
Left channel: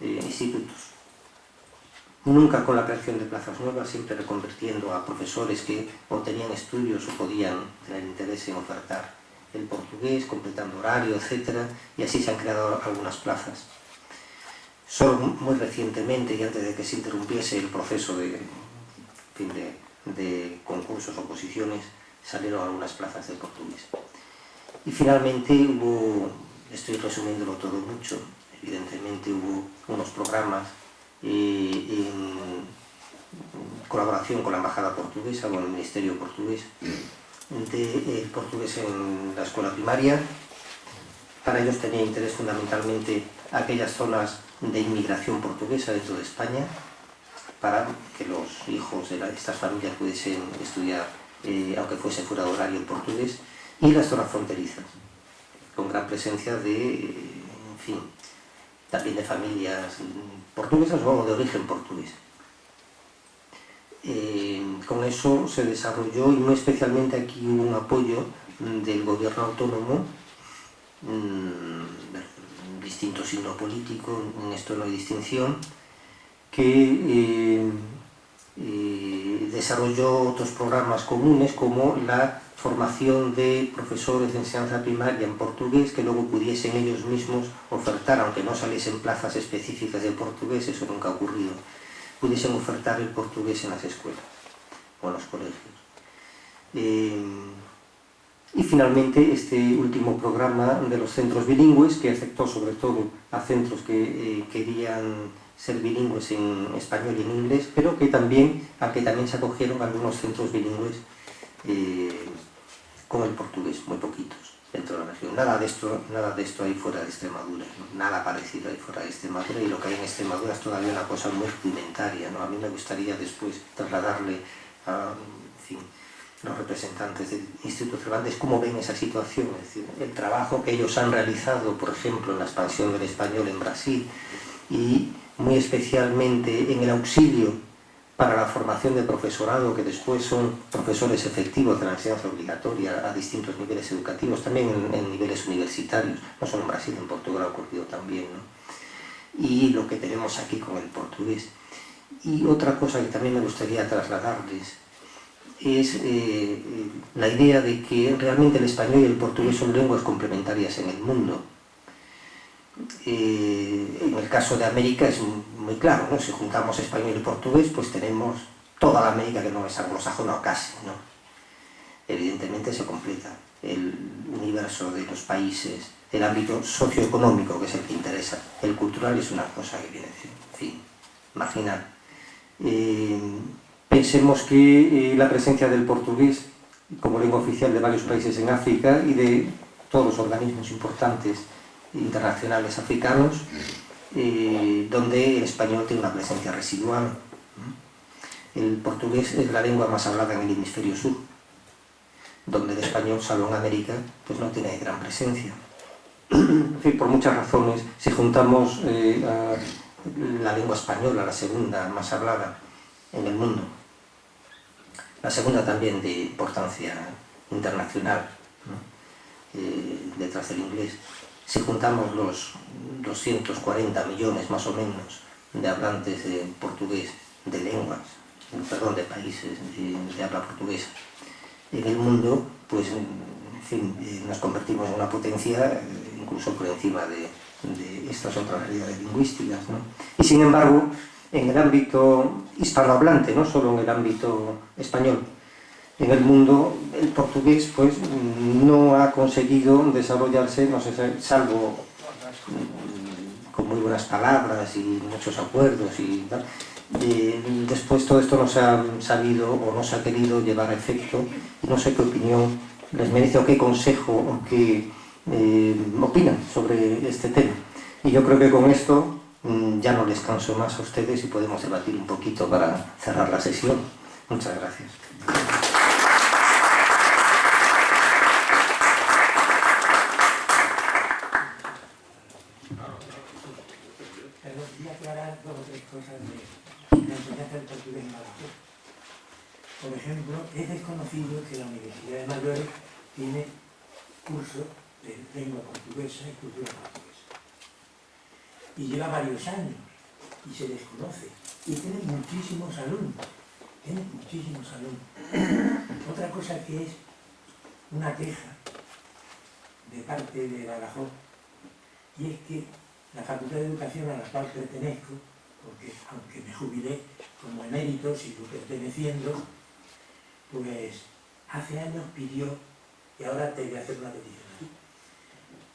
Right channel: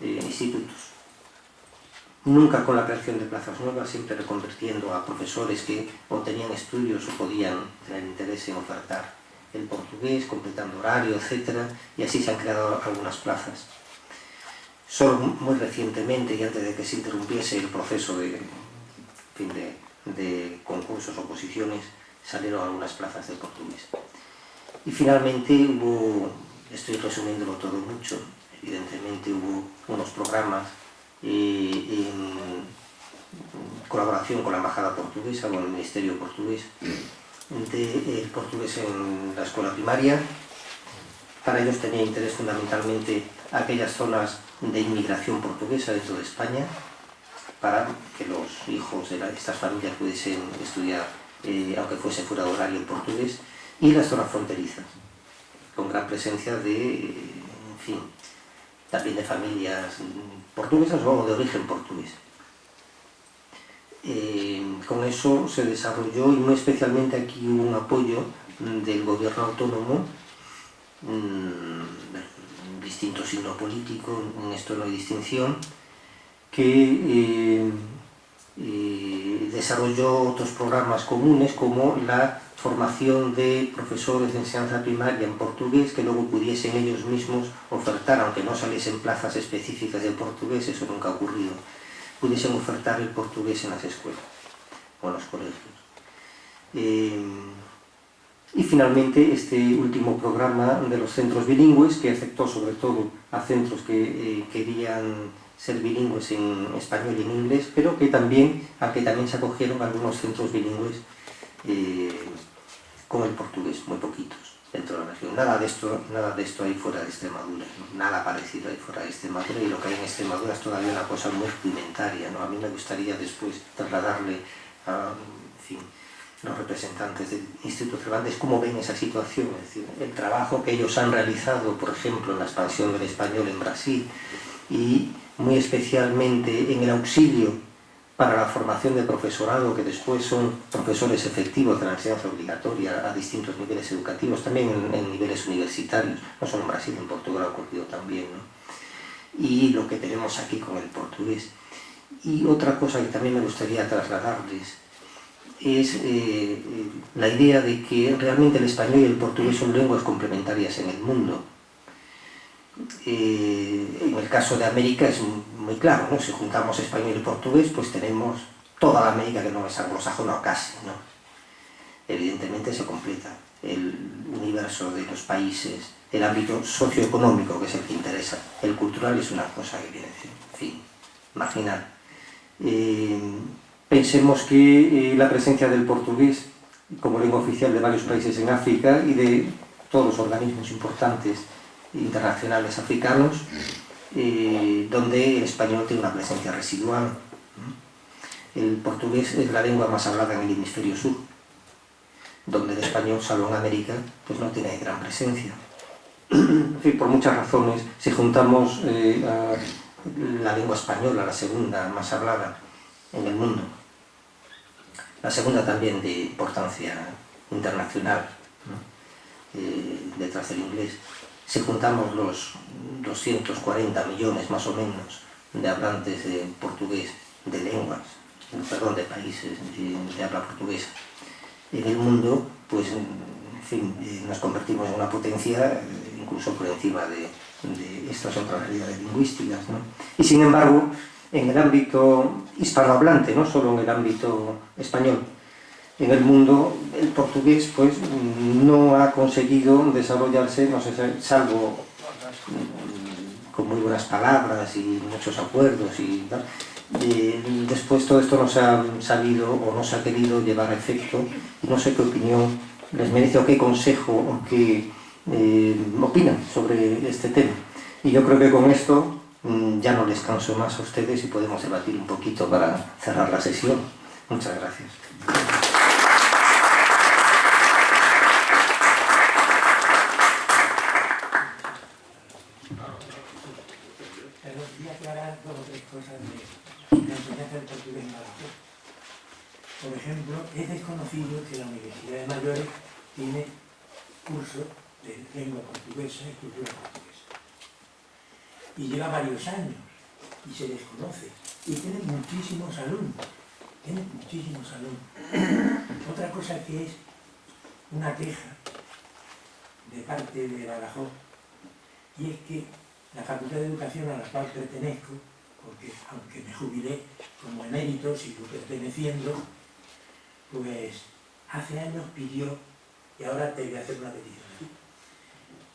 institutos. Nunca con la creación de plazas nuevas, siempre reconvirtiendo a profesores que o tenían estudios o podían tener interés en ofertar el portugués, completando horario, etc. Y así se han creado algunas plazas. Solo muy recientemente, y antes de que se interrumpiese el proceso de concursos o oposiciones, salieron algunas plazas de portugués. Y finalmente hubo, estoy resumiéndolo todo mucho, evidentemente hubo unos programas en colaboración con la Embajada Portuguesa, con el Ministerio Portugués, de portugués en la escuela primaria. Para ellos tenía interés fundamentalmente aquellas zonas de inmigración portuguesa dentro de España, para que los hijos de estas familias pudiesen estudiar, aunque fuese fuera de horario, en portugués, y las zonas fronterizas, con gran presencia de, en fin, también de familias portuguesas o de origen portugués. Con eso se desarrolló, y muy especialmente aquí hubo un apoyo del gobierno autónomo, distinto signo político, en esto no hay distinción, que desarrolló otros programas comunes como la formación de profesores de enseñanza primaria en portugués, que luego pudiesen ellos mismos ofertar, aunque no saliesen plazas específicas de portugués, eso nunca ha ocurrido, pudiesen ofertar el portugués en las escuelas o en los colegios. Y finalmente este último programa de los centros bilingües, que afectó sobre todo a centros que querían ser bilingües en español y en inglés, pero a que también se acogieron algunos centros bilingües con el portugués, muy poquitos. dentro de la región. Nada de esto hay fuera de Extremadura, ¿no? Nada parecido hay fuera de Extremadura, y lo que hay en Extremadura es todavía una cosa muy rudimentaria, ¿no? A mí me gustaría después trasladarle a, en fin, los representantes del Instituto Cervantes cómo ven esa situación, es decir, el trabajo que ellos han realizado, por ejemplo, en la expansión del español en Brasil, y muy especialmente en el auxilio para la formación de profesorado, que después son profesores efectivos de la enseñanza obligatoria a distintos niveles educativos, también en niveles universitarios, no solo en Brasil, en Portugal ha ocurrido también, ¿no? Y lo que tenemos aquí con el portugués. Y otra cosa que también me gustaría trasladarles es la idea de que realmente el español y el portugués son lenguas complementarias en el mundo. En el caso de América es muy claro, ¿no? Si juntamos español y portugués, pues tenemos toda la América que no es anglosajona o casi, ¿no? Evidentemente se completa el universo de los países, el ámbito socioeconómico, que es el que interesa. El cultural es una cosa que viene, en fin, marginal. Pensemos que la presencia del portugués como lengua oficial de varios países en África y de todos los organismos importantes internacionales africanos, donde el español tiene una presencia residual. El portugués es la lengua más hablada en el hemisferio sur, donde el español, salvo en América, pues no tiene gran presencia. En fin, por muchas razones, si juntamos a la lengua española, la segunda más hablada en el mundo, la segunda también de importancia internacional, ¿no? Detrás del inglés, si juntamos los 240 millones más o menos de hablantes de portugués, de lenguas, perdón, de países de habla portuguesa en el mundo, pues en fin, nos convertimos en una potencia incluso por encima de estas otras realidades lingüísticas, ¿no? Y sin embargo, en el ámbito hispanohablante, no solo en el ámbito español, en el mundo el portugués pues no ha conseguido desarrollarse, no sé, salvo con muy buenas palabras y muchos acuerdos y tal. Después todo esto no se ha sabido o no se ha querido llevar a efecto, y no sé qué opinión les merece o qué consejo o qué opinan sobre este tema. Y yo creo que con esto ya no les canso más a ustedes y podemos debatir un poquito para cerrar la sesión. Muchas gracias. Quería aclarar dos o tres cosas de la enseñanza del portugués en Badajoz. Por ejemplo, es desconocido que la Universidad de Mayores tiene curso de lengua portuguesa y cultura portuguesa. Y lleva varios años y se desconoce. Y tiene muchísimos alumnos. Otra cosa que es una queja de parte de Badajoz, y es que la Facultad de Educación a la cual pertenezco, porque aunque me jubilé como emérito, sigo perteneciendo, pues hace años pidió, y ahora te voy a hacer una petición aquí,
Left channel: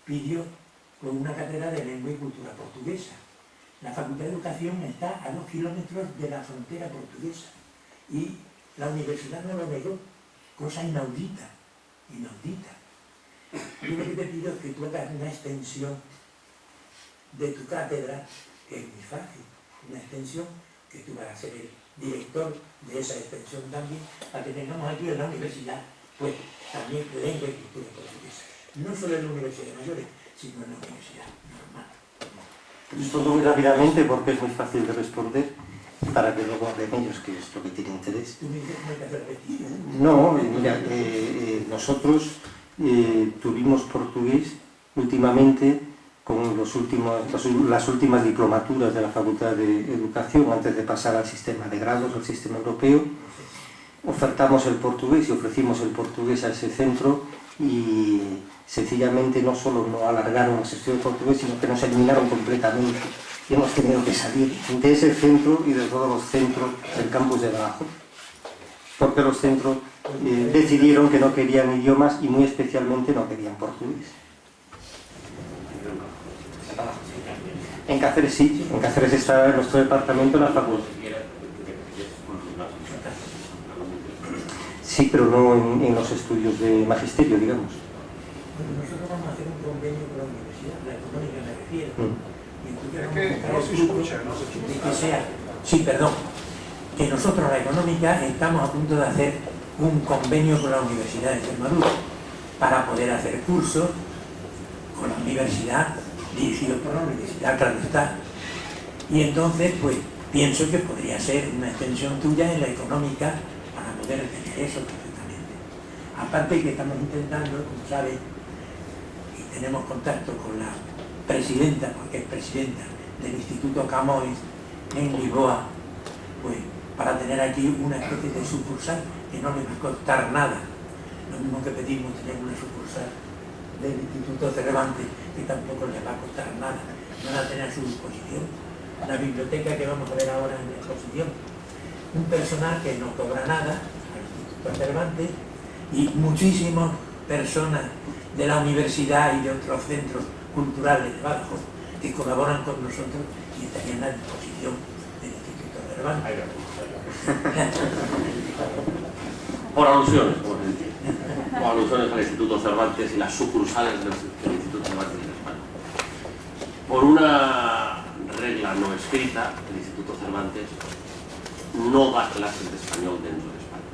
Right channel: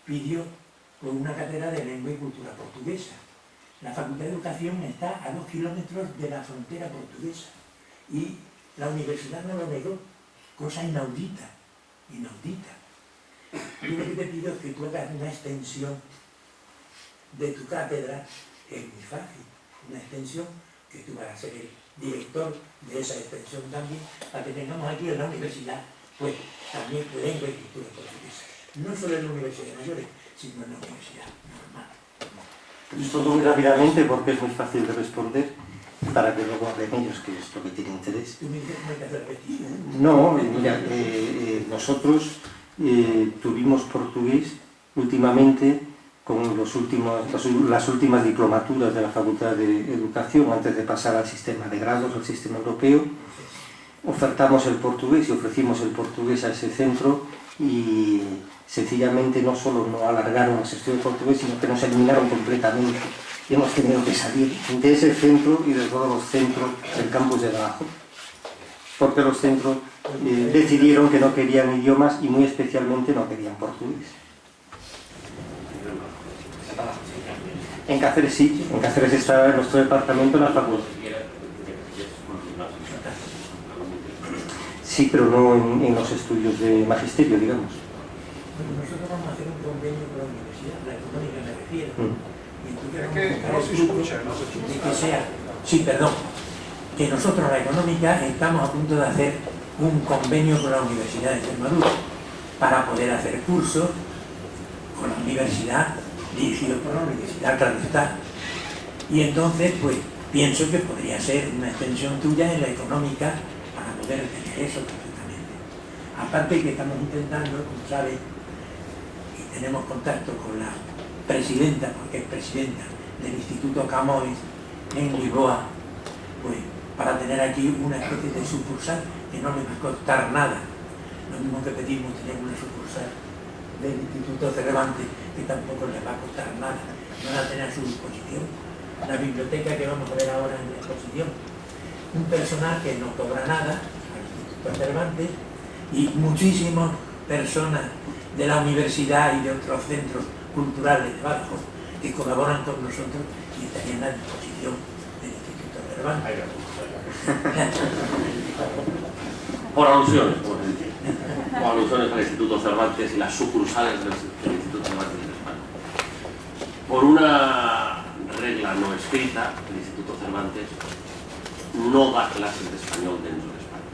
pidió con una cátedra de lengua y cultura portuguesa. La Facultad de Educación está a 2 kilómetros de la frontera portuguesa y la universidad no lo negó, cosa inaudita. Yo lo que te pido es que tú hagas una extensión de tu cátedra, que es muy fácil, una extensión que tú vas a ser el director de esa extensión también, para que tengamos aquí en la universidad, pues también lengua y cultura portuguesa. No solo en la Universidad de Mayores, sino en la universidad normal. Respondo muy rápidamente porque es muy fácil de responder, para que luego hablen ellos, que es lo que tiene interés. ¿Tú me dices que me hay que hacer petición? No, mira, nosotros tuvimos portugués últimamente con las últimas diplomaturas de la Facultad de Educación, antes de pasar al sistema de grados, al sistema europeo. Ofertamos el portugués y ofrecimos el portugués a ese centro, y sencillamente no solo no alargaron los estudios de portugués, sino que nos eliminaron completamente. Y hemos tenido que salir de ese centro y de todos los centros del campus de Badajoz, porque los centros decidieron que no querían idiomas y muy especialmente no querían portugués. En Cáceres sí, en Cáceres está en nuestro departamento la facultad. Sí, pero no en los estudios de magisterio, digamos. Bueno, convenio con la universidad, la económica me refiero. Y entonces Es que no se escucha, no se escucha. de que sea, sí, perdón, que nosotros la económica estamos a punto de hacer un convenio con la Universidad de Extremadura para poder hacer cursos con la universidad, dirigidos por la universidad, claro está. Y entonces, pues, pienso que podría ser una extensión tuya en la económica para poder tener eso perfectamente. Aparte que estamos intentando, como sabes, y tenemos contacto con la presidenta, porque es presidenta del Instituto Camões en Lisboa, pues para tener aquí una especie de sucursal que no le va a costar nada. Lo mismo que pedimos tener una sucursal del Instituto Cervantes, que tampoco les va a costar nada. Van a tener a su disposición la biblioteca que vamos a ver ahora en la exposición. Un personal que no cobra nada al Instituto Cervantes y muchísimas personas de la universidad y de otros centros culturales de Badajoz que colaboran con nosotros y estarían a disposición del Instituto Cervantes. Por alusiones, como se dice. Por alusiones al Instituto Cervantes y las sucursales del Instituto Cervantes en España. Por una regla no escrita, el Instituto Cervantes no da clases de español dentro de España.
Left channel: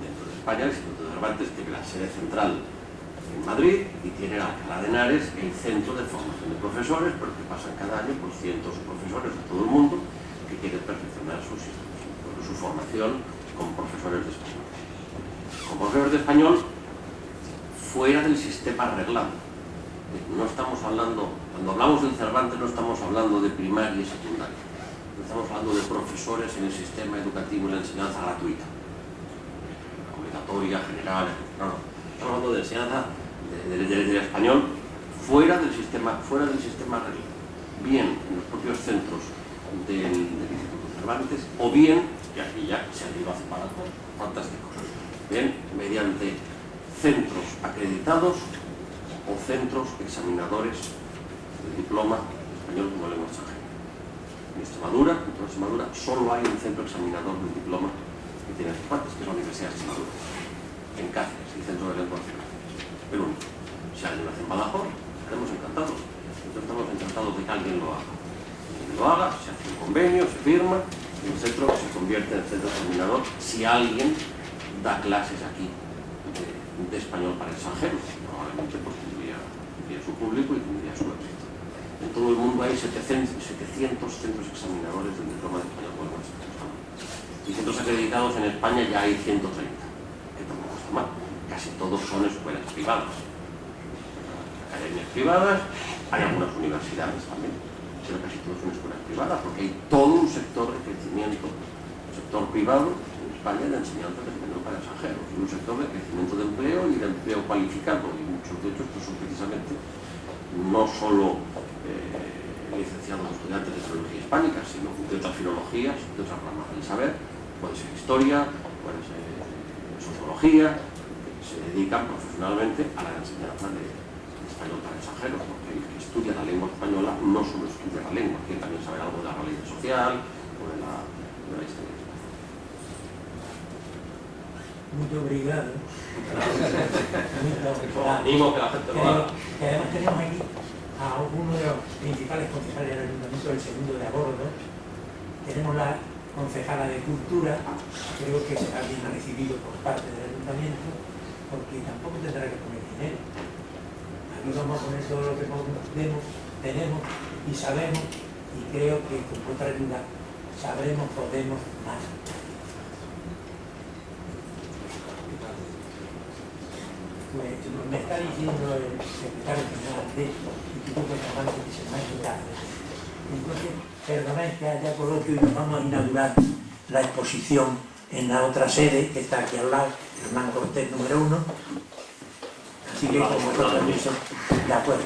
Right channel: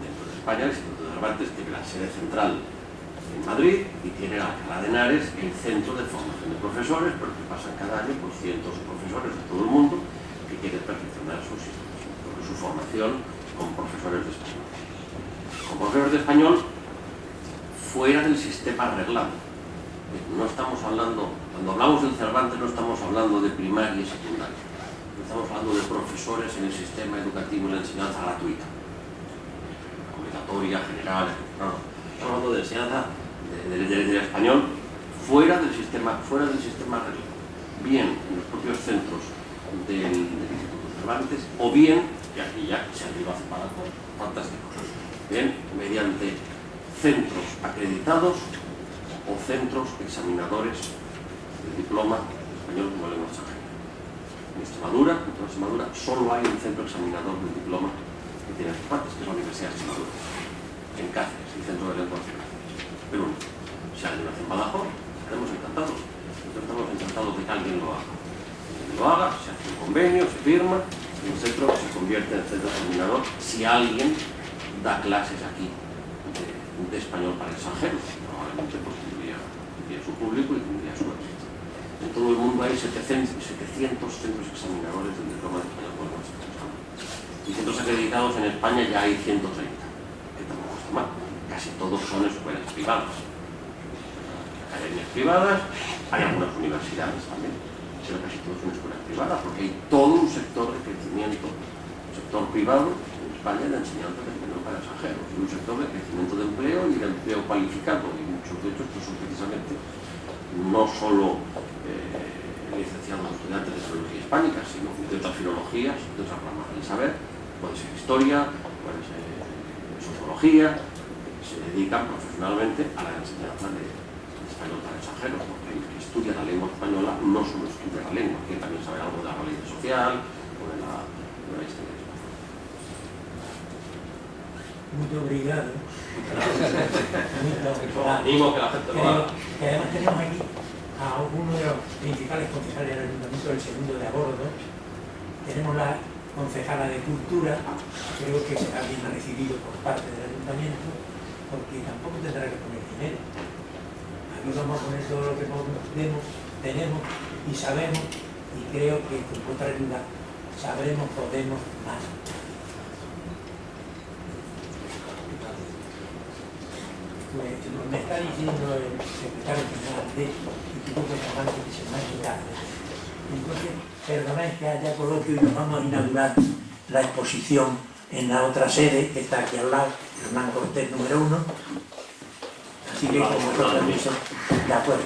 Dentro de España, el Instituto Cervantes tiene la sede central en Madrid y tiene Alcalá de Henares, el centro de formación de profesores, porque pasan cada año por cientos de profesores de todo el mundo que quieren perfeccionar su formación como profesores de español. Como profesores de español fuera del sistema reglado. No estamos hablando, cuando hablamos del Cervantes no estamos hablando de primaria y secundaria. No estamos hablando de profesores en el sistema educativo y la enseñanza gratuita, obligatoria, general, no. Estamos hablando de enseñanza del español fuera del sistema reglado. Bien en los propios centros del Instituto Cervantes, o bien, y aquí ya se arriba hace para fantástico, bien, mediante centros acreditados o centros examinadores del diploma español como lengua extranjera. En Extremadura, en toda Extremadura, solo hay un centro examinador del diploma que tiene Cervantes, que es la Universidad de Extremadura, en Cáceres, el centro de lengua de Cáceres. Pero único. Si alguien lo hace en Badajoz, estaremos encantados. Nosotros estamos encantados de que alguien lo haga. Lo haga, se hace un convenio, se firma, y un centro se convierte en centro examinador si alguien da clases aquí de español para extranjeros. Probablemente pues, tendría su público y tendría su éxito. En todo el mundo hay 700 centros examinadores del diploma de español por lengua extranjera. Y centros acreditados en España ya hay 130, que tampoco está mal. Casi todos son escuelas privadas. Academias privadas, hay algunas universidades también, pero casi todos son escuelas privadas, porque hay todo un sector de crecimiento, un sector privado en España de enseñanza de español para extranjeros, y un sector de crecimiento de empleo y de empleo cualificado, y muchos de ellos pues, son precisamente no solo licenciados o estudiantes de filología hispánica, sino de otras filologías, de otras ramas del saber, puede ser historia, puede ser sociología, que se dedican profesionalmente a la enseñanza de español para extranjeros, porque el que estudia la lengua española no solo estudia la lengua, quiere también saber algo de la realidad social o de la historia. Muy obrigado. Animo que la gente lo haga. Además tenemos aquí a uno de los principales concejales del Ayuntamiento, el segundo de a bordo. Tenemos la concejala de Cultura, creo que será bien recibido por parte del Ayuntamiento, porque tampoco tendrá que poner dinero. Aquí vamos a poner todo lo que tenemos y sabemos, y creo que con vuestra ayuda sabremos, podemos más. Pues me está diciendo el secretario general del Instituto Cervantes que se me ha quitado. Entonces, perdonad que haya coloquio y nos vamos a inaugurar la exposición en la otra sede que está aquí al lado, Hernán Cortés número 1. Así que con vuestro permiso, de acuerdo.